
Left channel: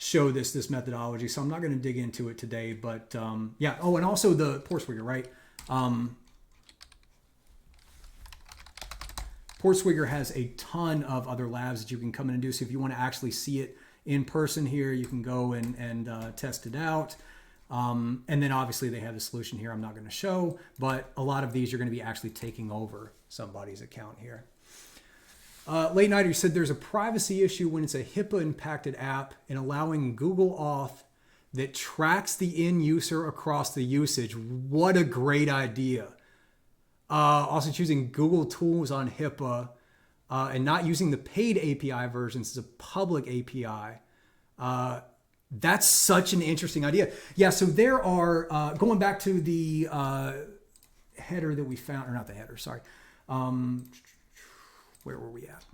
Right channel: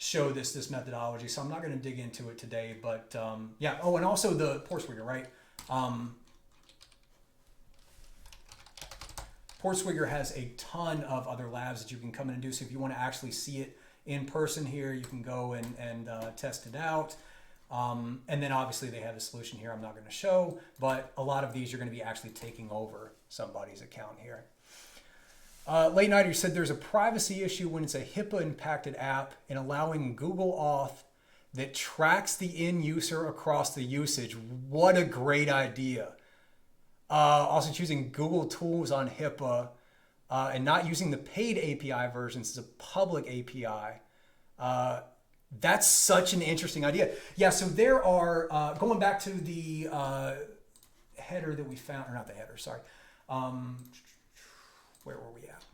show this methodology, so I'm not going to dig into it today, but and also the Portswigger, right? Portswigger has a ton of other labs that you can come in and do, so if you want to actually see it in person here, you can go and test it out. And then obviously they have a solution here I'm not going to show, but a lot of these are going to be actually taking over somebody's account here. Late Nighter said there's a privacy issue when it's a HIPAA impacted app in allowing Google Auth that tracks the end user across the usage. What a great idea. Also choosing Google tools on HIPAA and not using the paid API versions as a public API. That's such an interesting idea. Yeah, so there are, going back to the header that we found, or not the header, sorry. Where were we at?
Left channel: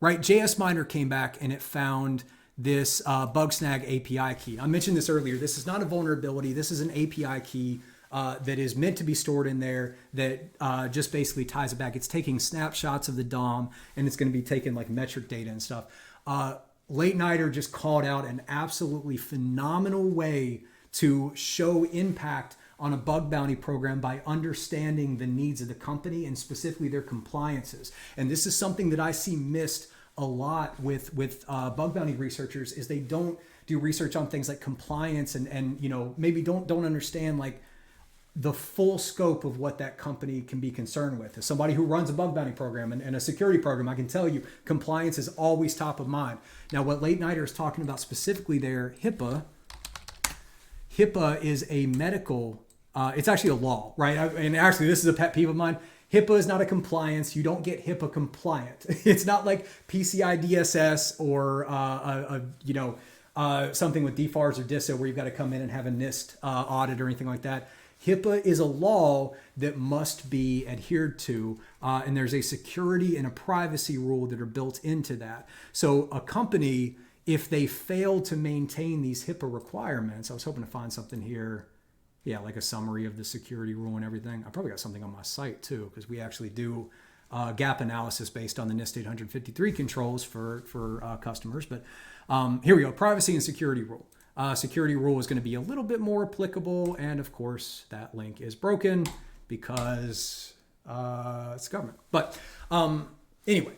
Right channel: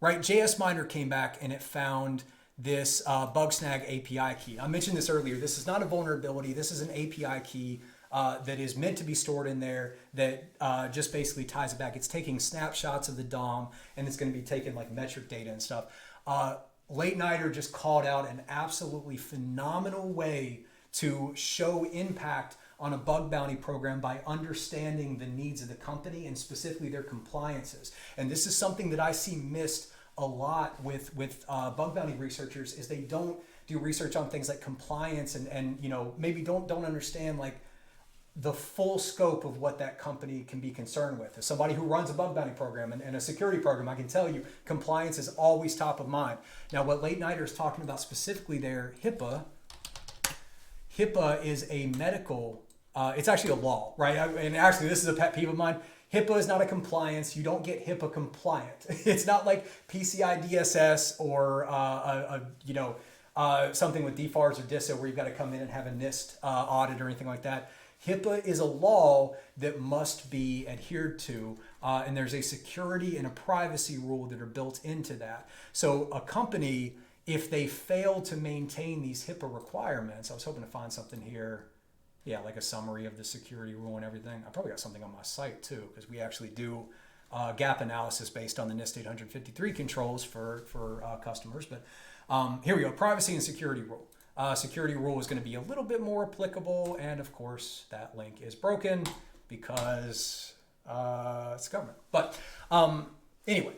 Right, JS Miner came back and it found this Bugsnag API key. I mentioned this earlier. This is not a vulnerability. This is an API key that is meant to be stored in there that just basically ties it back. It's taking snapshots of the DOM and it's going to be taking like metric data and stuff. Late Nighter just called out an absolutely phenomenal way to show impact on a bug bounty program by understanding the needs of the company and specifically their compliances. And this is something that I see missed a lot with bug bounty researchers is they don't do research on things like compliance and you know, maybe don't understand like the full scope of what that company can be concerned with. As somebody who runs a bug bounty program and a security program, I can tell you compliance is always top of mind. Now, what Late Nighter is talking about specifically there, HIPAA is a medical, it's actually a law, right? And actually, this is a pet peeve of mine. HIPAA is not a compliance. You don't get HIPAA compliant. It's not like PCI DSS or something with DFARS or DISA where you've got to come in and have a NIST audit or anything like that. HIPAA is a law that must be adhered to, and there's a security and a privacy rule that are built into that. So a company, if they fail to maintain these HIPAA requirements, I was hoping to find something here, yeah, like a summary of the security rule and everything. I probably got something on my site too, because we actually do gap analysis based on the NIST 853 controls for customers. But here we go, privacy and security rule. Security rule is going to be a little bit more applicable, and of course that link is broken because it's government. But anyway,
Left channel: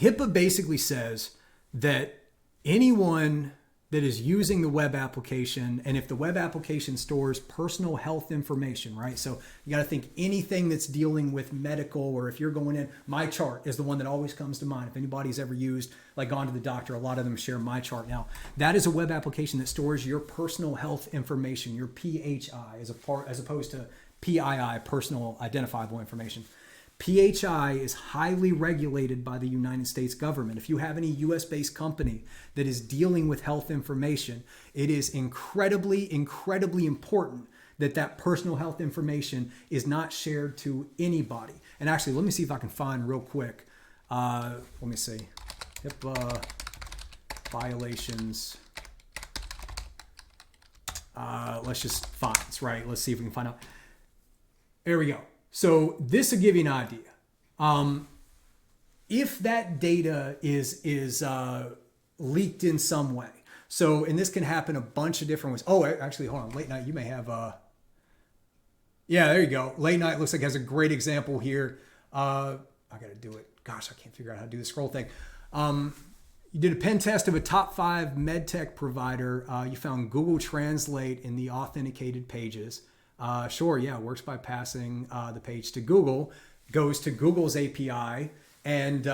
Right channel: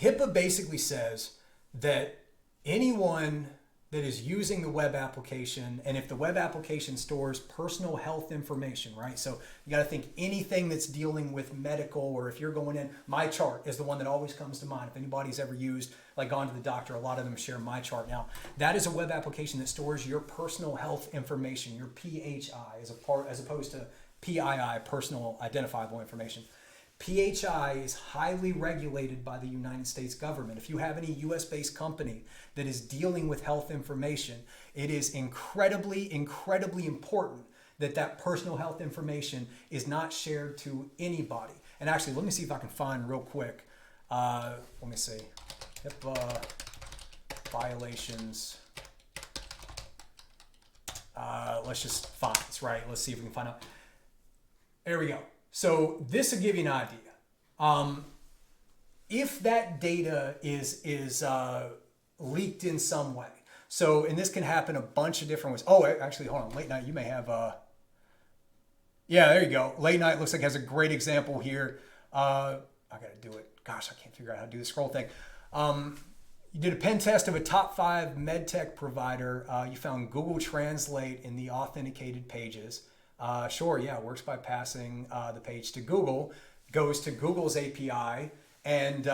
HIPAA basically says that anyone that is using the web application, and if the web application stores personal health information, right? So you got to think anything that's dealing with medical, or if you're going in, MyChart is the one that always comes to mind. If anybody's ever used, like gone to the doctor, a lot of them share MyChart now. That is a web application that stores your personal health information, your PHI, as opposed to PII, personal identifiable information. PHI is highly regulated by the United States government. If you have any US-based company that is dealing with health information, it is incredibly, incredibly important that that personal health information is not shared to anybody. And actually, let me see if I can find real quick. Let me see. HIPAA violations. Let's just fines, right? Let's see if we can find out. There we go. So this will give you an idea. If that data is leaked in some way, so, and this can happen a bunch of different ways. Oh, actually, hold on. Late Night, you may have, yeah, there you go. Late Night looks like has a great example here. I got to do it. Gosh, I can't figure out how to do the scroll thing. You did a pen test of a top 5 medtech provider. You found Google Translate in the authenticated pages. Sure, yeah, it works by passing the page to Google, goes to Google's API and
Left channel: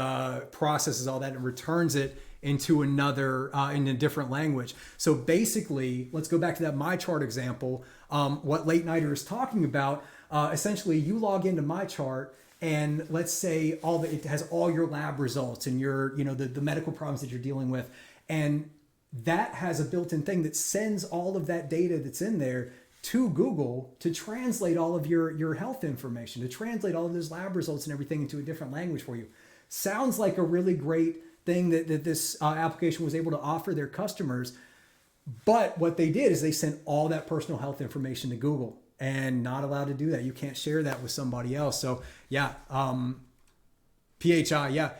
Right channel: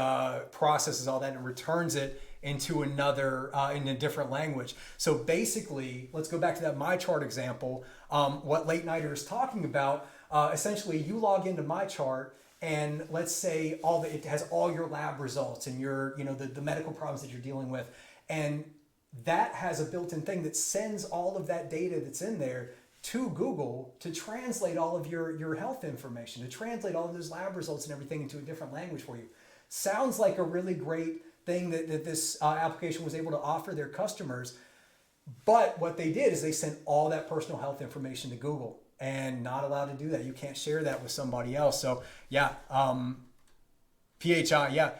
processes all that and returns it into another, in a different language. So basically, let's go back to that MyChart example. What Late Nighter is talking about, essentially you log into MyChart and let's say it has all your lab results and your, the medical problems that you're dealing with. And that has a built-in thing that sends all of that data that's in there to Google to translate all of your health information, to translate all of those lab results and everything into a different language for you. Sounds like a really great thing that this application was able to offer their customers. But what they did is they sent all that personal health information to Google, and not allowed to do that. You can't share that with somebody else. So yeah, PHI, yeah.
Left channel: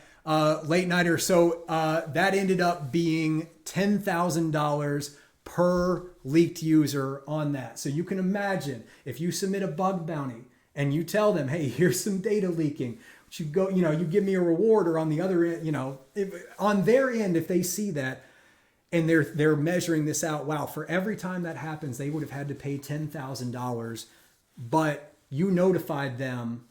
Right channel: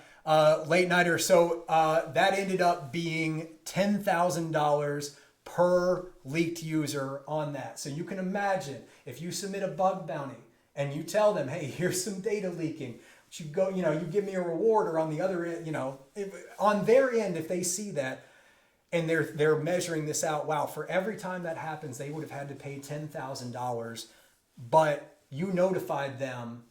Late Nighter. So that ended up being $10,000 per leaked user on that. So you can imagine if you submit a bug bounty and you tell them, hey, here's some data leaking, you go, you give me a reward, or on the other end, on their end, if they see that And they're measuring this out. Wow, for every time that happens, they would have had to pay $10,000, but you notified them.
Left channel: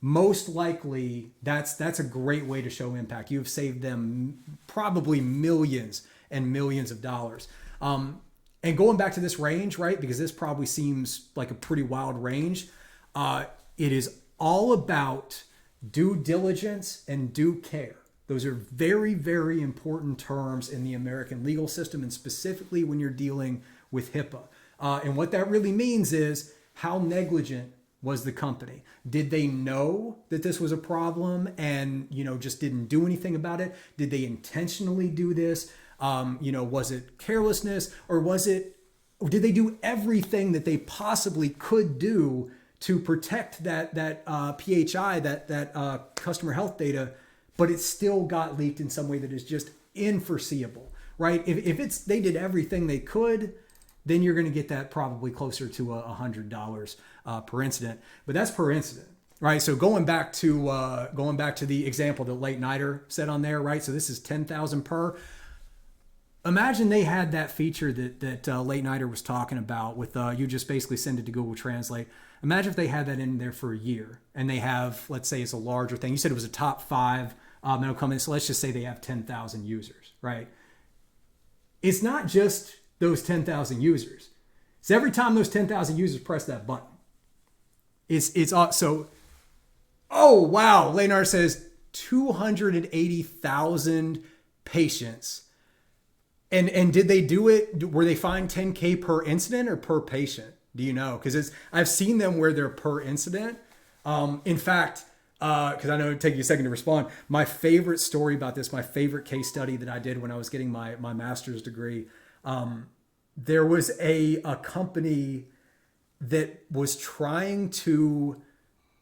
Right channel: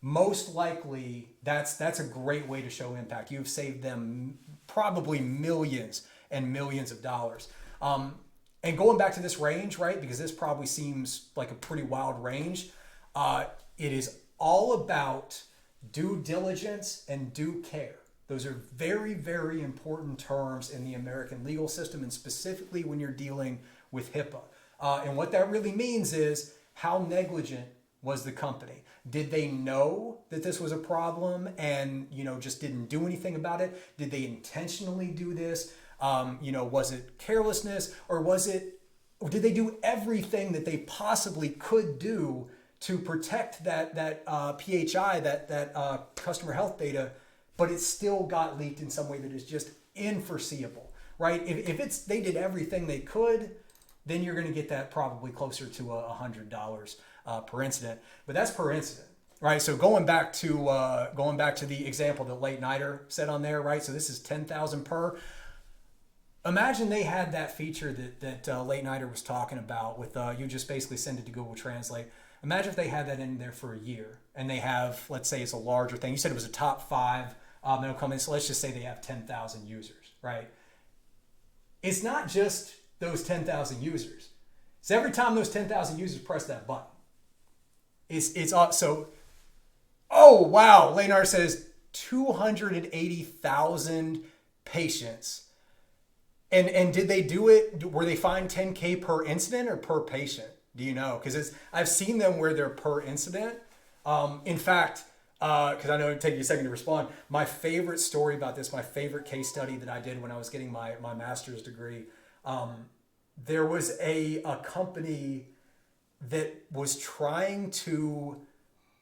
Most likely, that's a great way to show impact. You've saved them probably millions and millions of dollars. And going back to this range, right? Because this probably seems like a pretty wild range. It is all about due diligence and due care. Those are very, very important terms in the American legal system, and specifically when you're dealing with HIPAA. And what that really means is, how negligent was the company? Did they know that this was a problem and, just didn't do anything about it? Did they intentionally do this? Was it carelessness, or did they do everything that they possibly could do to protect that PHI, that customer health data, but it still got leaked in some way that is just unforeseeable, right? If they did everything they could, then you're going to get that probably closer to $100 per incident. But that's per incident, right? So going back to the example that Late Nighter said on there, right? So this is 10,000 per. Imagine they had that feature that Late Nighter was talking about with you just basically send it to Google Translate. Imagine if they had that in there for a year, and they have, let's say it's a larger thing. You said it was a top 5 that'll come in. So let's just say they have 10,000 users, right? It's not just those 10,000 users. It's every time those 10,000 users press that button. So, oh wow, Late Nighter says 280,000 patients. And did they do it? Were they fined $10K per incident or per patient? Do you know? Because I've seen them where they're per incident. In fact, because I know it'd take you a second to respond. My favorite story about this, my favorite case study that I did when I was getting my master's degree, there was a company that was trying to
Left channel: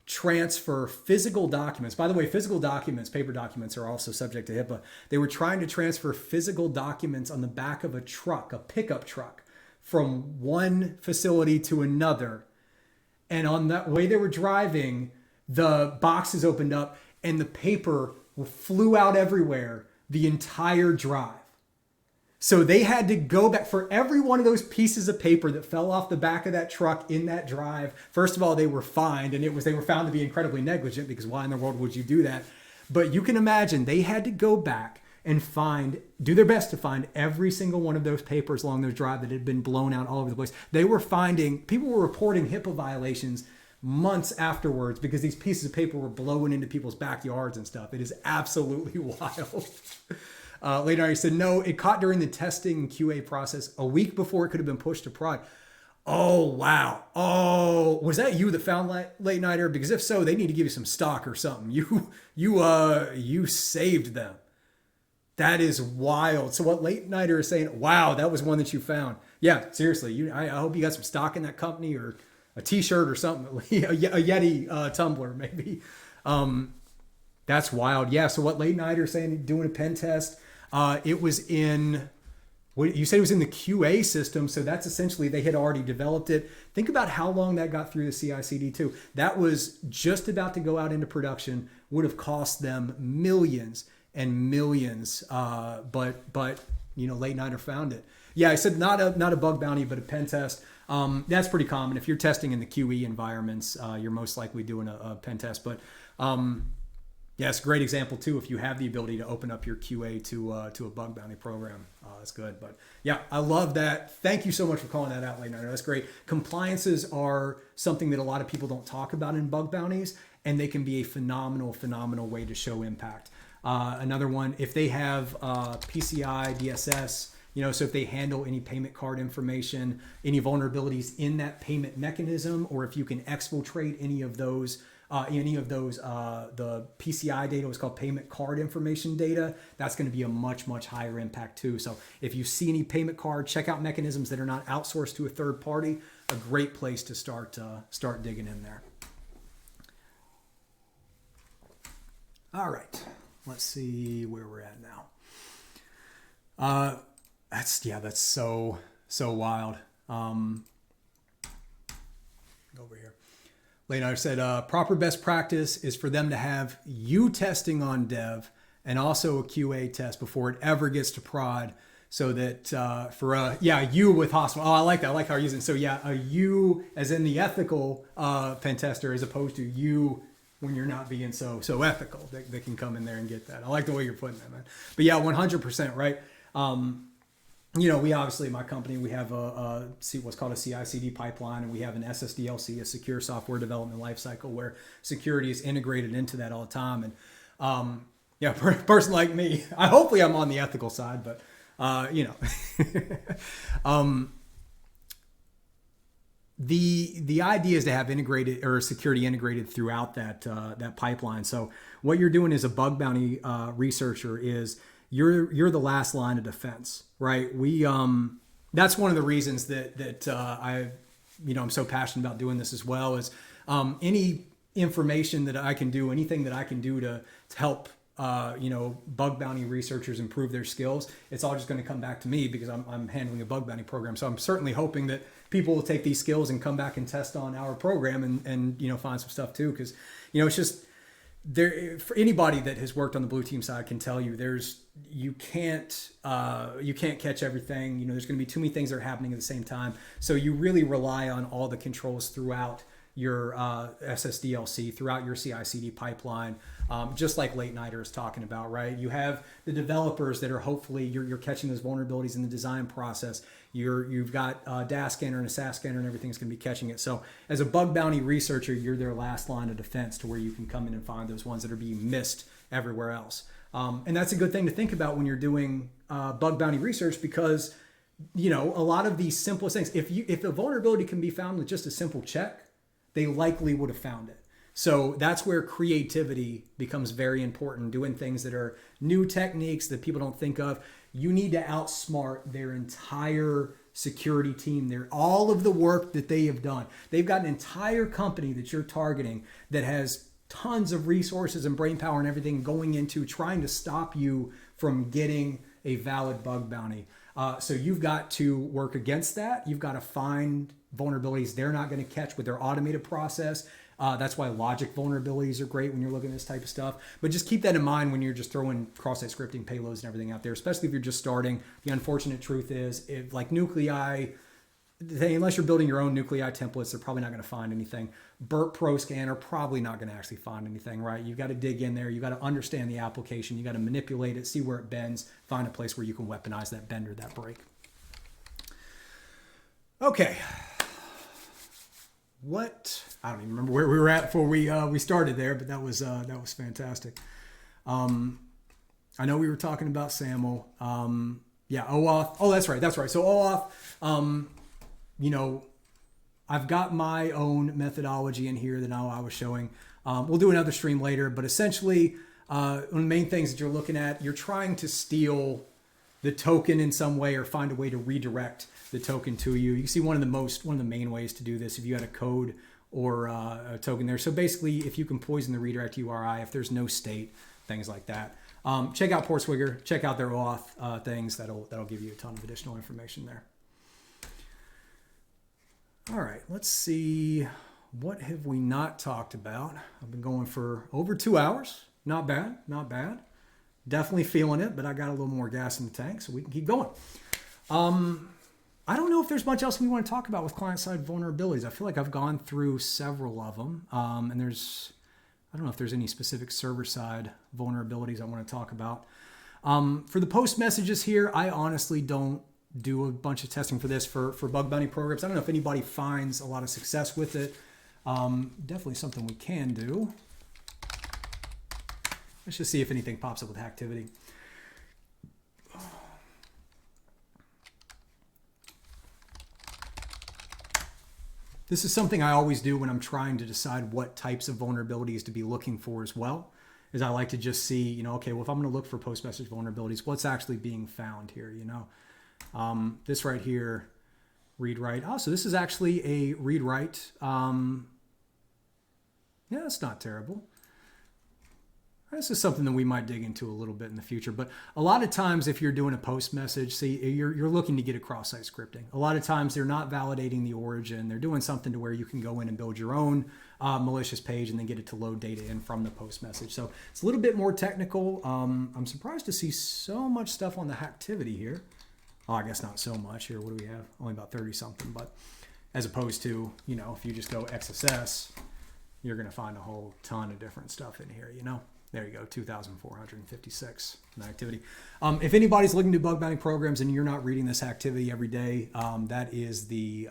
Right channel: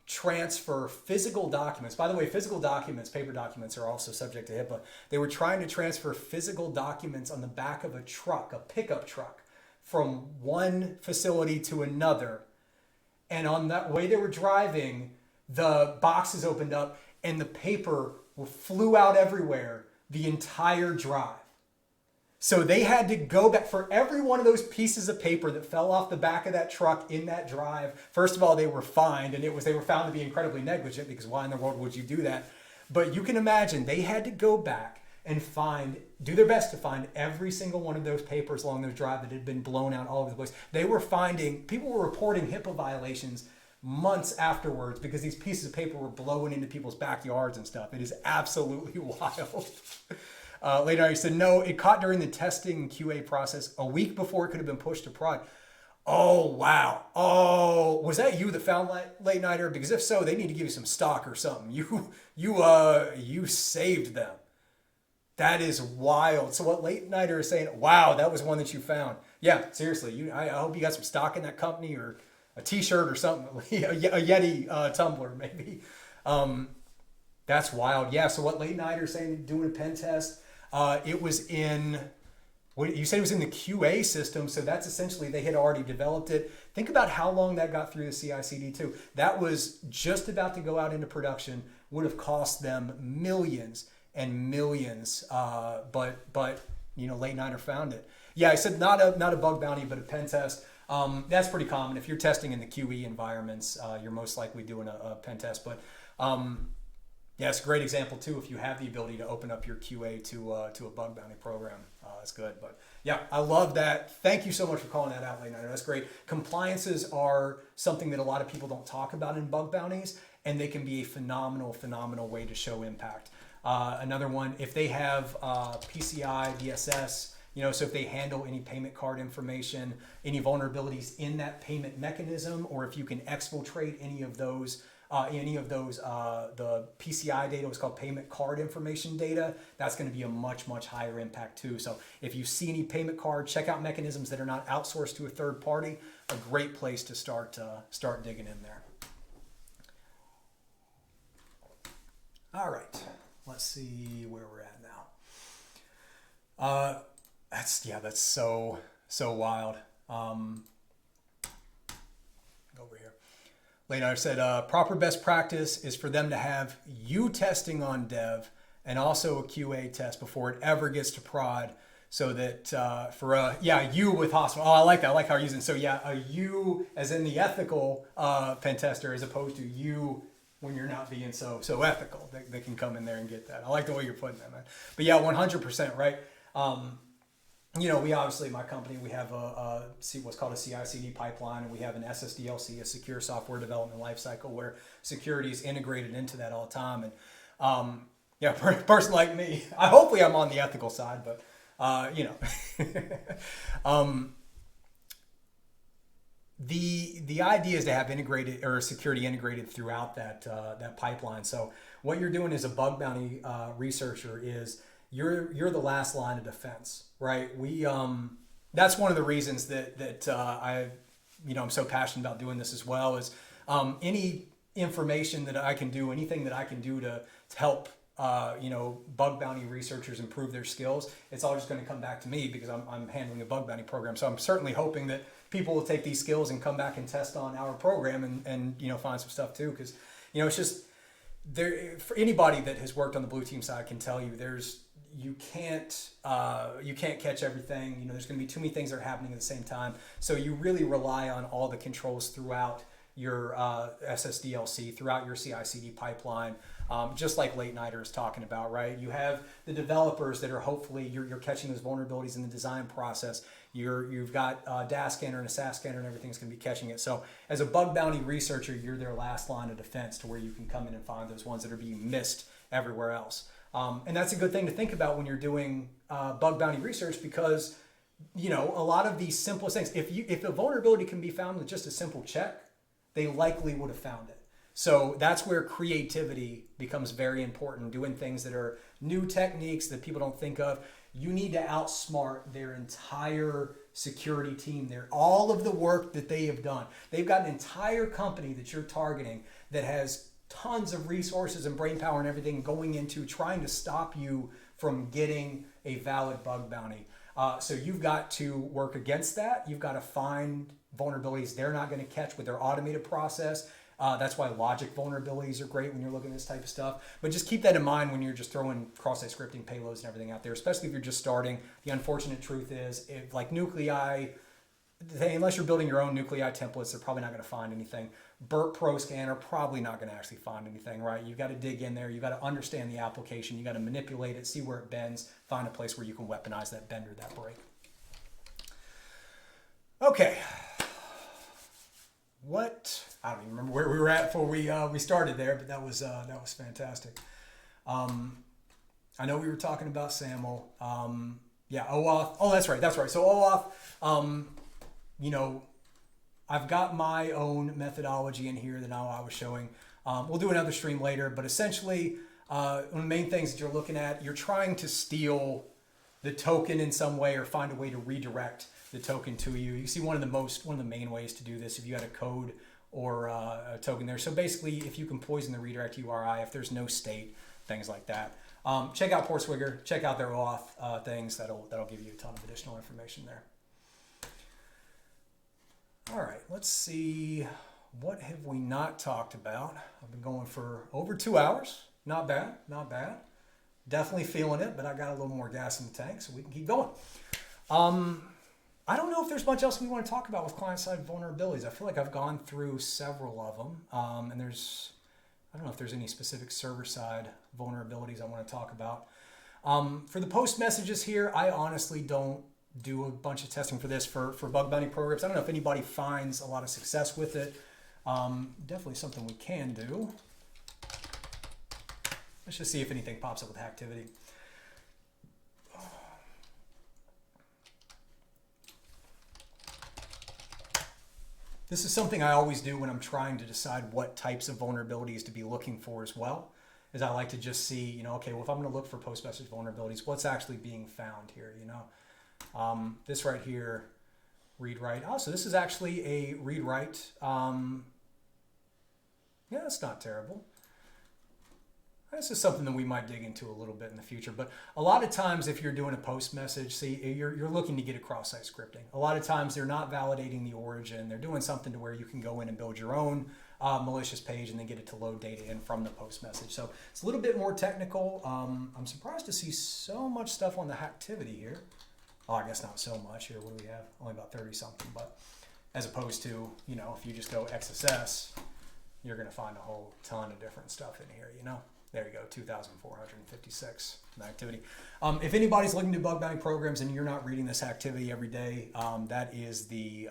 transfer physical documents. By the way, physical documents, paper documents, are also subject to HIPAA. They were trying to transfer physical documents on the back of a truck, a pickup truck, from one facility to another. And on that way they were driving, the boxes opened up and the paper flew out everywhere the entire drive. So they had to go back for every one of those pieces of paper that fell off the back of that truck in that drive. First of all, they were fined, and they were found to be incredibly negligent, because why in the world would you do that? But you can imagine they had to go back and do their best to find every single one of those papers along their drive that had been blown out all over the place. People were reporting HIPAA violations months afterwards because these pieces of paper were blowing into people's backyards and stuff. It is absolutely wild. Later, he said, no, it caught during the testing and QA process a week before it could have been pushed to prod. Oh, wow. Oh, was that you that found Late Nighter? Because if so, they need to give you some stock or something. You saved them. That is wild. So what Late Nighter is saying, wow, that was one that you found. Yeah, seriously. I hope you got some stock in that company, or a t-shirt or something, a Yeti tumbler maybe. That's wild. Yeah, so what Late Nighter is saying, doing a pen test, it was in, you said it was in the QA system, so that's essentially, they had already developed it. Think about how long that got through the CI/CD too. That was just about to go out into production, would have cost them millions and millions, but Late Nighter found it. Yeah, I said not a bug bounty, but a pen test. That's pretty common. If you're testing in the QE environments, you're most likely doing a pen test. But yeah, it's a great example too. If you have the ability to open up your QA to a bug bounty program, that's good. But yeah, I love that. Thank you so much for calling that out, Late Nighter. That's great. Compliances are something that a lot of people don't talk about in bug bounties, and they can be a phenomenal way to show impact. Another one, if they have PCI, DSS, so if they handle any payment card information, any vulnerabilities in that payment mechanism, or if you can exfiltrate any of those, the PCI data, what's called payment card information data, that's going to be a much higher impact too. So if you see any payment card checkout mechanisms that are not outsourced to a third party, a great place to start digging in there. All right, let's see where we're at now. That's so wild. Over here. Late Nighter said, proper best practice is for them to have you testing on dev and also a QA test before it ever gets to prod, so that for a you with hospital. Oh, I like that. I like how you're using. So yeah, a you as in the ethical pen tester, as opposed to you when you're not being so ethical. They can come in there and get that. I like the way you're putting that, man. But yeah, 100% right. You know, we obviously, my company, we have what's called a CI/CD pipeline, and we have an SSDLC, a secure software development lifecycle, where security is integrated into that all the time. And yeah, a person like me, hopefully I'm on the ethical side, but you know, the idea is to have integrated or security integrated throughout that pipeline. So what you're doing as a bug bounty researcher is you're the last line of defense, right? We that's one of the reasons that I'm so passionate about doing this as well. Is any information that I can do, anything that I can do to help bug bounty researchers improve their skills, it's all just going to come back to me because I'm handling a bug bounty program. So I'm certainly hoping that people will take these skills and come back and test on our program and find some stuff too, because it's just there. For anybody that has worked on the blue team side can tell you you can't catch everything. There's going to be too many things that are happening at the same time. So you really rely on all the controls throughout your SSDLC, throughout your CI/CD pipeline, just like Late Nighter is talking about, right? You have the developers that are hopefully you're catching those vulnerabilities in the design process. You've got a DAS scanner and a SAS scanner, and everything's going to be catching it. So as a bug bounty researcher, you're their last line of defense to where you can come in and find those ones that are being missed everywhere else. And that's a good thing to think about when you're doing bug bounty research, because a lot of these simplest things, if a vulnerability can be found with just a simple check, they likely would have found it. So that's where creativity becomes very important, doing things that are new techniques that people don't think of. You need to outsmart their entire security team. All of the work that they have done. They've got an entire company that you're targeting that has tons of resources and brain power and everything going into trying to stop you from getting a valid bug bounty. So you've got to work against that. You've got to find vulnerabilities they're not going to catch with their automated process. That's why logic vulnerabilities are great when you're looking at this type of stuff. But just keep that in mind when you're just throwing cross-site scripting payloads and everything out there, especially if you're just starting. The unfortunate truth is, if like nuclei, unless you're building your own nuclei templates, they're probably not going to find anything. Burp Pro scanner, probably not going to actually find anything, right? You've got to dig in there. You've got to understand the application. You got to manipulate it, see where it bends, find a place where you can weaponize that bend or that break. Okay. I don't even remember where we were at before we started there, but that was fantastic. I know we were talking about SAML. OAuth. Oh, that's right. So OAuth, I've got my own methodology in here that I was showing. We'll do another stream later, but essentially, one of the main things that you're looking at, you're trying to steal the token in some way or find a way to redirect the token to you. You can see one of the main ways to do this if you had a code or a token there. So basically, if you can poison the redirect URI, if there's no state, things like that. Check out Portswigger, check out their OAuth things. That'll give you a ton of additional information there. All right, let's see. What have we not talked about? I've been going for over 2 hours. Not bad. Definitely feeling it, but I got a little more gas in the tank, so we can keep going. I don't know if there's much else we want to talk about with client-side vulnerabilities. I feel like I've gone through several of them, and I don't know if there's any specific server-side vulnerabilities I want to talk about. For the post messages here, I honestly don't do a bunch of testing for this for bug bounty programs. I don't know if anybody finds a lot of success with it. Definitely something we can do. Let's just see if anything pops up with activity. This is something I always do when I'm trying to decide what types of vulnerabilities to be looking for as well, is I like to just see, okay, well, if I'm going to look for post-message vulnerabilities, what's actually being found here, This right here, read-write. Oh, so this is actually a read-write. Yeah, it's not terrible. This is something that we might dig into a little bit in the future. But a lot of times if you're doing a post message, see, you're looking to get a cross-site scripting. A lot of times they're not validating the origin. They're doing something to where you can go in and build your own malicious page and then get it to load data in from the post message. So it's a little bit more technical. I'm surprised to see so much stuff on the activity here. Oh, I guess not so much here. What do we have? Only about 30 something, but as opposed to, you know, if you just go XSS, you're going to find a whole ton of different stuff in here, you know. There you go, 2,456 activity. If anybody's looking to do bug bounty programs and you're not reading this activity every day, that is the,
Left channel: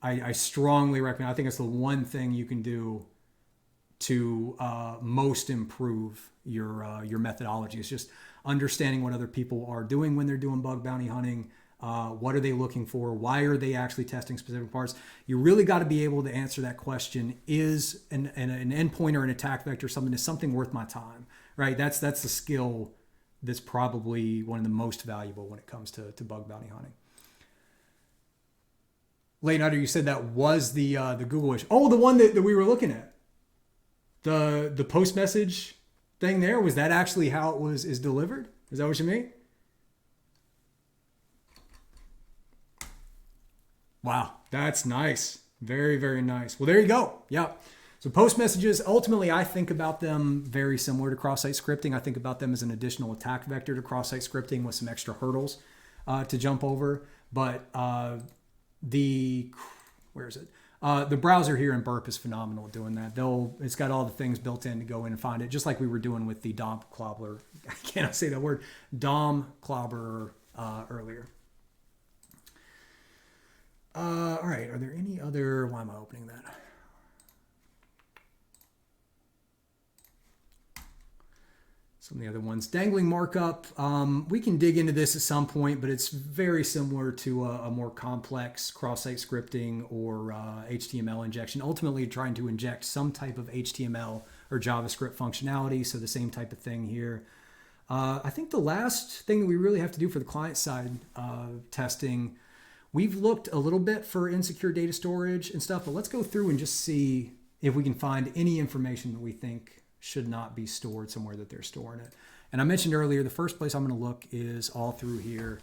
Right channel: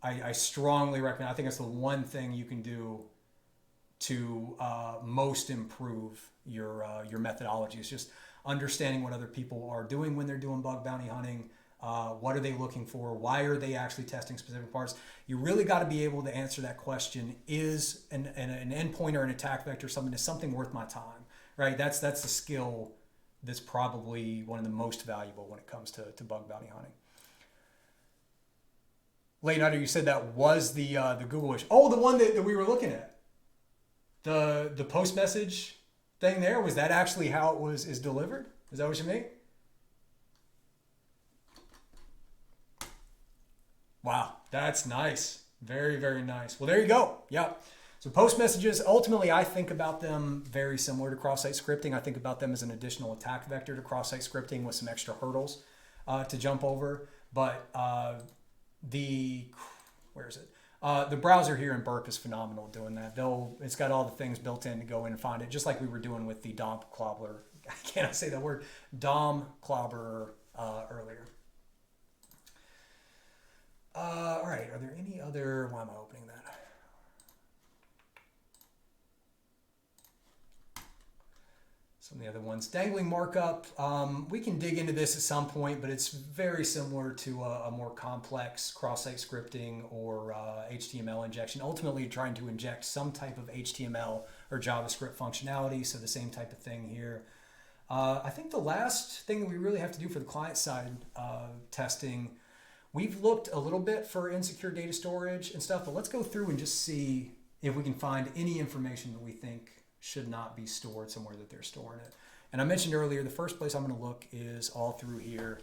I strongly recommend, I think it's the one thing you can do to most improve your methodology. It's just understanding what other people are doing when they're doing bug bounty hunting. What are they looking for? Why are they actually testing specific parts? You really got to be able to answer that question. Is an endpoint or an attack vector something worth my time? Right? That's the skill that's probably one of the most valuable when it comes to bug bounty hunting. Late Nighter, you said that was the Google issue. Oh, the one that we were looking at. The post message thing there, was that actually how it is delivered? Is that what you mean? Wow, that's nice. Very, very nice. Well, there you go. Yep. So post messages, ultimately, I think about them very similar to cross-site scripting. I think about them as an additional attack vector to cross-site scripting with some extra hurdles to jump over. But where is it? The browser here in Burp is phenomenal at doing that. It's got all the things built in to go in and find it, just like we were doing with the DOM clobber. I cannot say that word. DOM clobber earlier. All right, are there any other, why am I opening that? Some of the other ones. Dangling markup, we can dig into this at some point, but it's very similar to a more complex cross-site scripting or HTML injection. Ultimately, trying to inject some type of HTML or JavaScript functionality, so the same type of thing here. I think the last thing that we really have to do for the client-side testing, we've looked a little bit for insecure data storage and stuff, but let's go through and just see if we can find any information that we think should not be stored somewhere that they're storing it. And I mentioned earlier, the first place I'm going to look is all through here.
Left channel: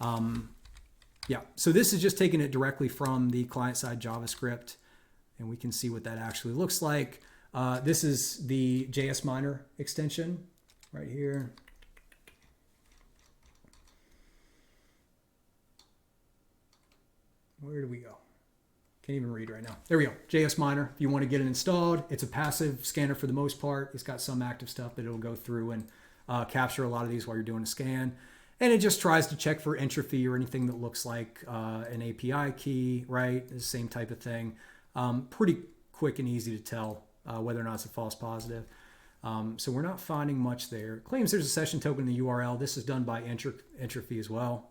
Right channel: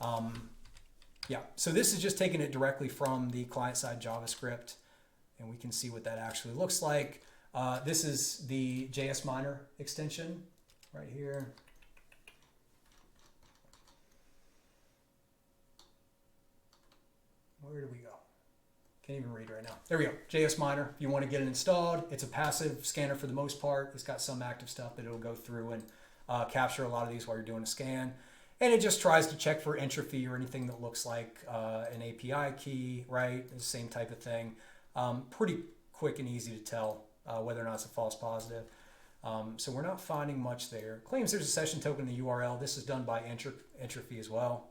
Yeah, so this is just taking it directly from the client-side JavaScript, and we can see what that actually looks like. This is the JS Miner extension right here. Where do we go? Can't even read right now. There we go. JS Miner. If you want to get it installed, it's a passive scanner for the most part. It's got some active stuff that it'll go through and capture a lot of these while you're doing a scan. And it just tries to check for entropy or anything that looks like an API key, right? It's the same type of thing. Pretty quick and easy to tell whether or not it's a false positive. So we're not finding much there. Claims there's a session token in the URL. This is done by entropy as well.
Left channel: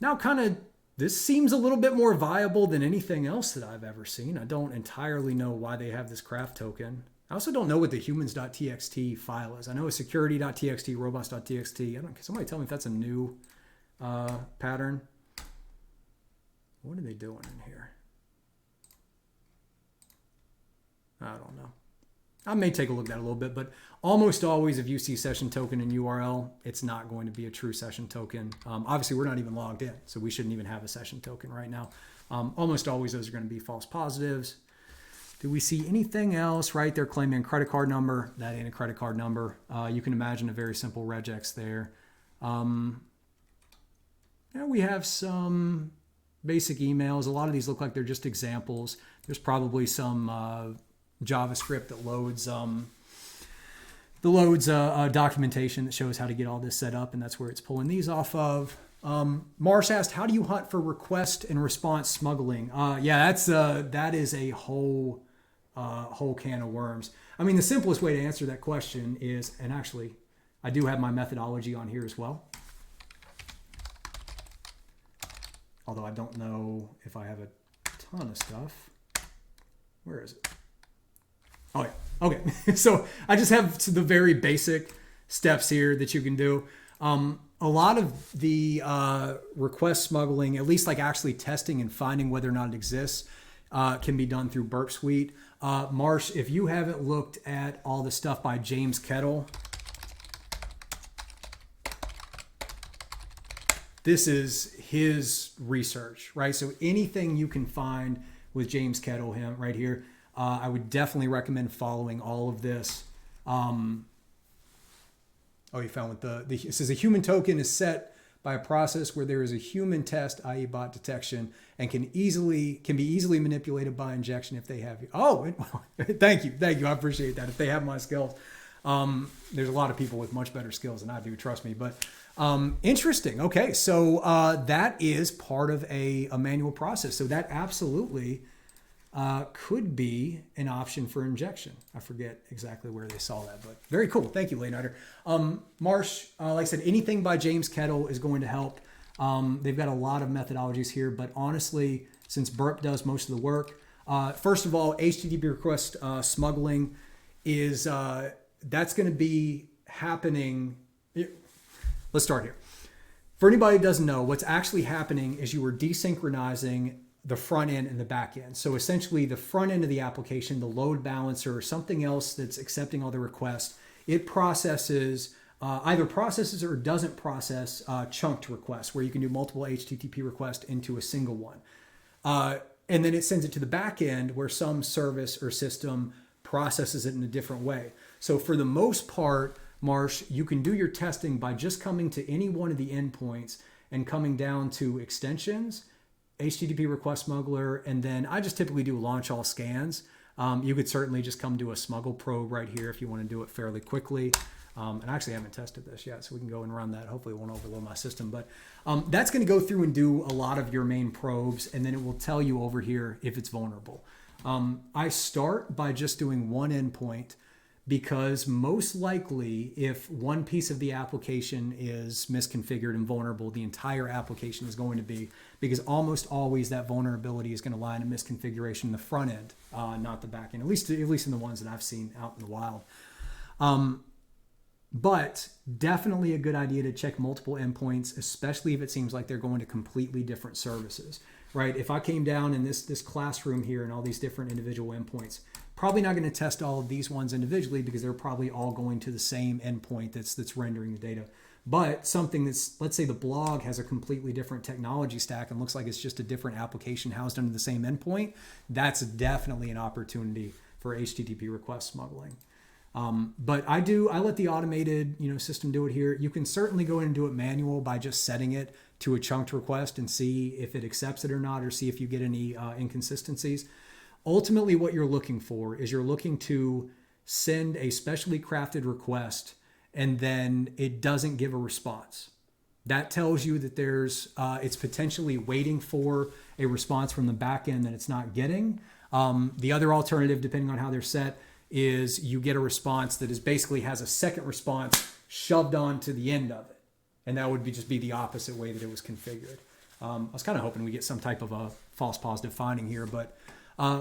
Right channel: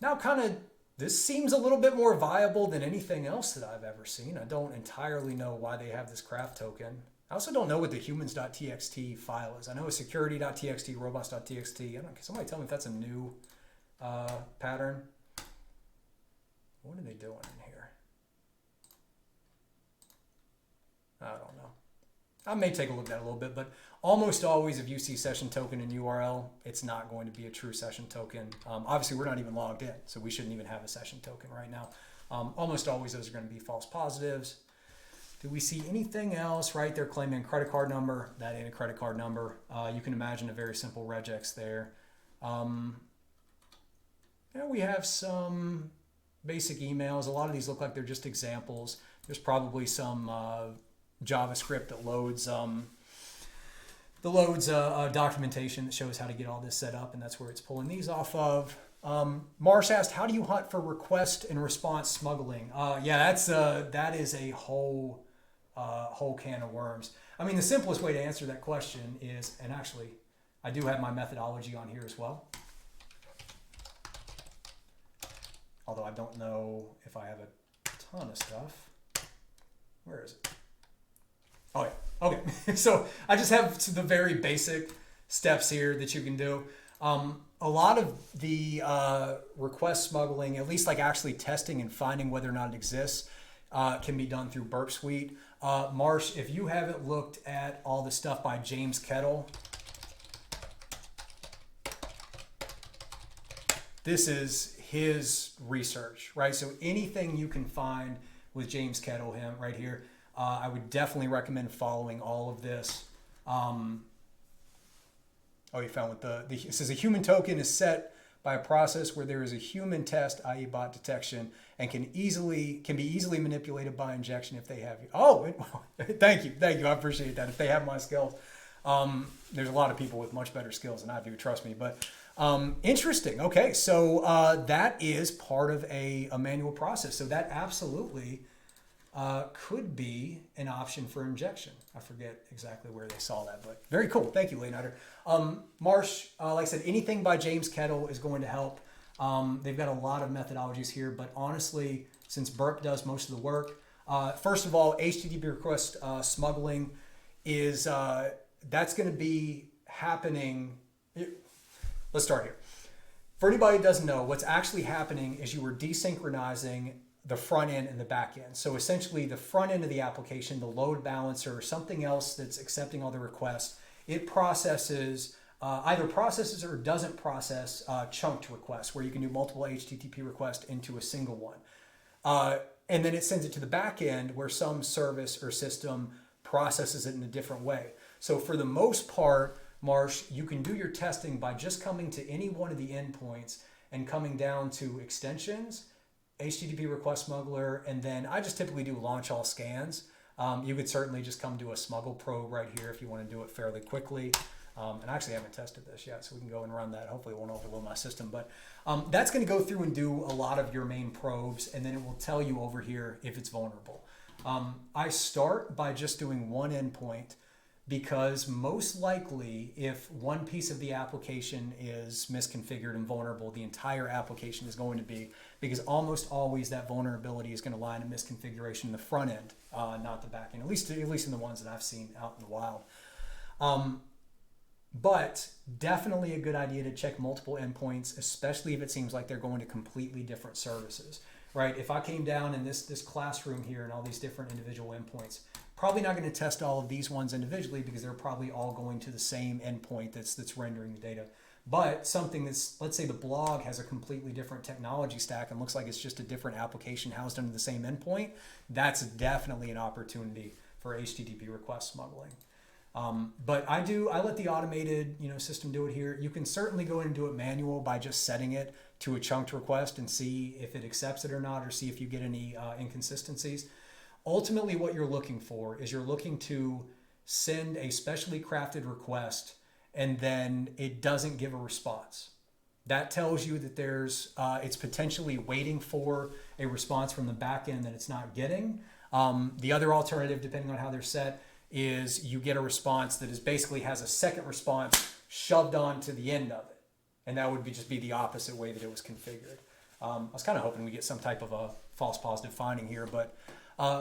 Now kind of, this seems a little bit more viable than anything else that I've ever seen. I don't entirely know why they have this craft token. I also don't know what the humans.txt file is. I know it's security.txt, robots.txt. Can somebody tell me if that's a new pattern? What are they doing in here? I don't know. I may take a look at that a little bit, but almost always if you see session token in URL, it's not going to be a true session token. Obviously, we're not even logged in, so we shouldn't even have a session token right now. Almost always those are going to be false positives. Do we see anything else? Right, they're claiming a credit card number. That ain't a credit card number. You can imagine a very simple regex there. Now we have some basic emails. A lot of these look like they're just examples. There's probably some JavaScript that loads documentation that shows how to get all this set up, and that's where it's pulling these off of. Marsh asked, how do you hunt for request and response smuggling? Yeah, that is a whole can of worms. I mean, the simplest way to answer that question is, and actually I do have my methodology on here as well, although I don't know if I have a ton of stuff. Where is it? Oh, yeah. Okay. So I just have the very basic steps here that you can do. A lot of the request smuggling, at least like actually testing and finding whether or not it exists, can be done through Burp Suite. Marsh, if you haven't looked at all the stuff by James Kettle, this is his research, right? So anything you can find with James Kettle, him right here, I would definitely recommend following all of this. Oh, you found with it says a human token is set by a process where there is a human test, i.e. bot detection, and can be easily manipulated by injection if they have you. Oh, thank you. I appreciate that. If they have my skills. There's a lot of people with much better skills than I do, trust me. But interesting. Okay, so that is part of a manual process. So that absolutely could be an option for injection. I forget exactly where they saw that, but very cool. Thank you, Leonardo. Marsh, like I said, anything by James Kettle is going to help. They've got a lot of methodologies here, but honestly, since Burp does most of the work, first of all, HTTP request smuggling is that's going to be happening. Let's start here. For anybody who doesn't know, what's actually happening is you are desynchronizing the front end and the back end. So essentially the front end of the application, the load balancer or something else that's accepting all the requests, it processes, either processes or doesn't process chunked requests where you can do multiple HTTP requests into a single one. And then it sends it to the back end where some service or system processes it in a different way. So for the most part, Marsh, you can do your testing by just coming to any one of the endpoints and coming down to extensions, HTTP request smuggler, and then I just typically do launch all scans. You could certainly just come to a smuggle probe right here if you want to do it fairly quickly. And I actually haven't tested this yet, so we can go and run that. Hopefully it won't overload my system, but that's going to go through and do a lot of your main probes, and then it will tell you over here if it's vulnerable. I start by just doing one endpoint because most likely if one piece of the application is misconfigured and vulnerable, the entire application is going to be, because almost always that vulnerability is going to lie in a misconfiguration in the front end, not the back end, at least in the ones that I've seen out in the wild. But definitely a good idea to check multiple endpoints, especially if it seems like they're going to completely different services, right? If I came down in this classroom here and all these different individual endpoints, probably not going to test all of these ones individually because they're probably all going to the same endpoint that's rendering the data. But something that's, let's say the blog has a completely different technology stack and looks like it's just a different application housed under the same endpoint, that's definitely an opportunity for HTTP request smuggling. But I let the automated system do it here. You can certainly go in and do it manual by just setting it to a chunked request and see if it accepts it or not, or see if you get any inconsistencies. Ultimately, what you're looking for is you're looking to send a specially crafted request and then it doesn't give a response. That tells you that it's potentially waiting for a response from the back end that it's not getting. The other alternative, depending on how they're set, is you get a response that basically has a second response shoved onto the end of it. And that would just be the opposite way that it was configured. I was kind of hoping we get some type of a false positive finding here, but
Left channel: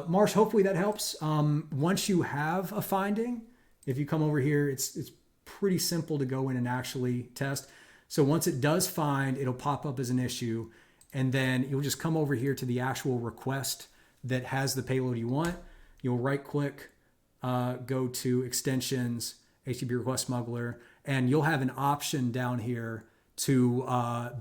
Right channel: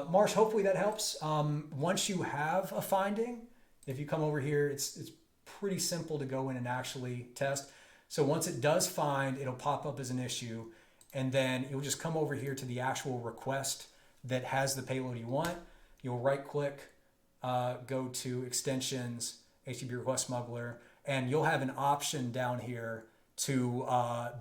Marsh, hopefully that helps. Once you have a finding, if you come over here, it's pretty simple to go in and actually test. So once it does find, it'll pop up as an issue, and then you'll just come over here to the actual request that has the payload you want. You'll right click, go to extensions, HTTP request smuggler, and you'll have an option down here to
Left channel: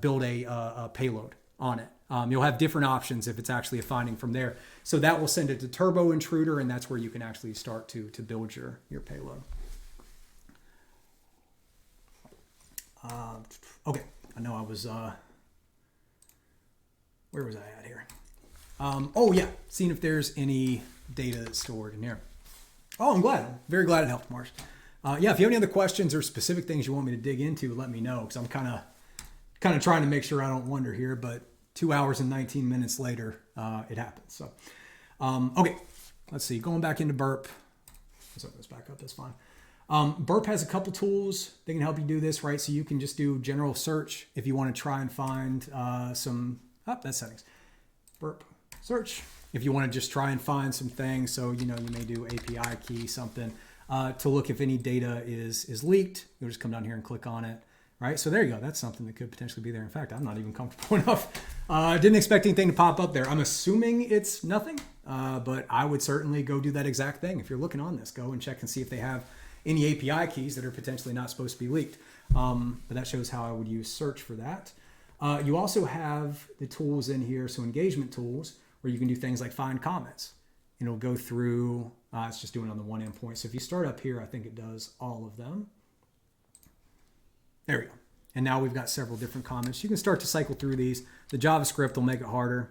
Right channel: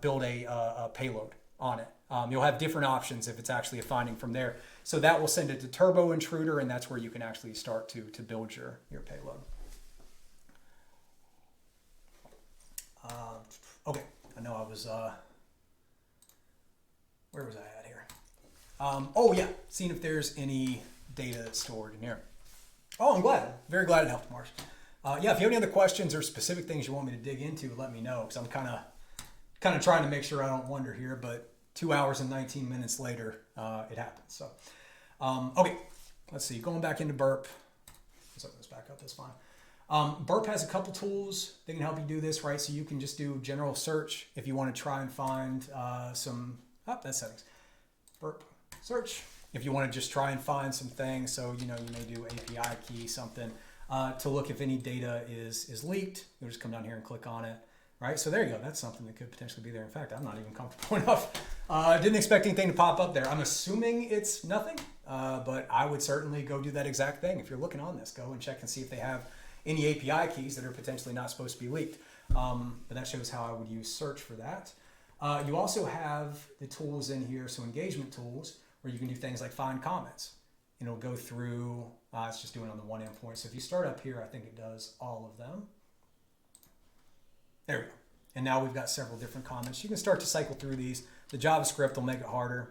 build a payload on it. You'll have different options if it's actually a finding from there. So that will send it to Turbo Intruder, and that's where you can actually start to build your payload. Okay, I know I was, where was I at here? Oh yeah, seeing if there's any data that's stored in here. Oh, I'm glad. Very glad it helped, Marsh. Yeah, if you have any other questions or specific things you want me to dig into, let me know, because I'm kind of trying to make sure I don't wander here, but 2 hours and 19 minutes later, it happens. So, okay, let's see. Going back into Burp. Let's open this back up. That's fine. Burp has a couple tools that can help you do this, right? So you can just do general search if you want to try and find that's settings. Burp search. If you want to just try and find some things, so you may do API key something to look if any data is leaked. You'll just come down here and click on it, right? So there you go. That's something that could potentially be there. In fact, I'm not even comfortable enough. Didn't expect anything to pop up there. I'm assuming it's nothing, but I would certainly go do that exact thing. If you're looking on this, go and check and see if they have any API keys that are potentially not supposed to be leaked. But that shows how I would use search for that. You also have the tools in here, so engagement tools, where you can do things like find comments. And it'll go through, it's just doing on the one endpoint. So if you start up here, I think it does all of them. There we go. And now we've got several different comments. You can start to cycle through these. The JavaScript will make it harder.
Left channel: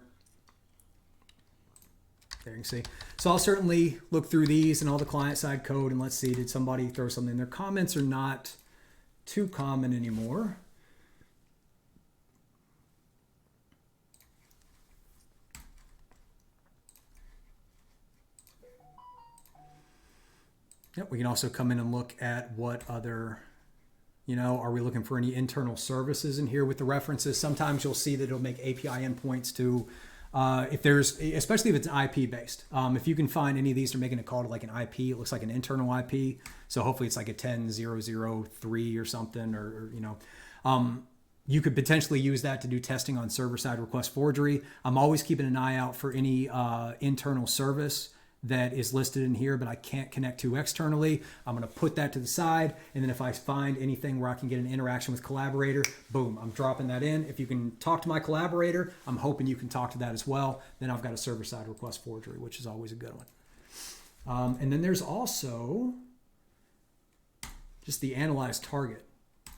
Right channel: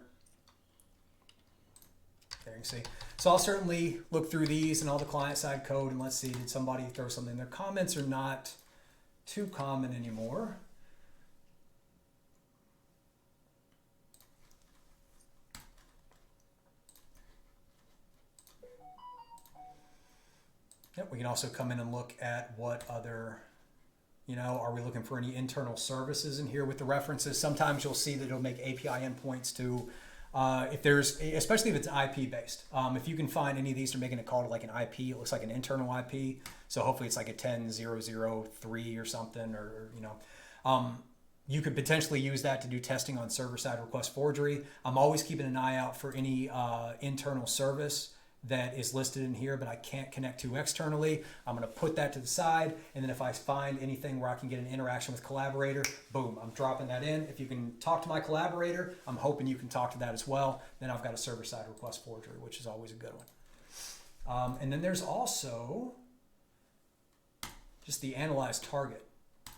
There you can see. So I'll certainly look through these and all the client-side code, and let's see, did somebody throw something? Their comments are not too common anymore. Yep, we can also come in and look at what other, are we looking for any internal services in here with the references? Sometimes you'll see that it'll make API endpoints to, if there's, especially if it's IP based. If you can find any of these, they're making a call to like an IP, it looks like an internal IP. So hopefully it's like a 10.0.0.3 or something, you could potentially use that to do testing on server-side request forgery. I'm always keeping an eye out for any internal service that is listed in here, but I can't connect to externally. I'm going to put that to the side. And then if I find anything where I can get an interaction with collaborator, boom, I'm dropping that in. If you can talk to my collaborator, I'm hoping you can talk to that as well. Then I've got a server-side request forgery, which is always a good one. And then there's also just the analyze target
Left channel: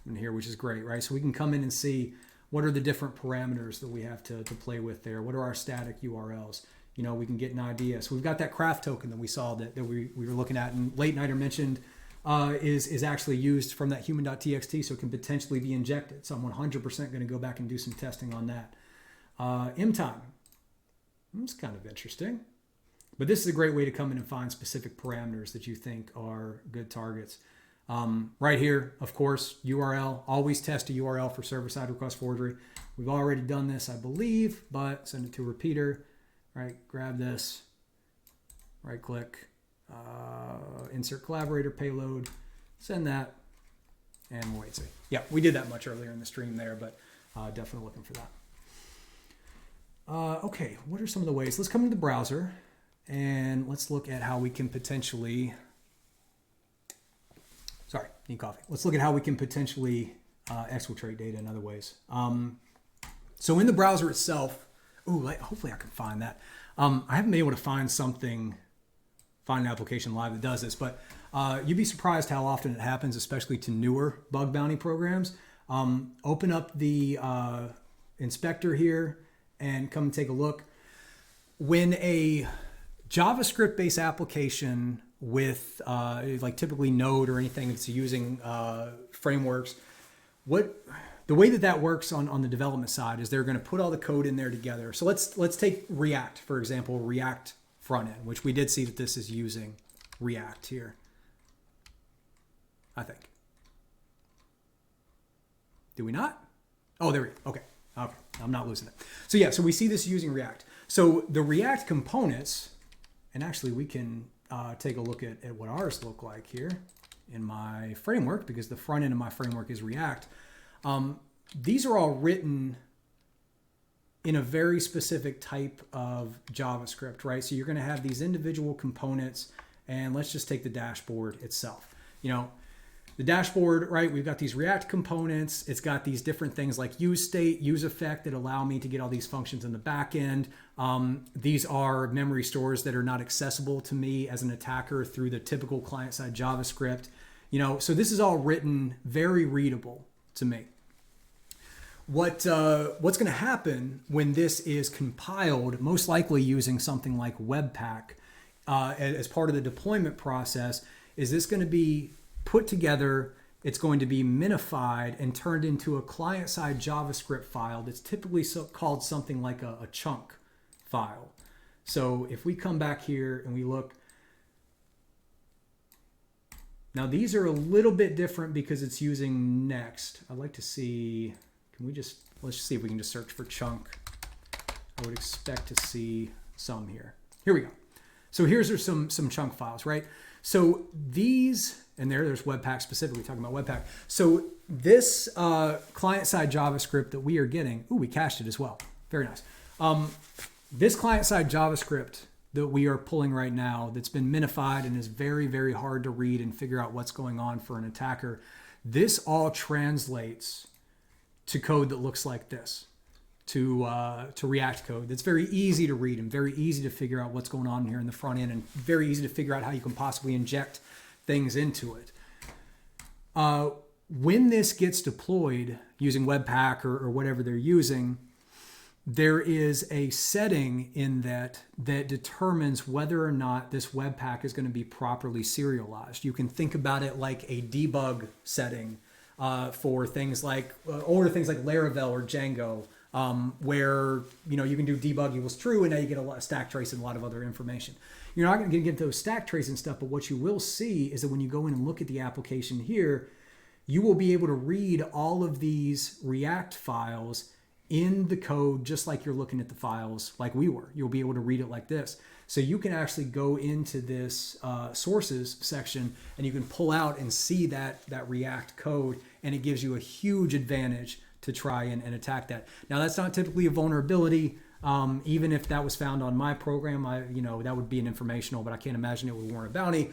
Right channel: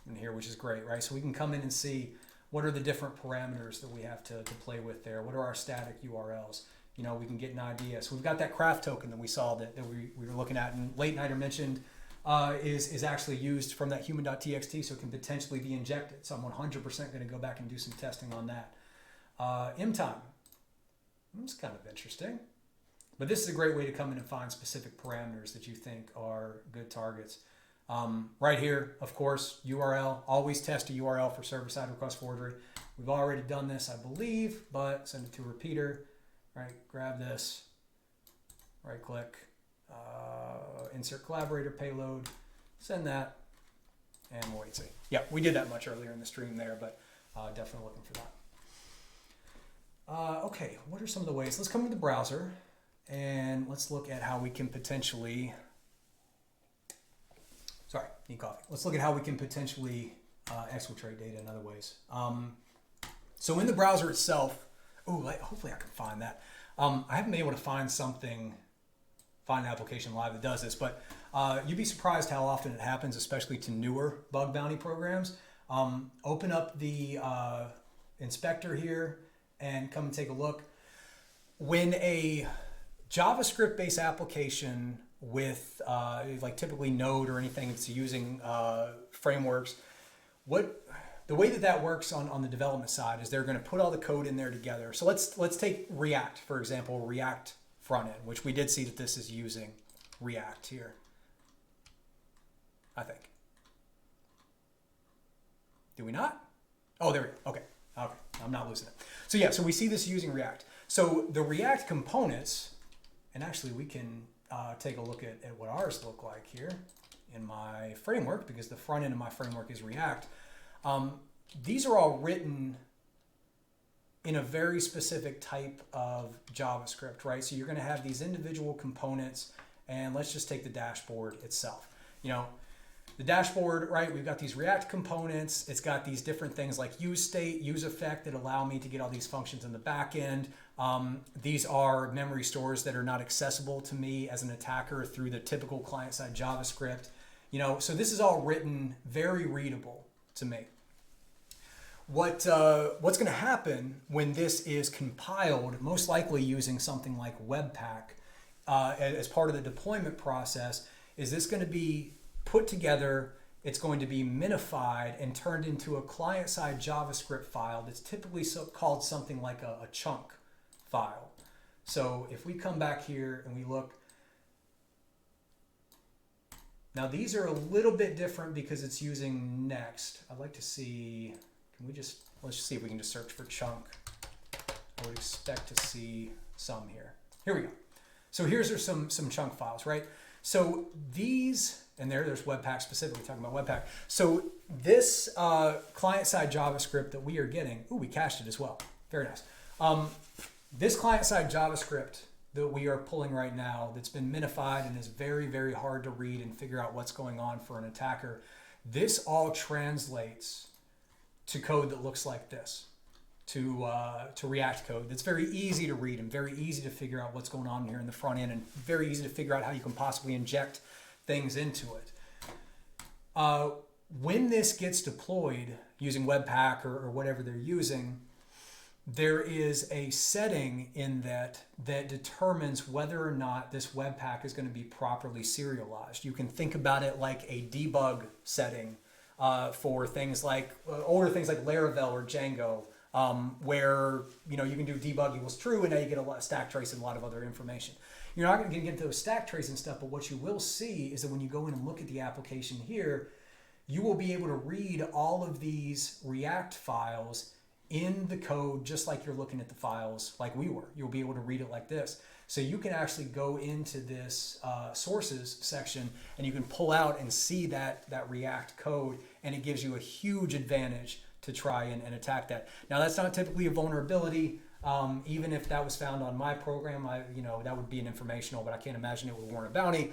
in here, which is great, right? So we can come in and see what are the different parameters that we have to play with there. What are our static URLs? We can get an idea. So we've got that craft token that we saw that we were looking at, and Late Nighter mentioned is actually used from that human.txt, so it can potentially be injected. So I'm 100% going to go back and do some testing on that. MTime. It's kind of interesting. But this is a great way to come in and find specific parameters that you think are good targets. Right here, of course, URL. Always test a URL for server-side request forgery. We've already done this, I believe, but send it to a repeater. Right, grab this, right click, insert collaborator payload, send that, and we'll wait and see. Yeah, we did that much earlier in the stream there, but definitely looking for that. Okay, what are some of the ways? Let's come to the browser and let's look at how we can potentially, sorry, need coffee. Let's look at how we can potentially exfiltrate data in other ways. So in the browser itself, hopefully I can find that. I haven't been able to find an application live that does this, but you'd be surprised how often it happens, especially to newer bug bounty programs. Open up the inspector here and come and take a look. When a JavaScript-based application with like typically Node or anything that's using frameworks, the way that works on the development side is they're going to put all the code in there together. So let's take React, for example, React front end, which we did see that this is using React here, I think. Do we not? Oh, there we go. Okay. I'm not losing it. So yeah, so we see this using React. So the React components, and actually we can take a look at what ours look like here in my framework, because the front end of my framework is React. These are all written in a very specific type of JavaScript, right? So you're going to have these individual components, and let's just take the dashboard itself. The dashboard, right? We've got these React components. It's got these different things like use state, use effect that allow me to get all these functions in the back end. These are memory stores that are not accessible to me as an attacker through the typical client-side JavaScript. So this is all written very readable to me. What's going to happen when this is compiled, most likely using something like Webpack as part of the deployment process, is this going to be put together, it's going to be minified and turned into a client-side JavaScript file that's typically called something like a chunk file. So if we come back here and we look, now these are a little bit different because it's using Next. I'd like to see, let's just see if we can just search for chunk. I would expect to see some here. Here we go. So here's some chunk files, right? So these, and there's Webpack specifically, talking about Webpack. So this client-side JavaScript that we are getting, we cached it as well. Very nice. This client-side JavaScript that we are pulling right now that's been minified and is very, very hard to read and figure out what's going on for an attacker, this all translates to code that looks like this, to React code that's very easy to read and very easy to figure out what's going on here in the front end, and very easy to figure out how you can possibly inject things into it. when this gets deployed using Webpack or whatever they're using, there is a setting in that determines whether or not this Webpack is going to be properly serialized. You can think about it like a debug setting for things like Laravel or Django, where you can do debug equals true, and now you get a lot of stack trace and a lot of other information. You're not going to get those stack trace and stuff, but what you will see is that when you go in and look at the application here, you will be able to read all of these React files in the code, just like you're looking at the files like we were. You'll be able to read it like this. So you can actually go into this sources section and you can pull out and see that React code, and it gives you a huge advantage to try and attack that. Now, that's not typically a vulnerability. Even if that was found on my program, that would be an informational, but I can't imagine it would warrant a bounty.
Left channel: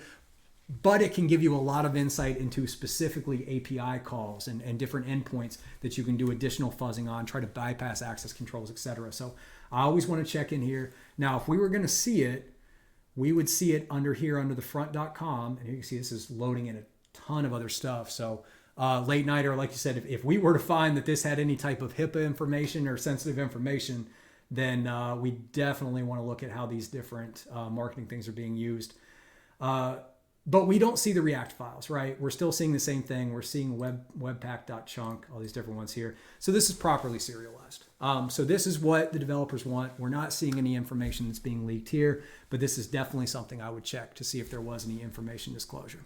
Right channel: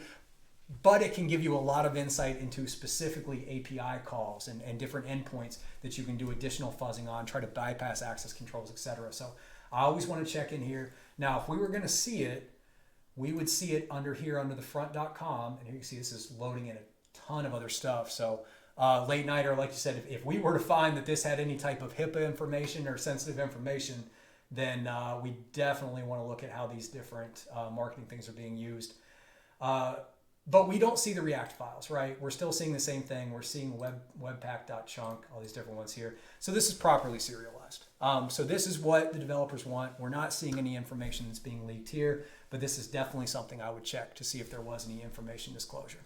But it can give you a lot of insight into specifically API calls and different endpoints that you can do additional fuzzing on, try to bypass access controls, etc. So I always want to check in here. Now, if we were going to see it, we would see it under here under the front.com. And here you can see this is loading in a ton of other stuff. So late nighter, like you said, if we were to find that this had any type of HIPAA information or sensitive information, then we definitely want to look at how these different marketing things are being used. But we don't see the React files, right? We're still seeing the same thing. We're seeing webpack.chunk, all these different ones here. So this is properly serialized. So this is what the developers want. We're not seeing any information that's being leaked here, but this is definitely something I would check to see if there was any information disclosure.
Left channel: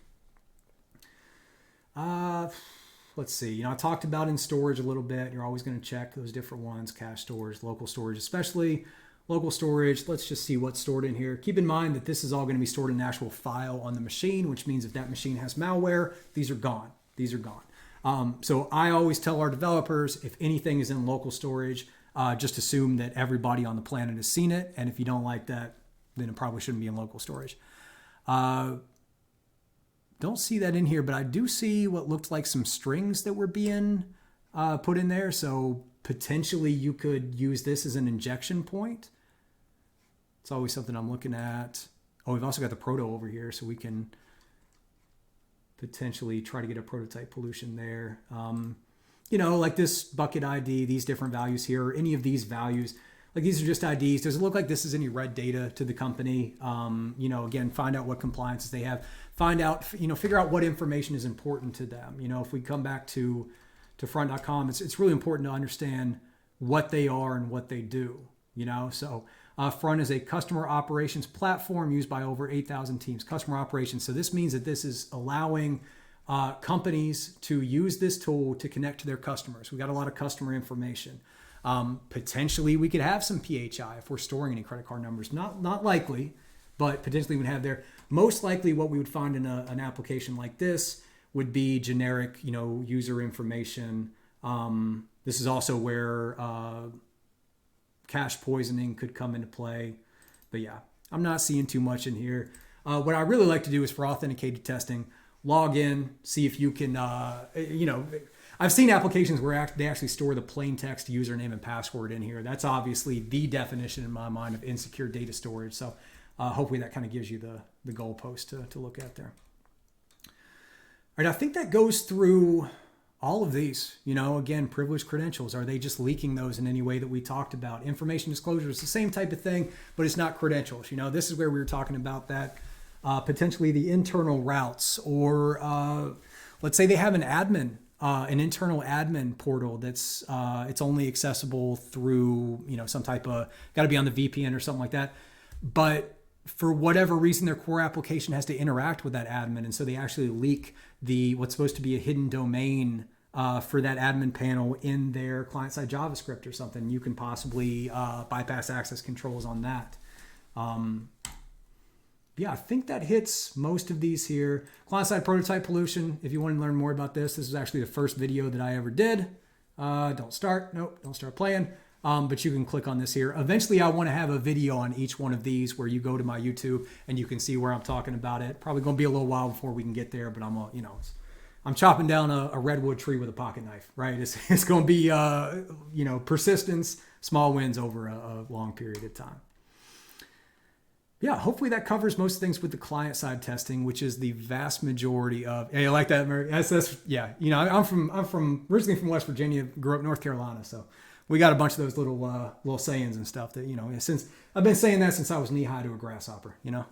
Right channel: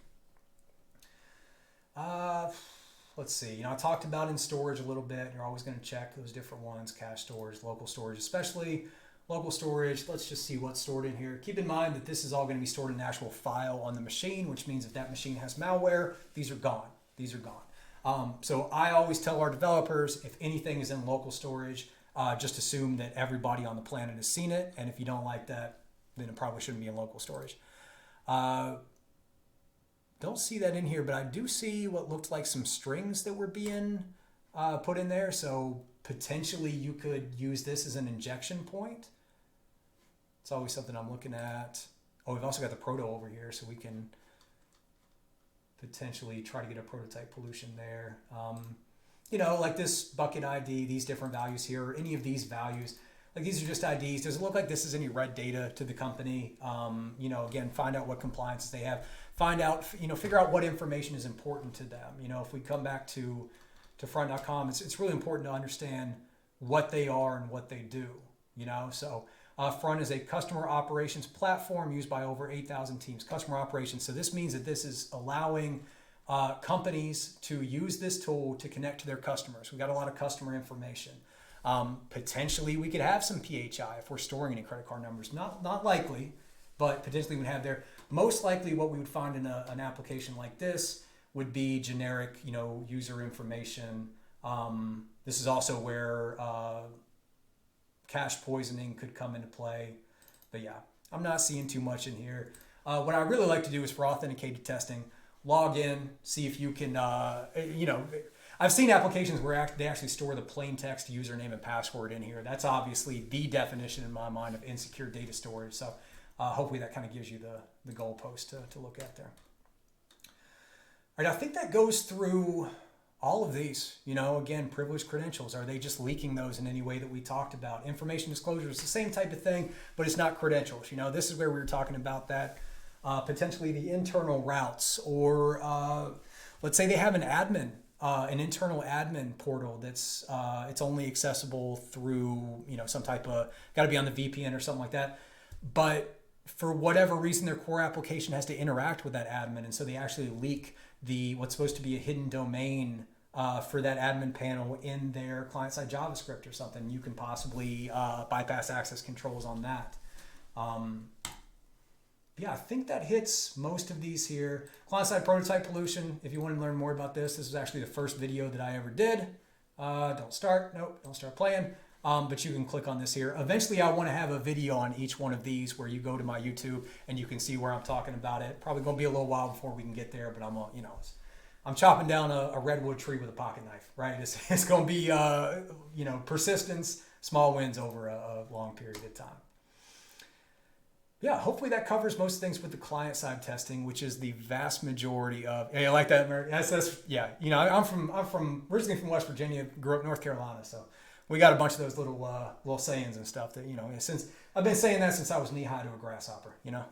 Let's see. I talked about in storage a little bit. You're always going to check those different ones, cache storage, local storage, especially local storage. Let's just see what's stored in here. Keep in mind that this is all going to be stored in an actual file on the machine, which means if that machine has malware, these are gone. These are gone. So I always tell our developers, if anything is in local storage, just assume that everybody on the planet has seen it. And if you don't like that, then it probably shouldn't be in local storage. Don't see that in here, but I do see what looked like some strings that were being put in there. So potentially you could use this as an injection point. It's always something I'm looking at. Oh, we've also got the proto over here, so we can potentially try to get a prototype pollution there. Like this bucket ID, these different values here, or any of these values. Like these are just IDs. Does it look like this is any red data to the company? Again, find out what compliances they have. Find out, figure out what information is important to them. If we come back to front.com, it's really important to understand what they are and what they do. So Front is a customer operations platform used by over 8,000 teams. Customer operations. So this means that this is allowing companies to use this tool to connect to their customers. We got a lot of customer information. Potentially we could have some PHI if we're storing any credit card numbers. Not likely, but potentially we would have there. Most likely what we would find in an application like this would be generic, user information. This is also where cache poisoning could come into play. But yeah, I'm not seeing too much in here. What I really like to do is for authenticated testing, log in, see if you can, I've seen applications where they actually store the plain text username and password in here. That's obviously the definition in my mind of insecure data storage. So hopefully that kind of gives you the goalpost to look at there. All right, I think that goes through all of these. Again, privileged credentials. Are they just leaking those in any way that we talked about? Information disclosure is the same type of thing, but it's not credentials. This is where we were talking about that. Potentially the internal routes, or let's say they have an admin, an internal admin portal that's it's only accessible through some type of, got to be on the VPN or something like that. But for whatever reason, their core application has to interact with that admin, and so they actually leak what's supposed to be a hidden domain for that admin panel in their client-side JavaScript or something. You can possibly bypass access controls on that. Yeah, I think that hits most of these here. Client-side prototype pollution. If you want to learn more about this is actually the first video that I ever did. Don't start playing. But you can click on this here. Eventually, I want to have a video on each one of these where you go to my YouTube and you can see where I'm talking about it. Probably going to be a little while before we can get there, but I'm chopping down a redwood tree with a pocket knife, right? It's going to be, persistence, small wins over a long period of time. Yeah, hopefully that covers most things with the client side testing, which is the vast majority of. Hey, I like that, Mary. That's yeah. You know, I'm originally from West Virginia, grew up in North Carolina, so we got a bunch of those little sayings and stuff that, you know, since I've been saying that since I was knee high to a grasshopper, you know.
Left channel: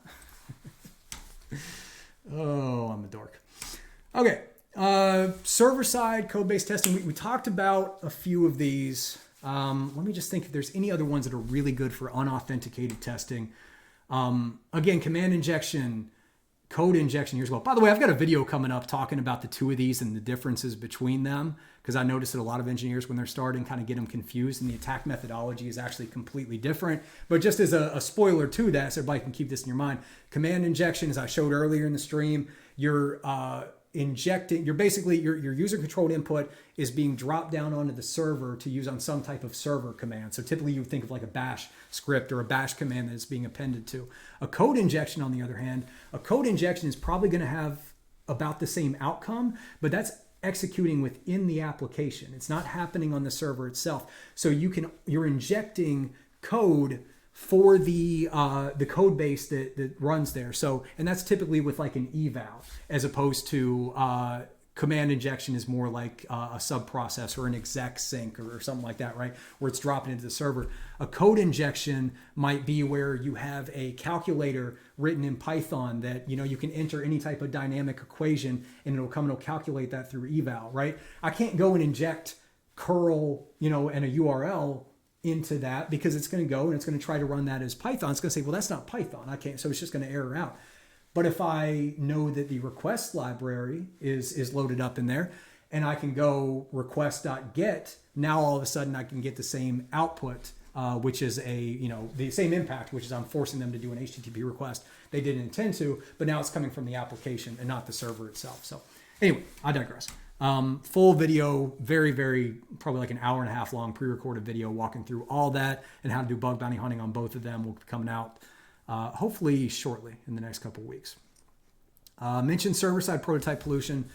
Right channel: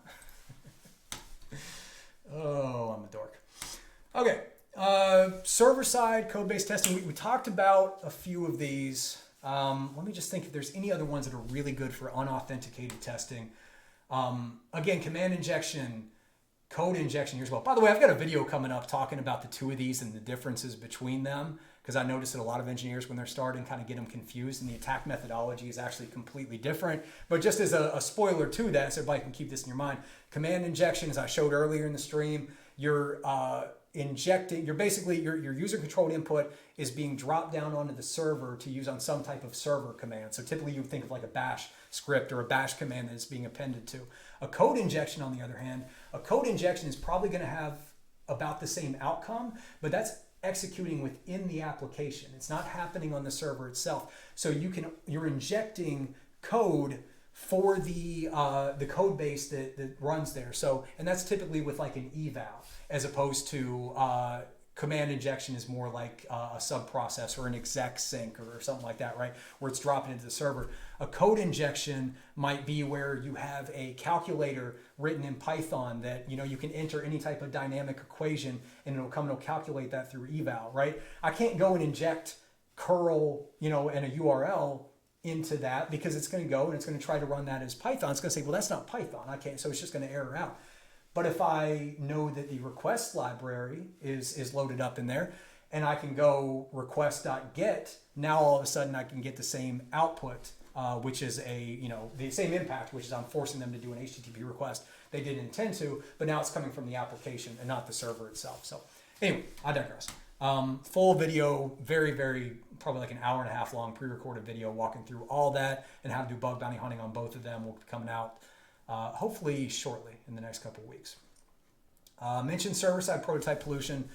Oh, I'm a dork. Okay, server side code based testing. We talked about a few of these. Let me just think if there's any other ones that are really good for unauthenticated testing. Again, command injection, code injection here as well. By the way, I've got a video coming up talking about the two of these and the differences between them, because I noticed that a lot of engineers, when they're starting, kind of get them confused, and the attack methodology is actually completely different. But just as a spoiler to that, so everybody can keep this in your mind, command injection, as I showed earlier in the stream, you're injecting, you're basically, your user controlled input is being dropped down onto the server to use on some type of server command. So typically you would think of like a bash script or a bash command that it's being appended to. A code injection, on the other hand, a code injection is probably going to have about the same outcome, but that's executing within the application. It's not happening on the server itself. So you're injecting code for the code base that runs there. So, and that's typically with like an eval, as opposed to command injection is more like a sub-process or an exec sync or something like that, right? Where it's dropping into the server. A code injection might be where you have a calculator written in Python that, you know, you can enter any type of dynamic equation and it'll come and it'll calculate that through eval, right? I can't go and inject curl, you know, and a URL into that, because it's going to go and it's going to try to run that as Python. It's going to say, well, that's not Python. I can't. So it's just going to error out. But if I know that the request library is loaded up in there, and I can go request.get, now all of a sudden I can get the same output, which is the same impact, which is I'm forcing them to do an HTTP request they didn't intend to, but now it's coming from the application and not the server itself. So anyway, I digress. Full video, very, very, probably like an hour and a half long pre-recorded video walking through all that and how to do bug bounty hunting on both of them will be coming out hopefully shortly in the next couple of weeks. Mentioned server-side prototype pollution.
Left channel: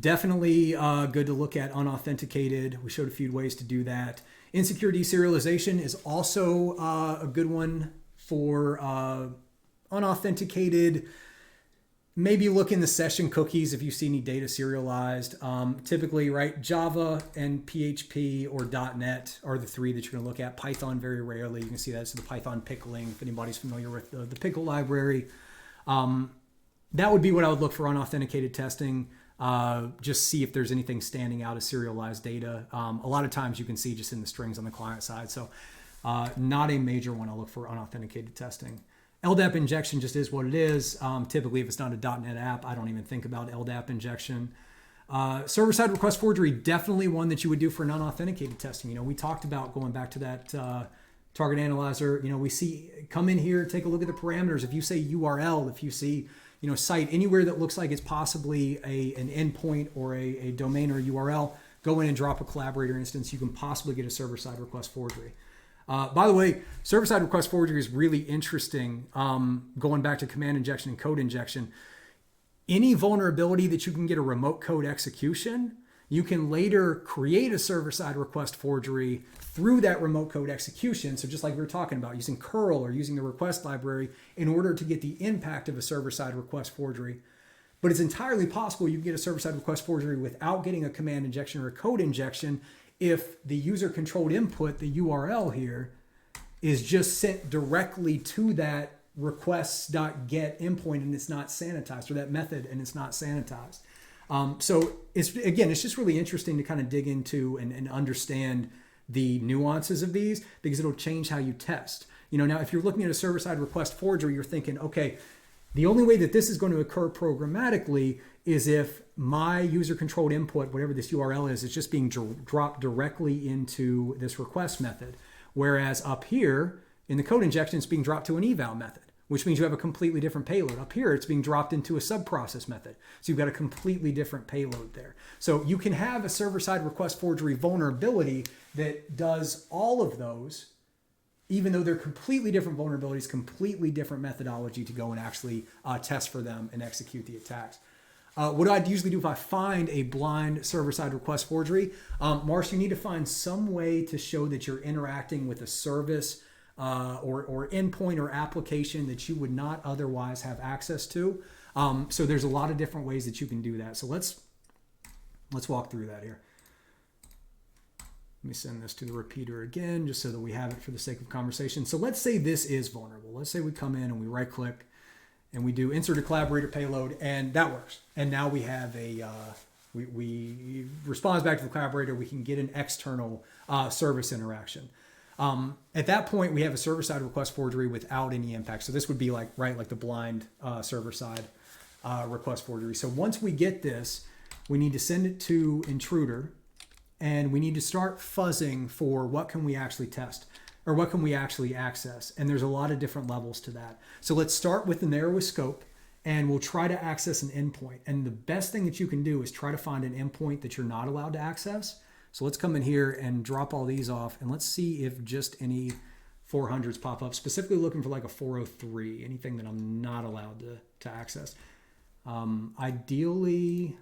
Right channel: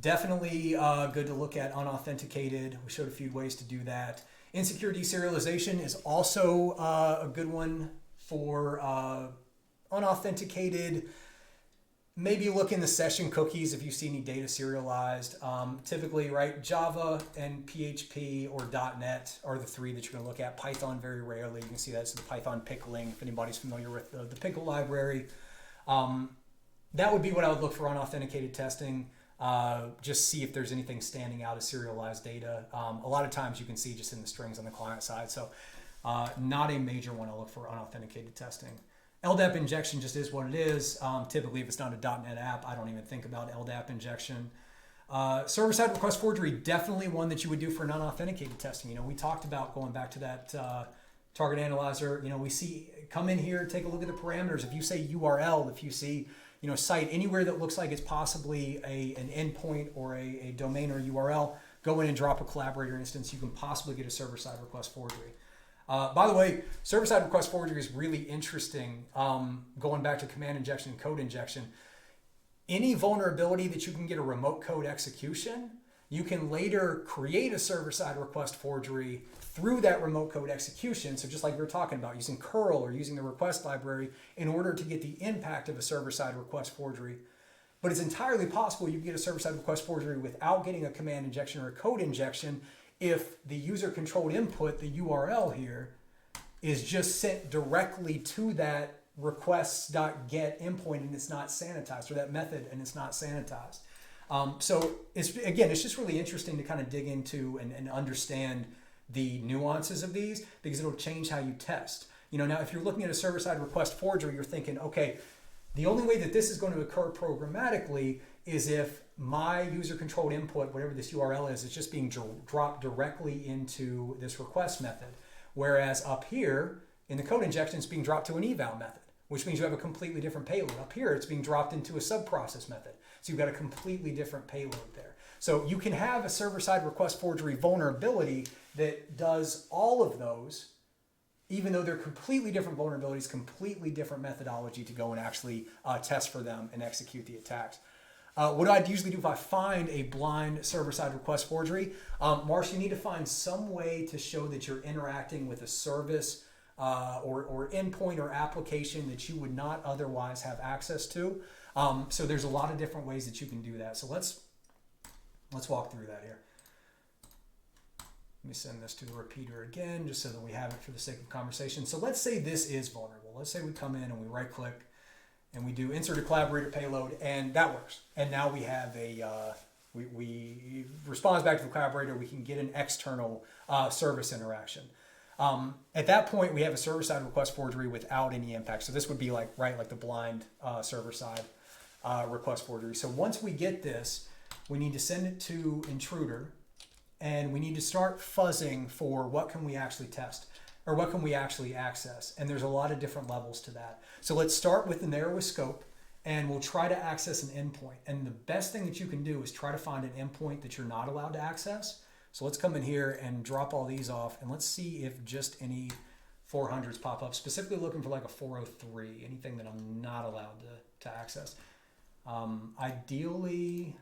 Definitely good to look at unauthenticated. We showed a few ways to do that. Insecure deserialization is also a good one for unauthenticated. Maybe look in the session cookies if you see any data serialized. Typically, right, Java and PHP or .NET are the three that you're going to look at. Python very rarely. You can see that's the Python pickling, if anybody's familiar with the pickle library. That would be what I would look for unauthenticated testing. Just see if there's anything standing out as serialized data. A lot of times you can see just in the strings on the client side. So not a major one I'll look for unauthenticated testing. LDAP injection just is what it is. Typically, if it's not a .NET app, I don't even think about LDAP injection. Server-side request forgery, definitely one that you would do for non-authenticated testing. You know, we talked about going back to that target analyzer. You know, we see, come in here, take a look at the parameters. If you say URL, if you see, you know, site anywhere that looks like it's possibly an endpoint or a domain or a URL, go in and drop a collaborator instance. You can possibly get a server-side request forgery. By the way, server-side request forgery is really interesting. Going back to command injection and code injection, any vulnerability that you can get a remote code execution, you can later create a server-side request forgery through that remote code execution. So just like we were talking about, using curl or using the request library in order to get the impact of a server-side request forgery. But it's entirely possible you can get a server-side request forgery without getting a command injection or a code injection if the user-controlled input, the URL here, is just sent directly to that requests.get endpoint and it's not sanitized, or that method and it's not sanitized. So it's just really interesting to kind of dig into and understand the nuances of these, because it'll change how you test. You know, now if you're looking at a server-side request forgery, you're thinking, okay, the only way that this is going to occur programmatically is if my user-controlled input, whatever this URL is just being dropped directly into this request method. Whereas up here in the code injection, it's being dropped to an eval method, which means you have a completely different payload. Up here, it's being dropped into a sub-process method. So you've got a completely different payload there. So you can have a server-side request forgery vulnerability that does all of those, even though they're completely different vulnerabilities, completely different methodology to go and actually test for them and execute the attacks. What I'd usually do if I find a blind server-side request forgery, Marsh, you need to find some way to show that you're interacting with a service or endpoint or application that you would not otherwise have access to. So there's a lot of different ways that you can do that. So let's walk through that here. Let me send this to the repeater again, just so that we have it for the sake of conversation. So let's say this is vulnerable. Let's say we come in and we right click and we do insert a collaborator payload, and that works. And now we have a, we responds back to the collaborator. We can get an external service interaction. At that point, we have a server-side request forgery without any impact. So this would be like, right, like the blind server-side request forgery. So once we get this, we need to send it to intruder, and we need to start fuzzing for what can we actually test or what can we actually access. And there's a lot of different levels to that. So let's start with the narrowest scope, and we'll try to access an endpoint. And the best thing that you can do is try to find an endpoint that you're not allowed to access. So let's come in here and drop all these off, and let's see if just any 400s pop up, specifically looking for like a 403, anything that I'm not allowed to access. Ideally,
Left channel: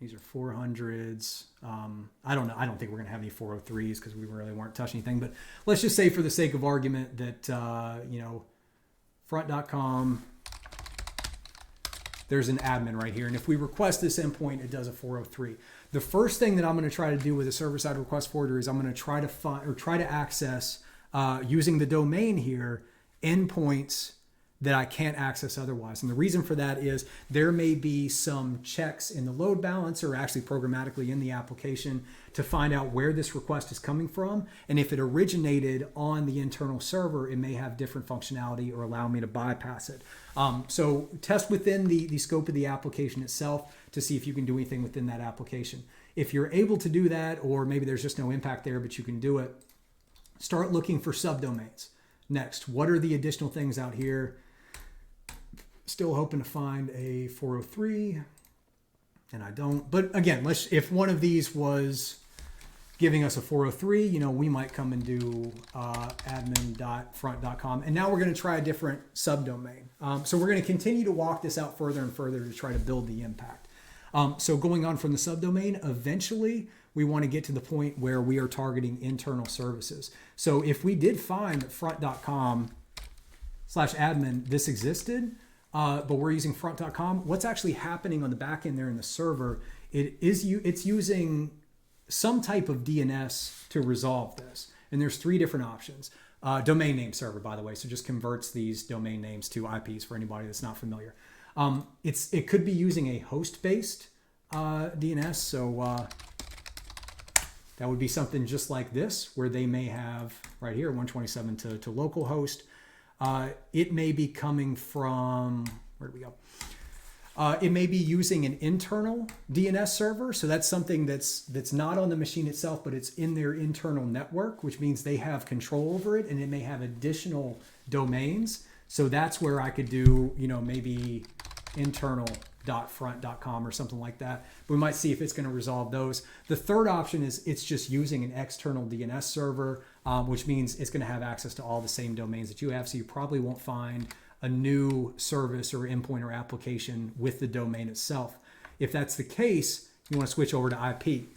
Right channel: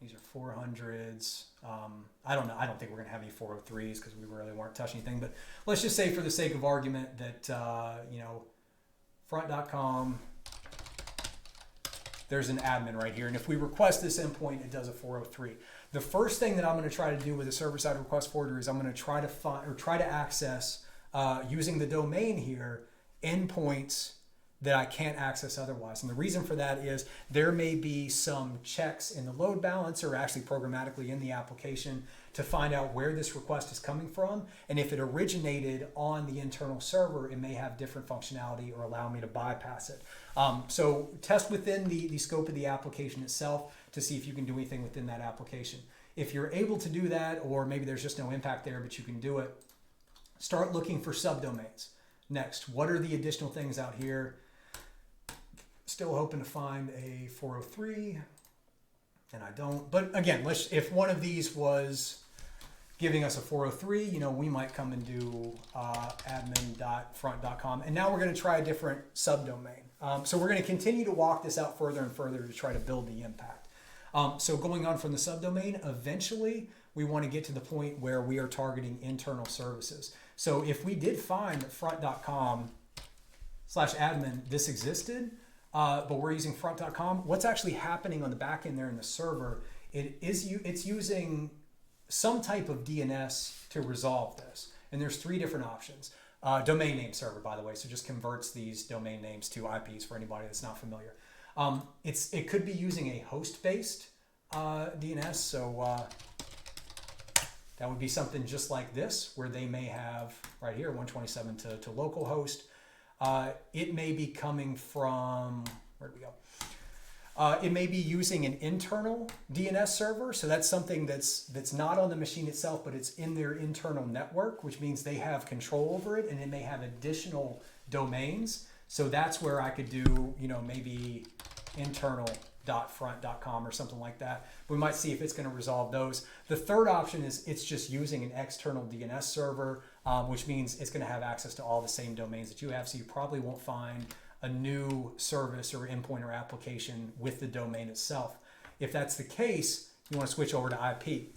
these are 400s. I don't know. I don't think we're going to have any 403s because we really weren't touching anything. But let's just say for the sake of argument that, front.com, there's an admin right here. And if we request this endpoint, it does a 403. The first thing that I'm going to try to do with a server-side request forgery is I'm going to try to find or try to access, using the domain here, endpoints that I can't access otherwise. And the reason for that is there may be some checks in the load balancer, or actually programmatically in the application, to find out where this request is coming from. And if it originated on the internal server, it may have different functionality or allow me to bypass it. So test within the scope of the application itself to see if you can do anything within that application. If you're able to do that, or maybe there's just no impact there, but you can do it, start looking for subdomains. Next, what are the additional things out here? Still hoping to find a 403, and I don't. But again, if one of these was giving us a 403, we might come and do admin.front.com. And now we're going to try a different subdomain. So we're going to continue to walk this out further and further to try to build the impact. So going on from the subdomain, eventually we want to get to the point where we are targeting internal services. So if we did find front.com/admin, this existed, but we're using front.com, what's actually happening on the back end there in the server, it's using some type of DNS to resolve this. And there's three different options. Domain name server, by the way, so just converts these domain names to IPs for anybody that's not familiar. It could be using a host-based DNS, so that would be something just like this, where they may have, right here, 127 to localhost. It may be coming from, where do we go? It may be using an internal DNS server. So that's something that's not on the machine itself, but it's in their internal network, which means they have control over it, and it may have additional domains. So that's where I could do, maybe internal.front.com or something like that. We might see if it's going to resolve those. The third option is it's just using an external DNS server, which means it's going to have access to all the same domains that you have. So you probably won't find a new service or endpoint or application with the domain itself. If that's the case, you want to switch over to IP.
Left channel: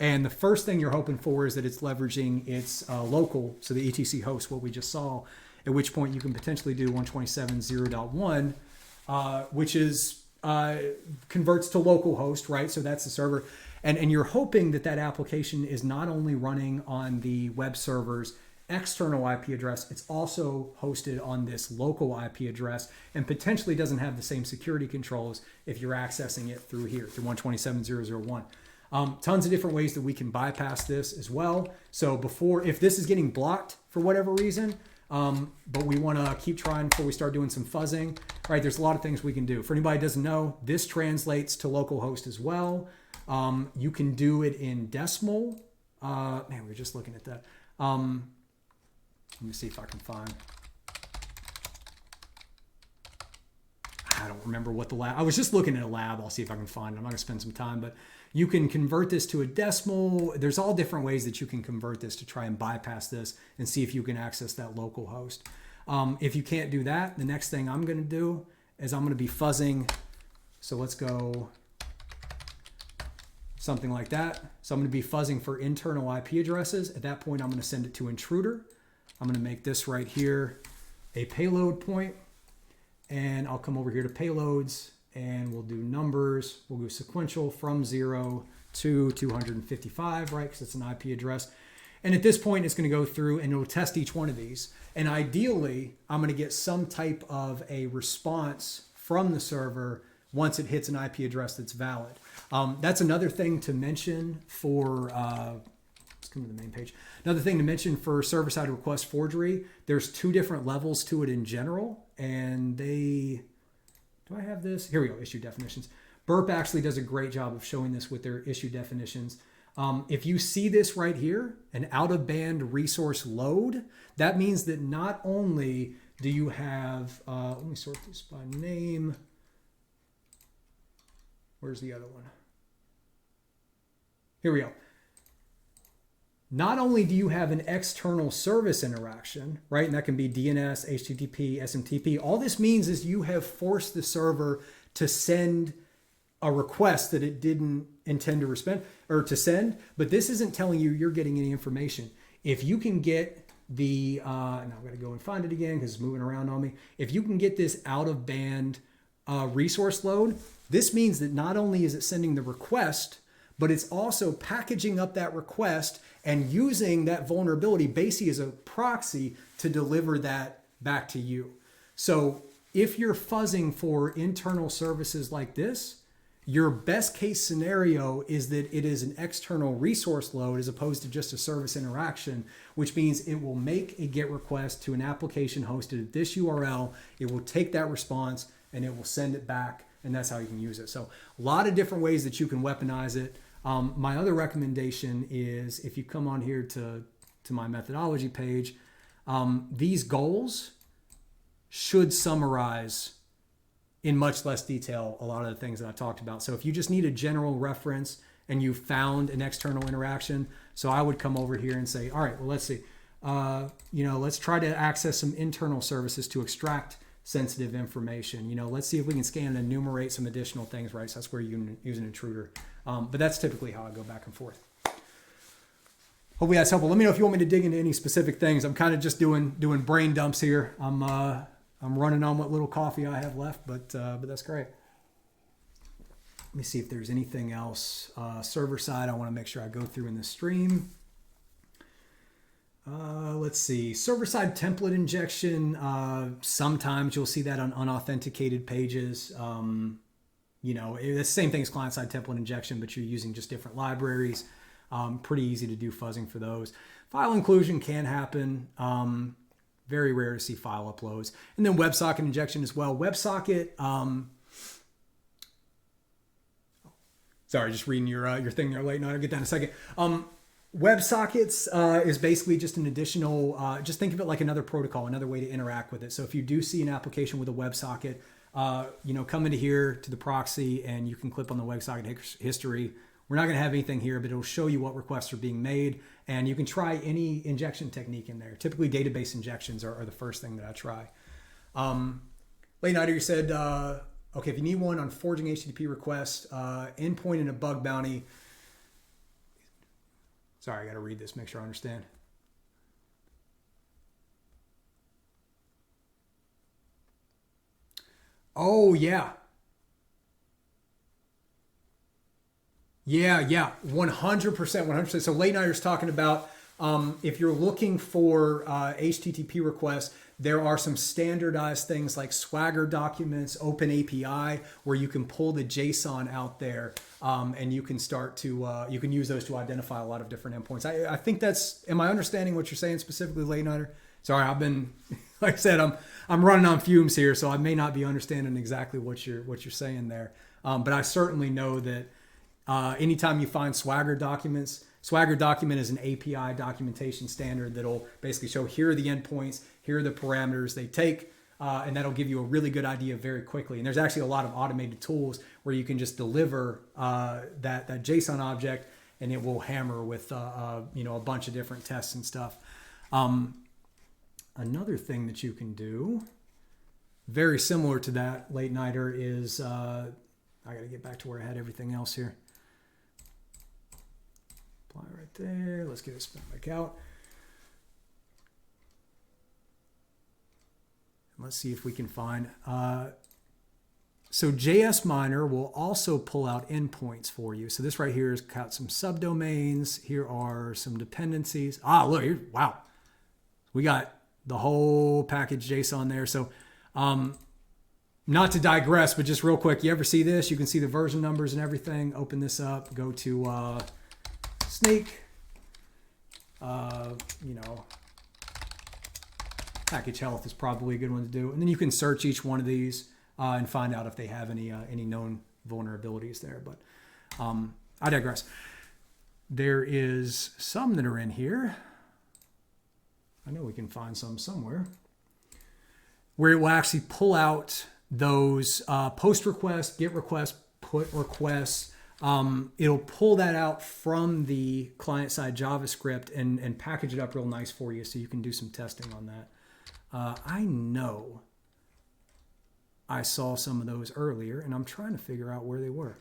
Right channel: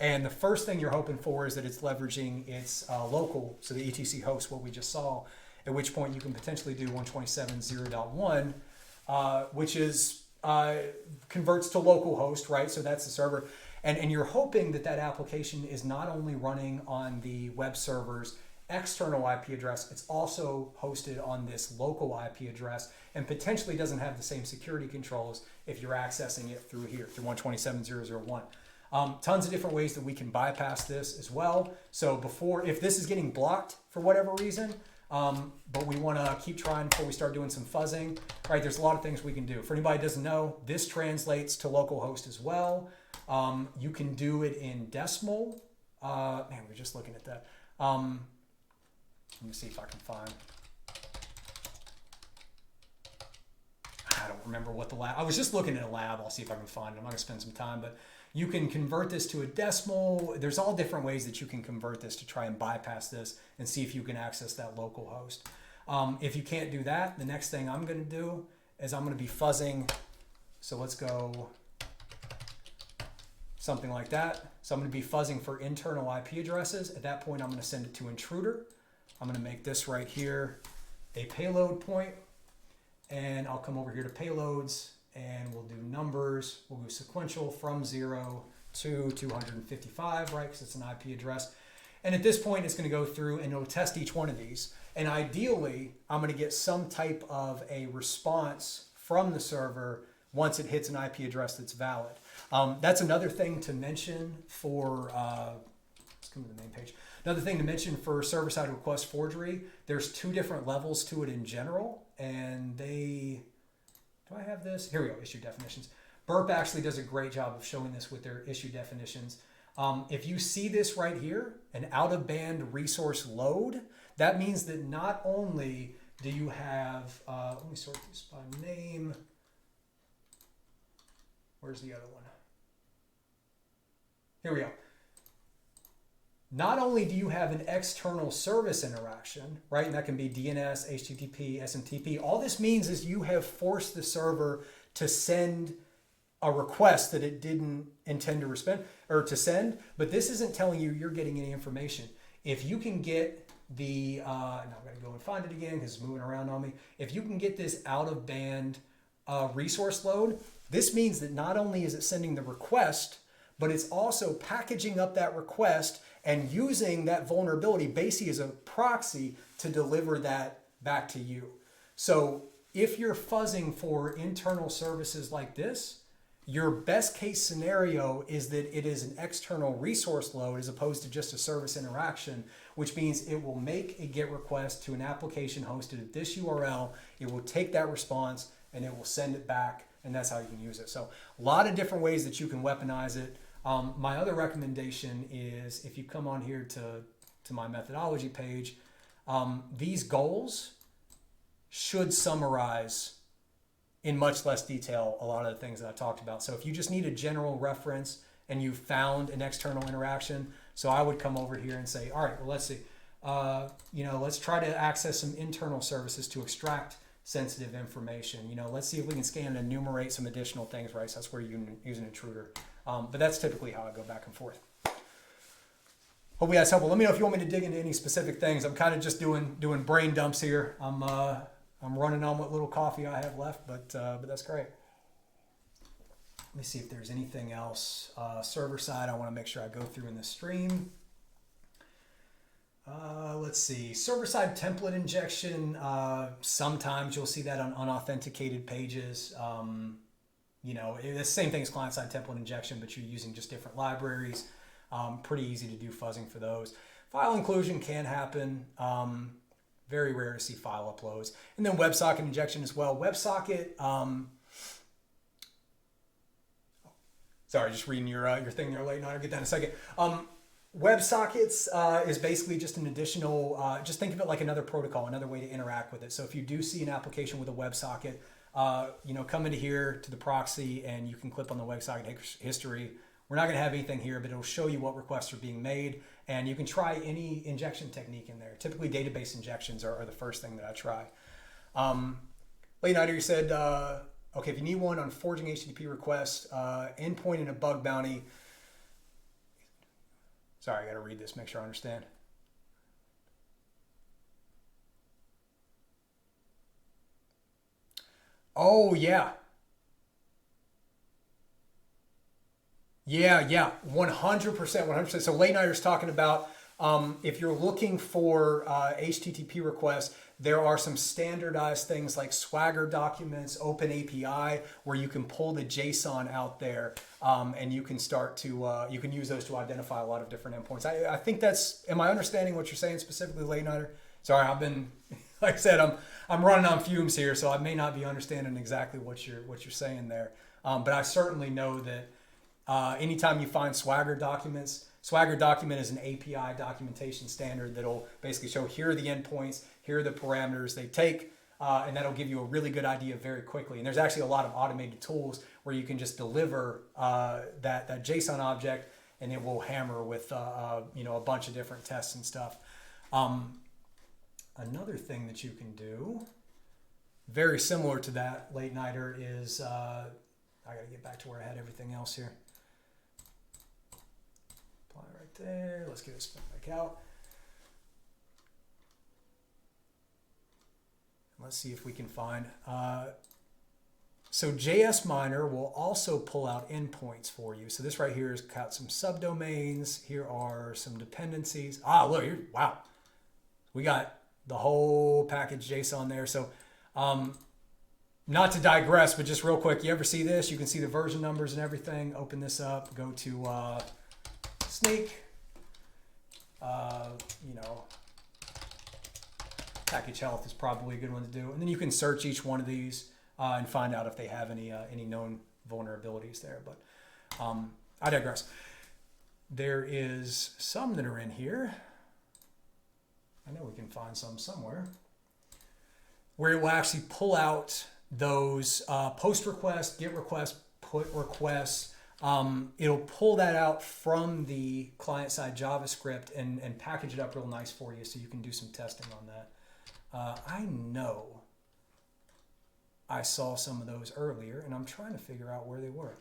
And the first thing you're hoping for is that it's leveraging its local, so the etc host, what we just saw, at which point you can potentially do 127.0.1, which is converts to localhost, right? So that's the server. And you're hoping that that application is not only running on the web server's external IP address, it's also hosted on this local IP address and potentially doesn't have the same security controls if you're accessing it through here, through 127.0.0.1. Tons of different ways that we can bypass this as well. So if this is getting blocked for whatever reason, but we want to keep trying before we start doing some fuzzing, right? There's a lot of things we can do. For anybody who doesn't know, this translates to localhost as well. You can do it in decimal. We were just looking at that. Let me see if I can find. I don't remember what the lab. I was just looking at a lab. I'll see if I can find it. I'm not going to spend some time, but you can convert this to a decimal. There's all different ways that you can convert this to try and bypass this and see if you can access that local host. If you can't do that, the next thing I'm going to do is I'm going to be fuzzing. So let's go something like that. So I'm going to be fuzzing for internal IP addresses. At that point, I'm going to send it to intruder. I'm going to make this right here a payload point, and I'll come over here to payloads, and we'll do numbers. We'll go sequential from 0 to 255, right? Because it's an IP address. And at this point, it's going to go through and it'll test each one of these. And ideally, I'm going to get some type of a response from the server once it hits an IP address that's valid. That's another thing to mention for, let's come to the main page. Another thing to mention for server-side request forgery, there's 2 different levels to it in general. And do I have this? Here we go, issue definitions. Burp actually does a great job of showing this with their issue definitions. If you see this right here, an out-of-band resource load, that means that not only do you have, let me sort this by name. Where's the other one? Here we go. Not only do you have an external service interaction, right? And that can be DNS, HTTP, SMTP. All this means is you have forced the server to send a request that it didn't intend to send, but this isn't telling you you're getting any information. If you can get the, now I've got to go and find it again because it's moving around on me. If you can get this out of band resource load, this means that not only is it sending the request, but it's also packaging up that request and using that vulnerability basically as a proxy to deliver that back to you. So if you're fuzzing for internal services like this, your best case scenario is that it is an external resource load as opposed to just a service interaction, which means it will make a GET request to an application hosted at this URL. It will take that response and it will send it back, and that's how you can use it. So a lot of different ways that you can weaponize it. My other recommendation is if you come on here to my methodology page, these goals should summarize in much less detail a lot of the things that I talked about. So if you just need a general reference and you found an external interaction, so I would come over here and say, all right, well, let's see. Let's try to access some internal services to extract sensitive information. Let's see if we can scan and enumerate some additional things, right? So that's where you can use an intruder. But that's typically how I go back and forth. Hopefully that's helpful. Let me know if you want me to dig into any specific things. I'm kind of just doing brain dumps here. I'm running on what little coffee I have left, but that's great. Let me see if there's anything else. Server side, I want to make sure I go through in the stream. Let's see. Server side template injection. Sometimes you'll see that on unauthenticated pages. It's the same thing as client side template injection, but you're using just different libraries. Pretty easy to do fuzzing for those. File inclusion can happen. Very rare to see file uploads. And then WebSocket injection as well. WebSocket, sorry, just reading your thing there late night. I'll get that in a second. WebSockets is basically just an additional, just think of it like another protocol, another way to interact with it. So if you do see an application with a WebSocket, come into here to the proxy and you can click on the WebSocket history. We're not going to have anything here, but it'll show you what requests are being made, and you can try any injection technique in there. Typically, database injections are the first thing that I try. Late Nighter, you said, okay, if you need one on forging HTTP requests, endpoint and a bug bounty. Sorry, I got to read this, make sure I understand. Oh, yeah. Yeah, 100%. So Late Nighter's talking about if you're looking for HTTP requests, there are some standardized things like Swagger documents, Open API, where you can pull the JSON out there and you can start to, you can use those to identify a lot of different endpoints. I think am I understanding what you're saying specifically, Late Nighter? Sorry, I've been, like I said, I'm running on fumes here, so I may not be understanding exactly what you're saying there. But I certainly know that anytime you find Swagger documents, Swagger document is an API documentation standard that'll basically show here are the endpoints, here are the parameters they take, and that'll give you a really good idea very quickly. And there's actually a lot of automated tools where you can just deliver that JSON object, and it will hammer with a bunch of different tests and stuff. Another thing that you can do, very similar to that, Late Nighter, is I got to get back to where I had everything else here. Apply right there. Let's get it spun back out. let's see if we can find, so JS Miner will also pull out endpoints for you. So this right here has got some subdomains. Here are some dependencies. Ah, look here, wow. We got the whole package JSON there. So not to digress, but just real quick, you ever see this? You can see the version numbers and everything. Open this up, go to Snake, you know, package health is probably a good one to do. And then you can search each one of these and find out if they have any known vulnerabilities there. But I digress. There is some that are in here. I know we can find some somewhere where it will actually pull out those post requests, get requests, put requests. It'll pull that out from the client-side JavaScript and package it up real nice for you so you can do some testing on that. I know I saw some of those earlier, and I'm trying to figure out where they were.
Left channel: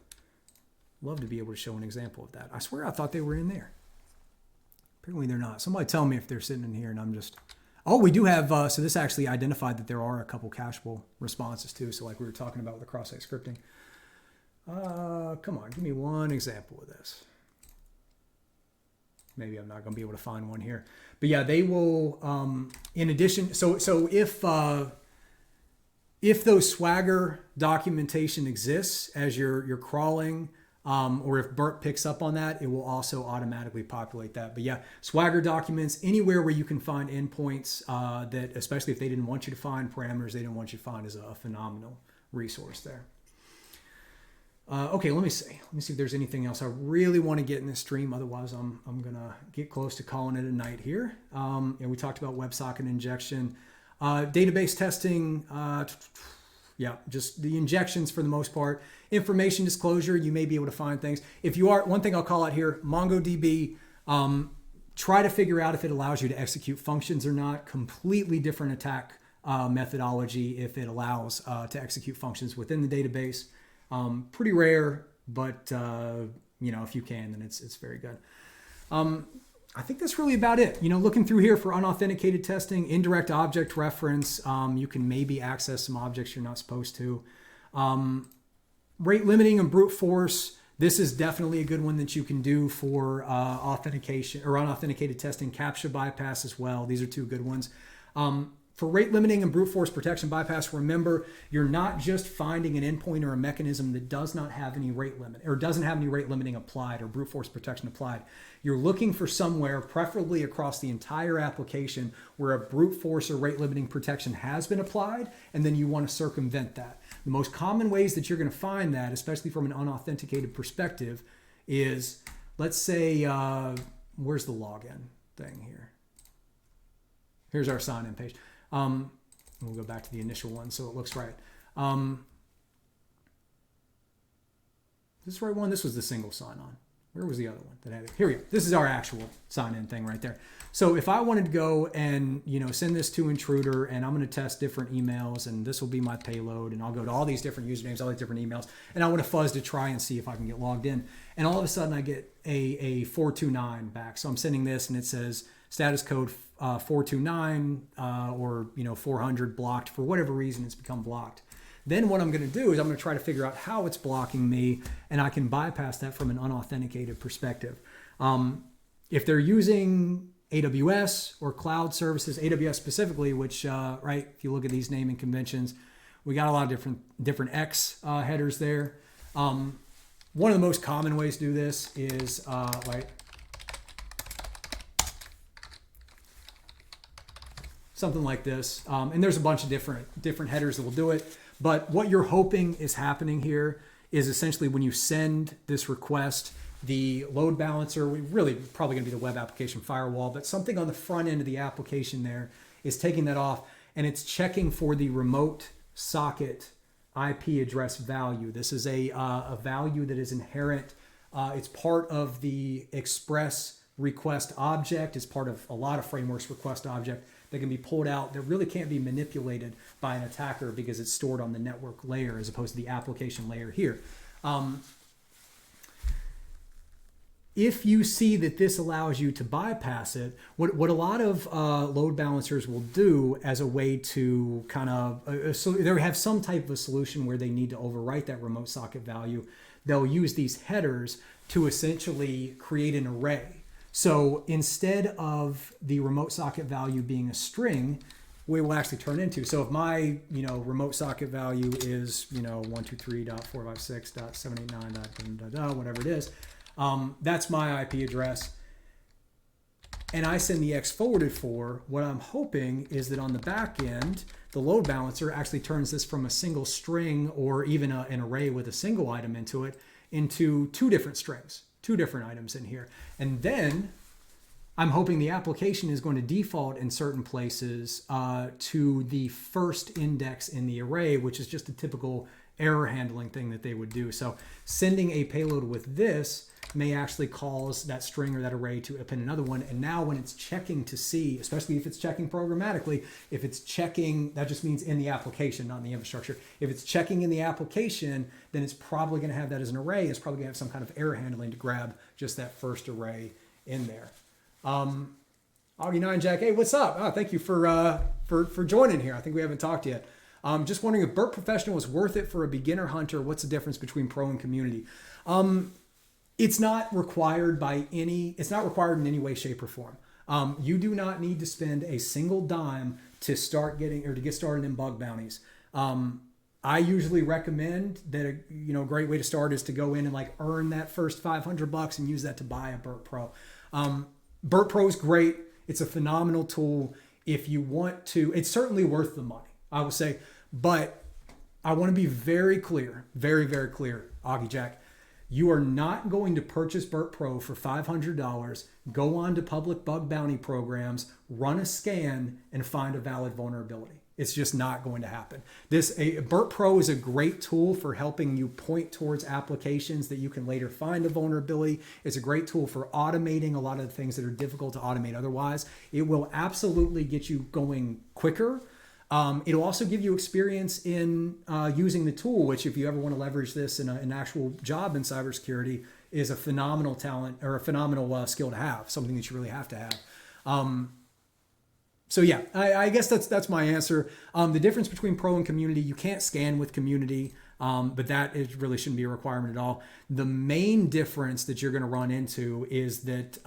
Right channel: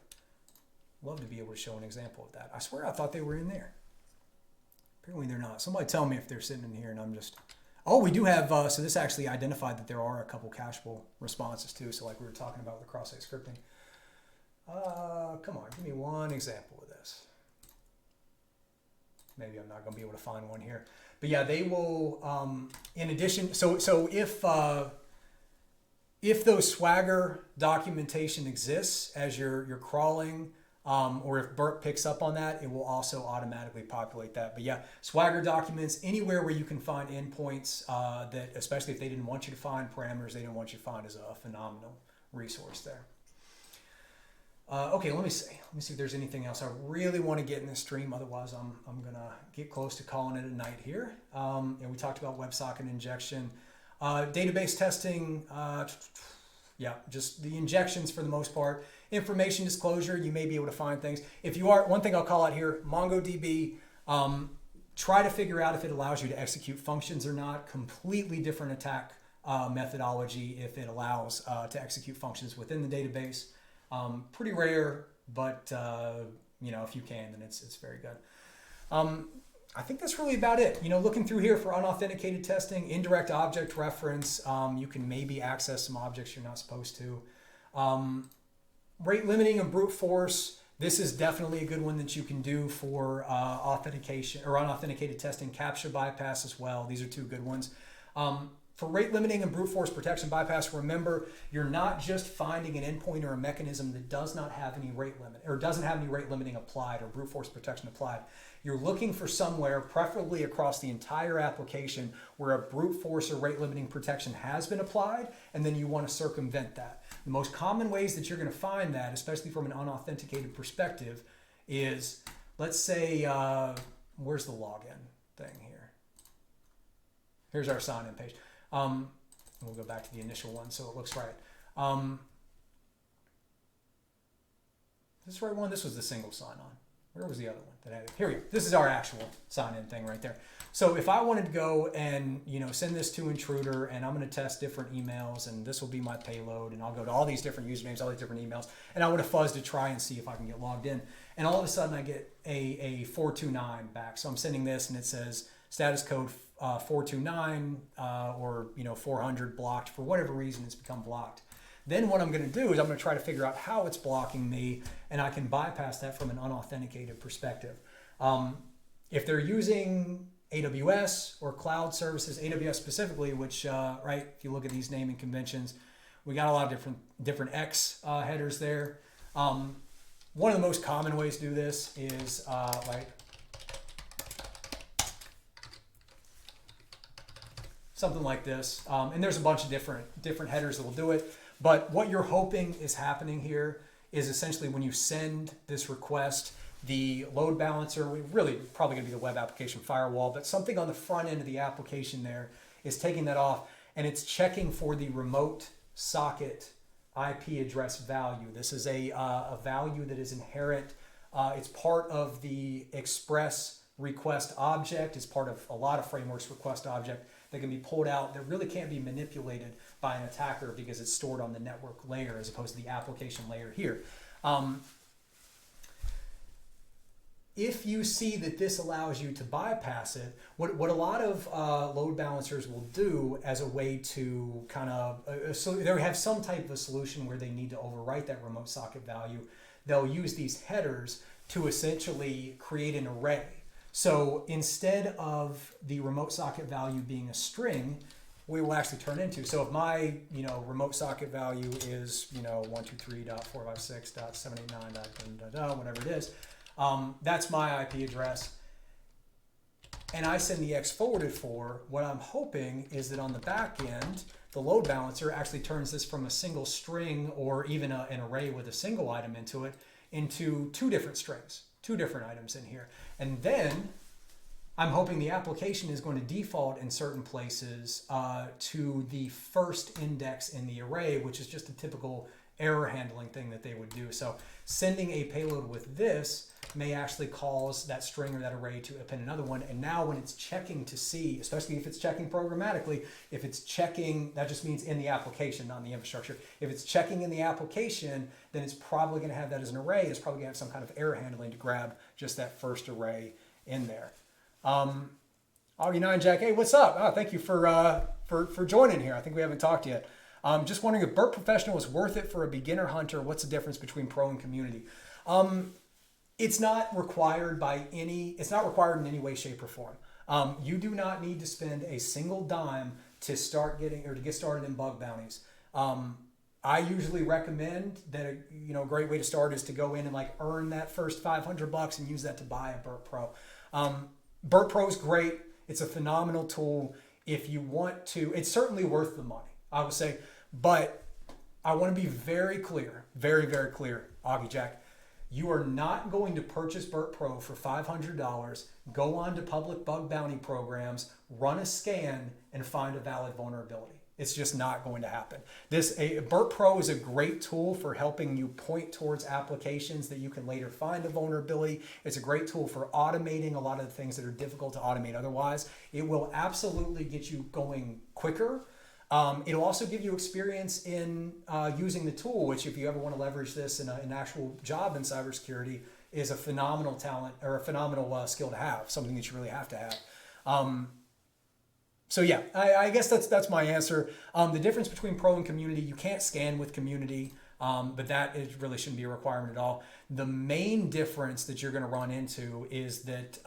Love to be able to show an example of that. I swear I thought they were in there. Apparently they're not. Somebody tell me if they're sitting in here and I'm just... Oh, we do have, so this actually identified that there are a couple cacheable responses too. So like we were talking about with the cross-site scripting. Come on, give me one example of this. Maybe I'm not going to be able to find one here. But yeah, they will, in addition, so if those Swagger documentation exists as you're crawling, or if Burp picks up on that, it will also automatically populate that. But yeah, Swagger documents, anywhere where you can find endpoints that, especially if they didn't want you to find parameters they didn't want you to find, is a phenomenal resource there. Okay, let me see if there's anything else I really want to get in this stream. Otherwise, I'm gonna get close to calling it a night here. And we talked about WebSocket injection, database testing. Yeah, just the injections for the most part. Information disclosure, you may be able to find things. If you are, one thing I'll call out here, MongoDB, try to figure out if it allows you to execute functions or not. Completely different attack methodology if it allows to execute functions within the database. Pretty rare, but you know, if you can, then it's very good. I think that's really about it. You know, looking through here for unauthenticated testing, indirect object reference, you can maybe access some objects you're not supposed to. Rate limiting and brute force. This is definitely a good one that you can do for authentication or unauthenticated testing. CAPTCHA bypass as well. These are two good ones. For rate limiting and brute force protection bypass, remember, you're not just finding an endpoint or a mechanism that does not have any rate limit or doesn't have any rate limiting applied or brute force protection applied. You're looking for somewhere, preferably across the entire application, where a brute force or rate limiting protection has been applied, and then you want to circumvent that. The most common ways that you're going to find that, especially from an unauthenticated perspective, is, let's say, where's the login thing here? Here's our sign-in page. We'll go back to the initial one so it looks right. This is the right one. This was the single sign-on. Where was the other one that had it? Here we go. This is our actual sign-in thing right there. So if I wanted to go and, you know, send this to Intruder, and I'm going to test different emails, and this will be my payload, and I'll go to all these different usernames, all these different emails, and I want to fuzz to try and see if I can get logged in. And all of a sudden I get a 429 back. So I'm sending this and it says status code 429 or, you know, 400 blocked. For whatever reason, it's become blocked. Then what I'm going to do is I'm going to try to figure out how it's blocking me, and I can bypass that from an unauthenticated perspective. If they're using AWS or cloud services, AWS specifically, which, right, if you look at these naming conventions, we got a lot of different X headers there. One of the most common ways to do this is like something like this. And there's a bunch of different headers that will do it. But what you're hoping is happening here is essentially when you send this request, the load balancer, we really probably going to be the web application firewall, but something on the front end of the application there is taking that off, and it's checking for the remote socket IP address value. This is a value that is inherent. It's part of the express request object. It's part of a lot of frameworks request object that can be pulled out that really can't be manipulated by an attacker because it's stored on the network layer as opposed to the application layer here. if you see that this allows you to bypass it, what a lot of load balancers will do as a way to kind of, so they have some type of a solution where they need to overwrite that remote socket value. They'll use these headers to essentially create an array. So instead of the remote socket value being a string, we will actually turn into. So if my remote socket value is 123.456.789. Whatever it is, that's my IP address, and I send the X forwarded for. What I'm hoping is that on the back end, the load balancer actually turns this from a single string or even an array with a single item into it into two different strings, two different items in here. And then I'm hoping the application is going to default in certain places to the first index in the array, which is just a typical error handling thing that they would do. So sending a payload with this may actually cause that string or that array to append another one. And now when it's checking to see, especially if it's checking programmatically, if it's checking, that just means in the application, not in the infrastructure. If it's checking in the application, then it's probably going to have that as an array. It's probably going to have some kind of error handling to grab just that first array in there. Augie9 Jack, hey, what's up? Oh, thank you for joining here. I think we haven't talked yet. Just wondering if Burp Professional is worth it for a beginner hunter. What's the difference between pro and community? It's not required it's not required in any way, shape, or form. You do not need to spend a single dime to get started in bug bounties. I usually recommend that a great way to start is to go in and earn that first $500 and use that to buy a Burp Pro. Burp Pro is great. It's a phenomenal tool. If you want to, it's certainly worth the money, I would say. But I want to be very clear, very, very clear, Augie Jack. You are not going to purchase Burp Pro for $500, go on to public bug bounty programs, run a scan, and find a valid vulnerability. It's just not going to happen. Burp Pro is a great tool for helping you point towards applications that you can later find a vulnerability. It's a great tool for automating a lot of the things that are difficult to automate otherwise. It will absolutely get you going quicker. It'll also give you experience in using the tool, which if you ever want to leverage this in an actual job in cybersecurity, is a phenomenal talent or a phenomenal skill to have, something that you really have to have. So yeah, I guess that's my answer. The difference between pro and community, you can't scan with community, but that really shouldn't be a requirement at all. The main difference that you're going to run into is that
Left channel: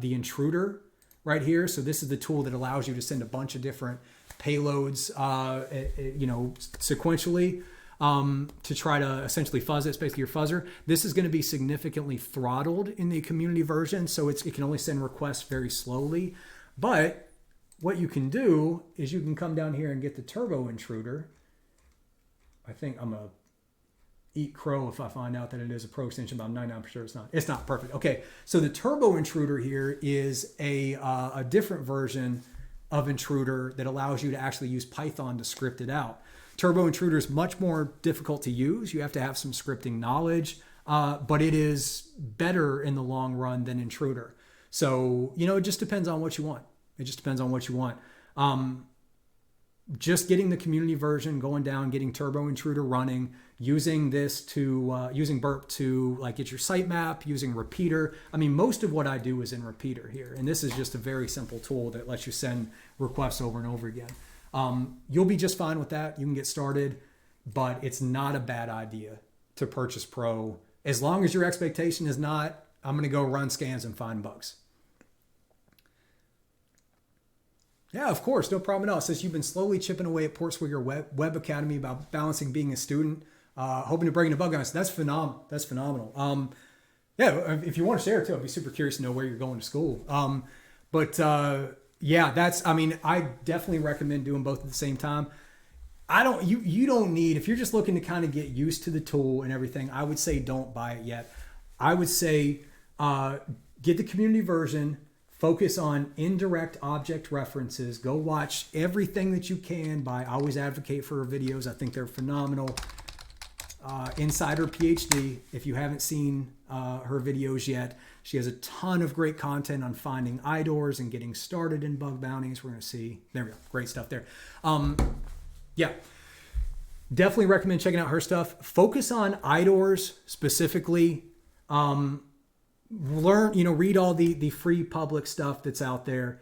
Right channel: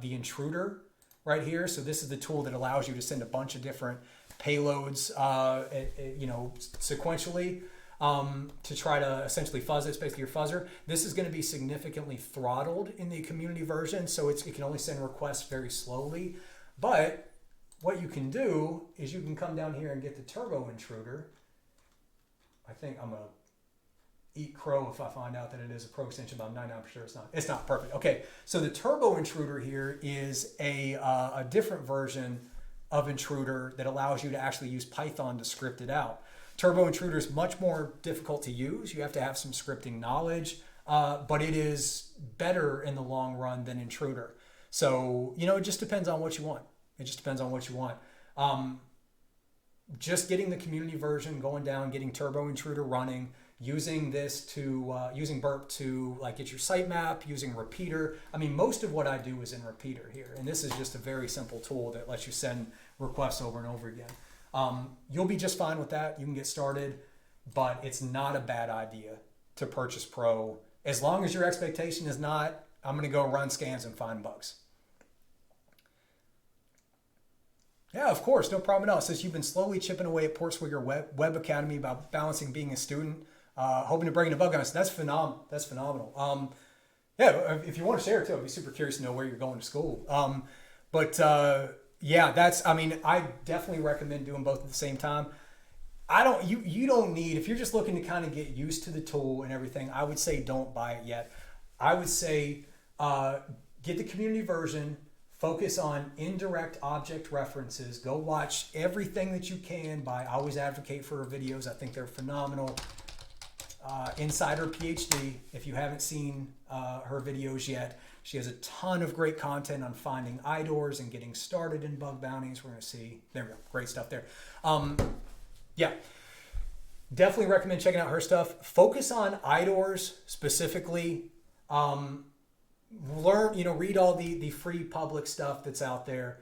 the intruder right here. So this is the tool that allows you to send a bunch of different payloads, sequentially to try to essentially fuzz it. It's basically your fuzzer. This is going to be significantly throttled in the community version, so it can only send requests very slowly. But what you can do is you can come down here and get the turbo intruder. I think I'm going to eat crow if I find out that it is a pro extension, but I'm 99% sure it's not. It's not perfect. Okay, so the turbo intruder here is a different version of intruder that allows you to actually use Python to script it out. Turbo intruder is much more difficult to use. You have to have some scripting knowledge, but it is better in the long run than intruder. So, it just depends on what you want. It just depends on what you want. Just getting the community version, going down, getting Turbo Intruder running, using this to, using Burp to get your sitemap, using Repeater. I mean, most of what I do is in Repeater here. And this is just a very simple tool that lets you send requests over and over again. You'll be just fine with that. You can get started, but it's not a bad idea to purchase Pro as long as your expectation is not, I'm going to go run scans and find bugs. Yeah, of course, no problem at all. It says you've been slowly chipping away at Portswigger Web Academy about balancing being a student, hoping to bring in a bug on us. That's phenomenal. That's phenomenal. Yeah, if you want to share it too, I'd be super curious to know where you're going to school. Yeah, I definitely recommend doing both at the same time. You don't need, if you're just looking to kind of get used to the tool and everything, I would say don't buy it yet. I would say get the community version. Focus on indirect object references. Go watch everything that you can. I always advocate for her videos. I think they're phenomenal. Insider PhD, if you haven't seen her videos yet, she has a ton of great content on finding IDORs and getting started in bug bounties. We're going to see. There we go. Great stuff there. Yeah. Definitely recommend checking out her stuff. Focus on IDORs specifically. learn, read all the free public stuff that's out there.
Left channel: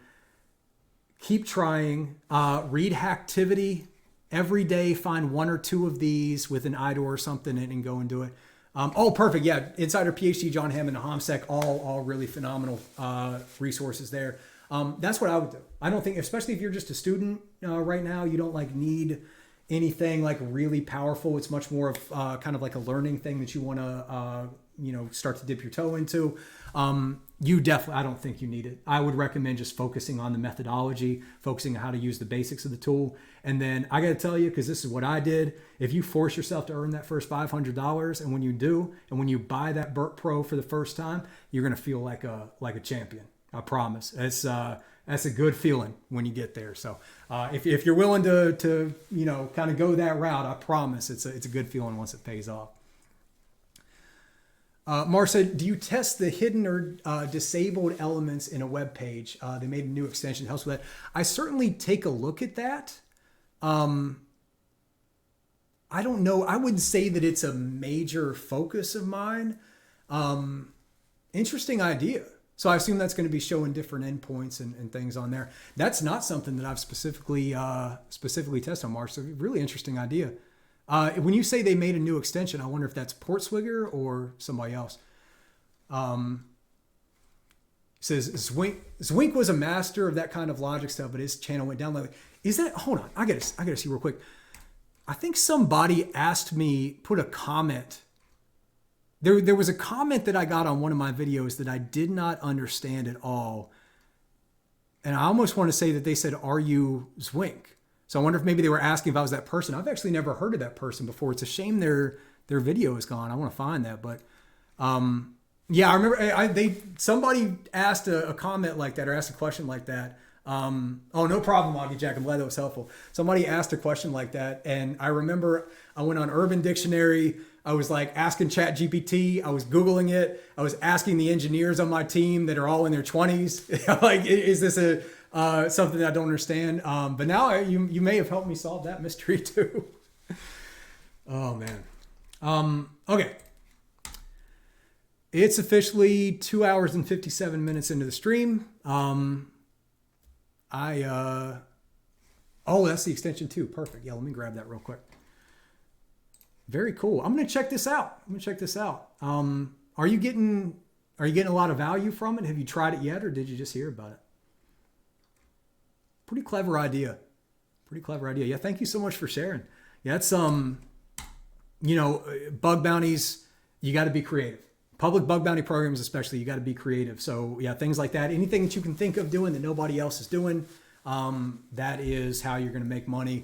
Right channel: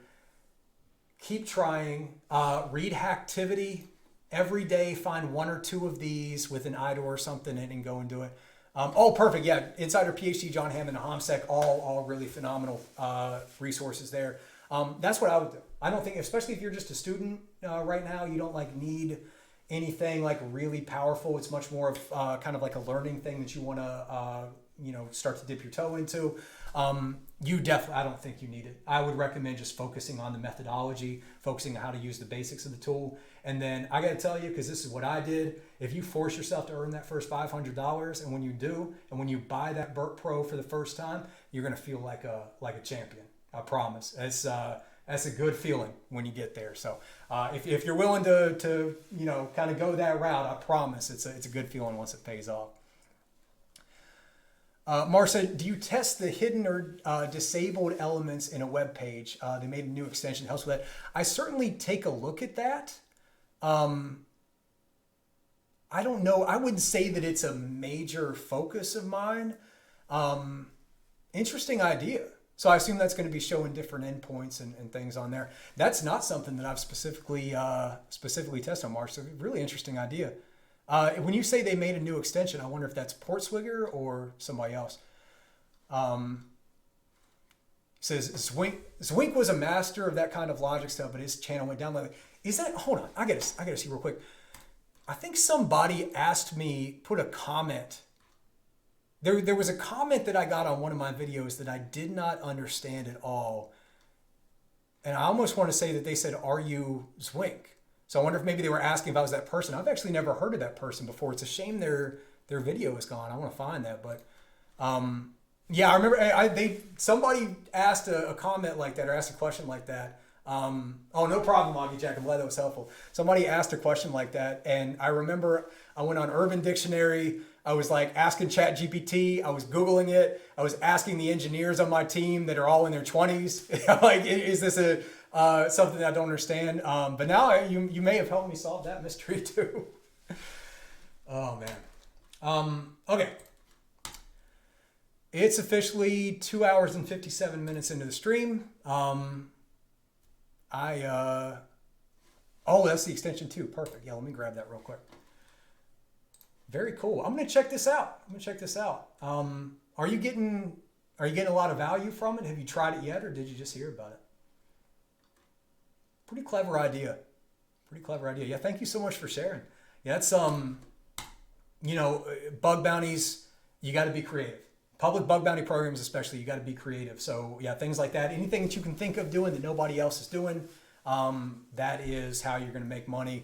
Keep trying. Read Hacktivity every day. Find one or two of these with an IDOR or something and go and do it. Oh, perfect. Yeah. Insider PhD, John Hammond, HomSec, all really phenomenal resources there. That's what I would do. I don't think, especially if you're just a student right now, you don't like need anything like really powerful. It's much more of kind of like a learning thing that you want to, start to dip your toe into. You definitely, I don't think you need it. I would recommend just focusing on the methodology, focusing on how to use the basics of the tool. And then I got to tell you, because this is what I did, if you force yourself to earn that first $500, and when you do, and when you buy that Burp Pro for the first time, you're going to feel like a champion. I promise. That's a good feeling when you get there. So if you're willing to kind of go that route, I promise it's a good feeling once it pays off. Mark said, do you test the hidden or disabled elements in a web page? They made a new extension that helps with that. I certainly take a look at that. I don't know. I wouldn't say that it's a major focus of mine. Interesting idea. So I assume that's going to be showing different endpoints and things on there. That's not something that I've specifically tested on, Mark. So really interesting idea. When you say they made a new extension, I wonder if that's Portswigger or somebody else. Says Zwink was a master of that kind of logic stuff, but his channel went down. Is that? Hold on, I gotta see real quick. I think somebody asked me, put a comment. There was a comment that I got on one of my videos that I did not understand at all, and I almost want to say that they said, "Are you Zwink?" So I wonder if maybe they were asking if I was that person. I've actually never heard of that person before. It's a shame their video is gone. I want to find that, but yeah, I remember somebody asked a comment like that or asked a question like that. Oh, no problem, Augie Jack. I'm glad that was helpful. Somebody asked a question like that, and I remember I went on Urban Dictionary. I was like asking ChatGPT. I was Googling it. I was asking the engineers on my team that are all in their 20s, like, is this something that I don't understand? But now you may have helped me solve that mystery too. Oh man. Okay. It's officially 2 hours and 57 minutes into the stream. Oh, that's the extension too. Perfect. Yeah, let me grab that real quick. Very cool. I'm going to check this out. Are you getting a lot of value from it? Have you tried it yet, or did you just hear about it? Pretty clever idea. Yeah. Thank you so much for sharing. Yeah, that's, bug bounties, you got to be creative. Public bug bounty programs, especially, you got to be creative. So yeah, things like that, anything that you can think of doing that nobody else is doing, that is how you're going to make money.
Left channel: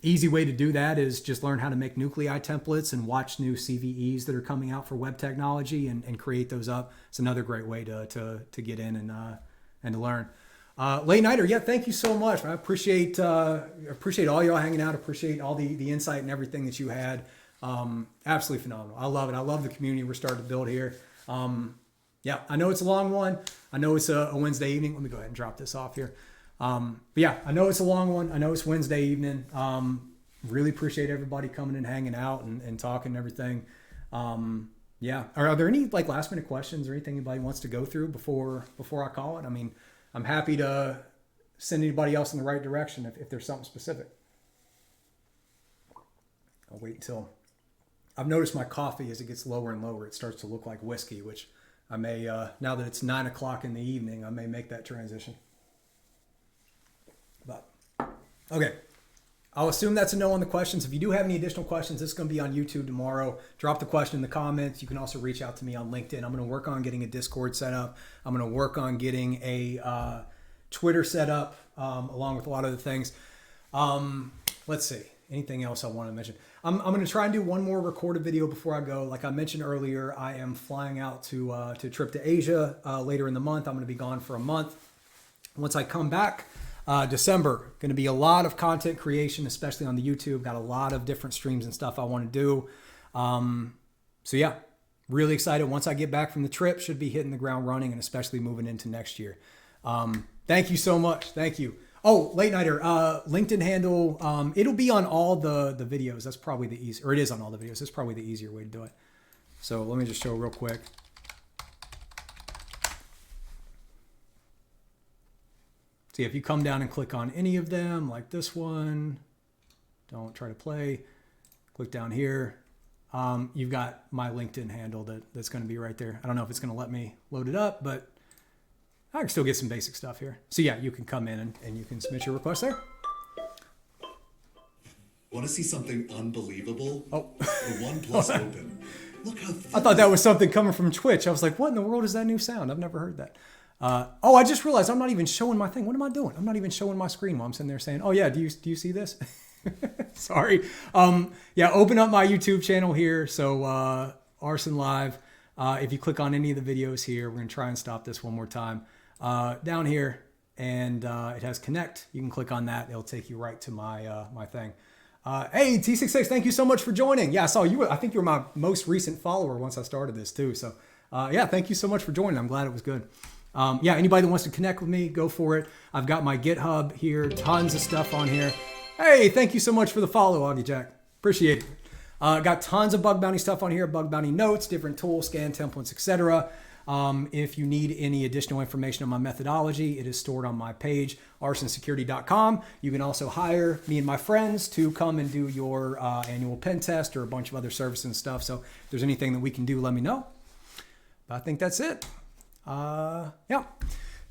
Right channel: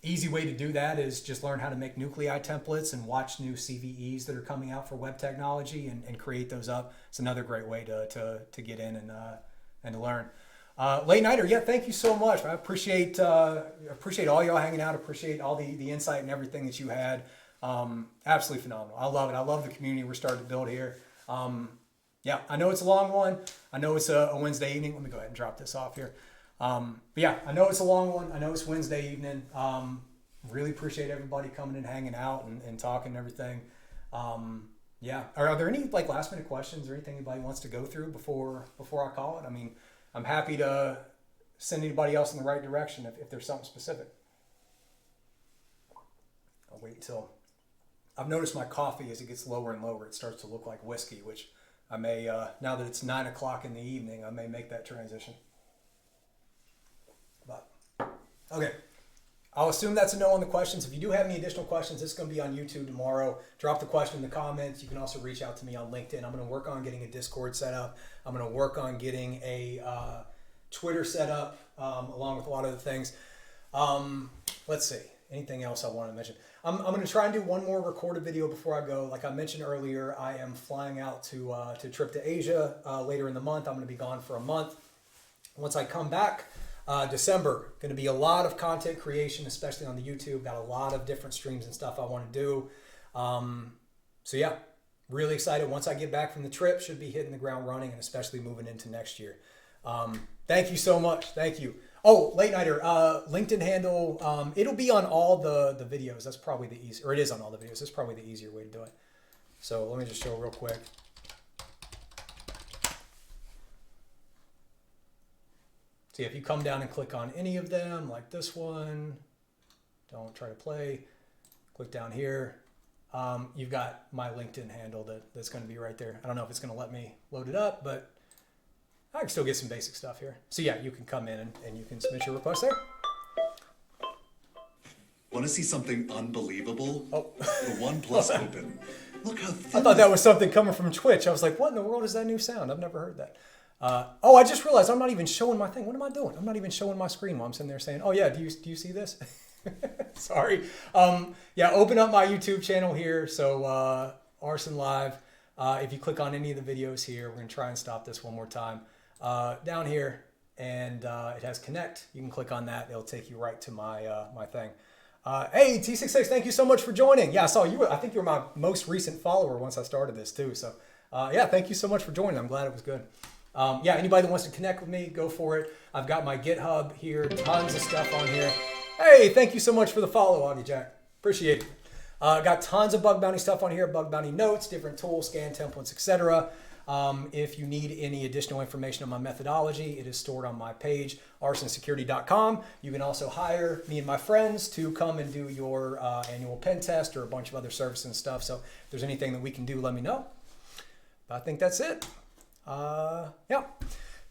Easy way to do that is just learn how to make nuclei templates and watch new CVEs that are coming out for web technology and create those up. It's another great way to get in and to learn. Late Nighter, yeah, thank you so much. I appreciate all y'all hanging out. Appreciate all the insight and everything that you had. Absolutely phenomenal. I love it. I love the community we're starting to build here. Yeah, I know it's a long one. I know it's a Wednesday evening. Let me go ahead and drop this off here. But yeah, I know it's a long one. I know it's Wednesday evening. Really appreciate everybody coming and hanging out and talking and everything. Yeah. Are there any like last minute questions or anything anybody wants to go through before I call it? I mean, I'm happy to send anybody else in the right direction if there's something specific. I'll wait until I've noticed my coffee as it gets lower and lower, it starts to look like whiskey, which I may, now that it's 9 o'clock in the evening, I may make that transition. But, okay. I'll assume that's a no on the questions. If you do have any additional questions, this is going to be on YouTube tomorrow. Drop the question in the comments. You can also reach out to me on LinkedIn. I'm going to work on getting a Discord set up. I'm going to work on getting a Twitter set up, along with a lot of the things. Let's see. Anything else I want to mention? I'm going to try and do one more recorded video before I go. Like I mentioned earlier, I am flying out to a trip to Asia later in the month. I'm going to be gone for a month. Once I come back, December, going to be a lot of content creation, especially on the YouTube. Got a lot of different streams and stuff I want to do. So yeah, really excited. Once I get back from the trip, should be hitting the ground running, and especially moving into next year. Thank you so much. Thank you. Oh, Late Nighter, LinkedIn handle. It'll be on all the videos. That's probably the easier, or it is on all the videos. That's probably the easier way to do it. So let me just show real quick. So if you come down and click on any of them, like this one, don't try to play, click down here. You've got my LinkedIn handle that's going to be right there. I don't know if it's going to let me load it up, but I can still get some basic stuff here. So yeah, you can come in and you can submit your request there. Want to see something unbelievable? Oh. The OnePlus Open. Look how I thought that was something coming from Twitch. I was like, what in the world is that new sound? I've never heard that. Oh, I just realized I'm not even showing my thing. What am I doing? I'm not even showing my screen while I'm sitting there saying, oh yeah, do you see this? Sorry. Yeah, open up my YouTube channel here. So Arson Live. If you click on any of the videos here, we're going to try and stop this one more time. Down here, and it has connect. You can click on that. It'll take you right to my my thing. Hey, T66, thank you so much for joining. Yeah, I saw you. I think you were my most recent follower once I started this too. So yeah, thank you so much for joining. I'm glad it was good. Yeah, anybody that wants to connect with me, go for it. I've got my GitHub here, tons of stuff on here. Hey, thank you so much for the follow, Augie Jack. Appreciate it. Got tons of bug bounty stuff on here, bug bounty notes, different tools, scan templates, etc. If you need any additional information on my methodology, it is stored on my page, arsonsecurity.com. You can also hire me and my friends to come and do your annual pen test or a bunch of other services and stuff. So if there's anything that we can do, let me know. But I think that's it. Yeah.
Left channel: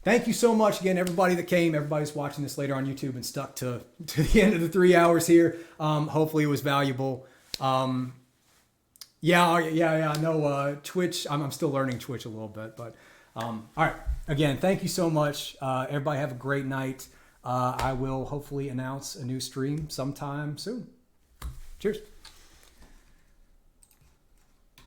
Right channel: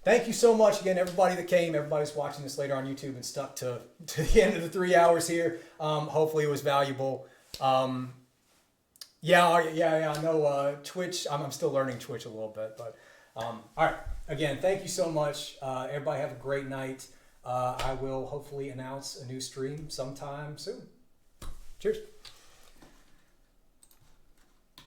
Thank you so much again, everybody that came, everybody's watching this later on YouTube and stuck to the end of the 3 hours here. Hopefully it was valuable. Yeah, I know Twitch. I'm still learning Twitch a little bit, but all right. Again, thank you so much. Everybody have a great night. I will hopefully announce a new stream sometime soon. Cheers.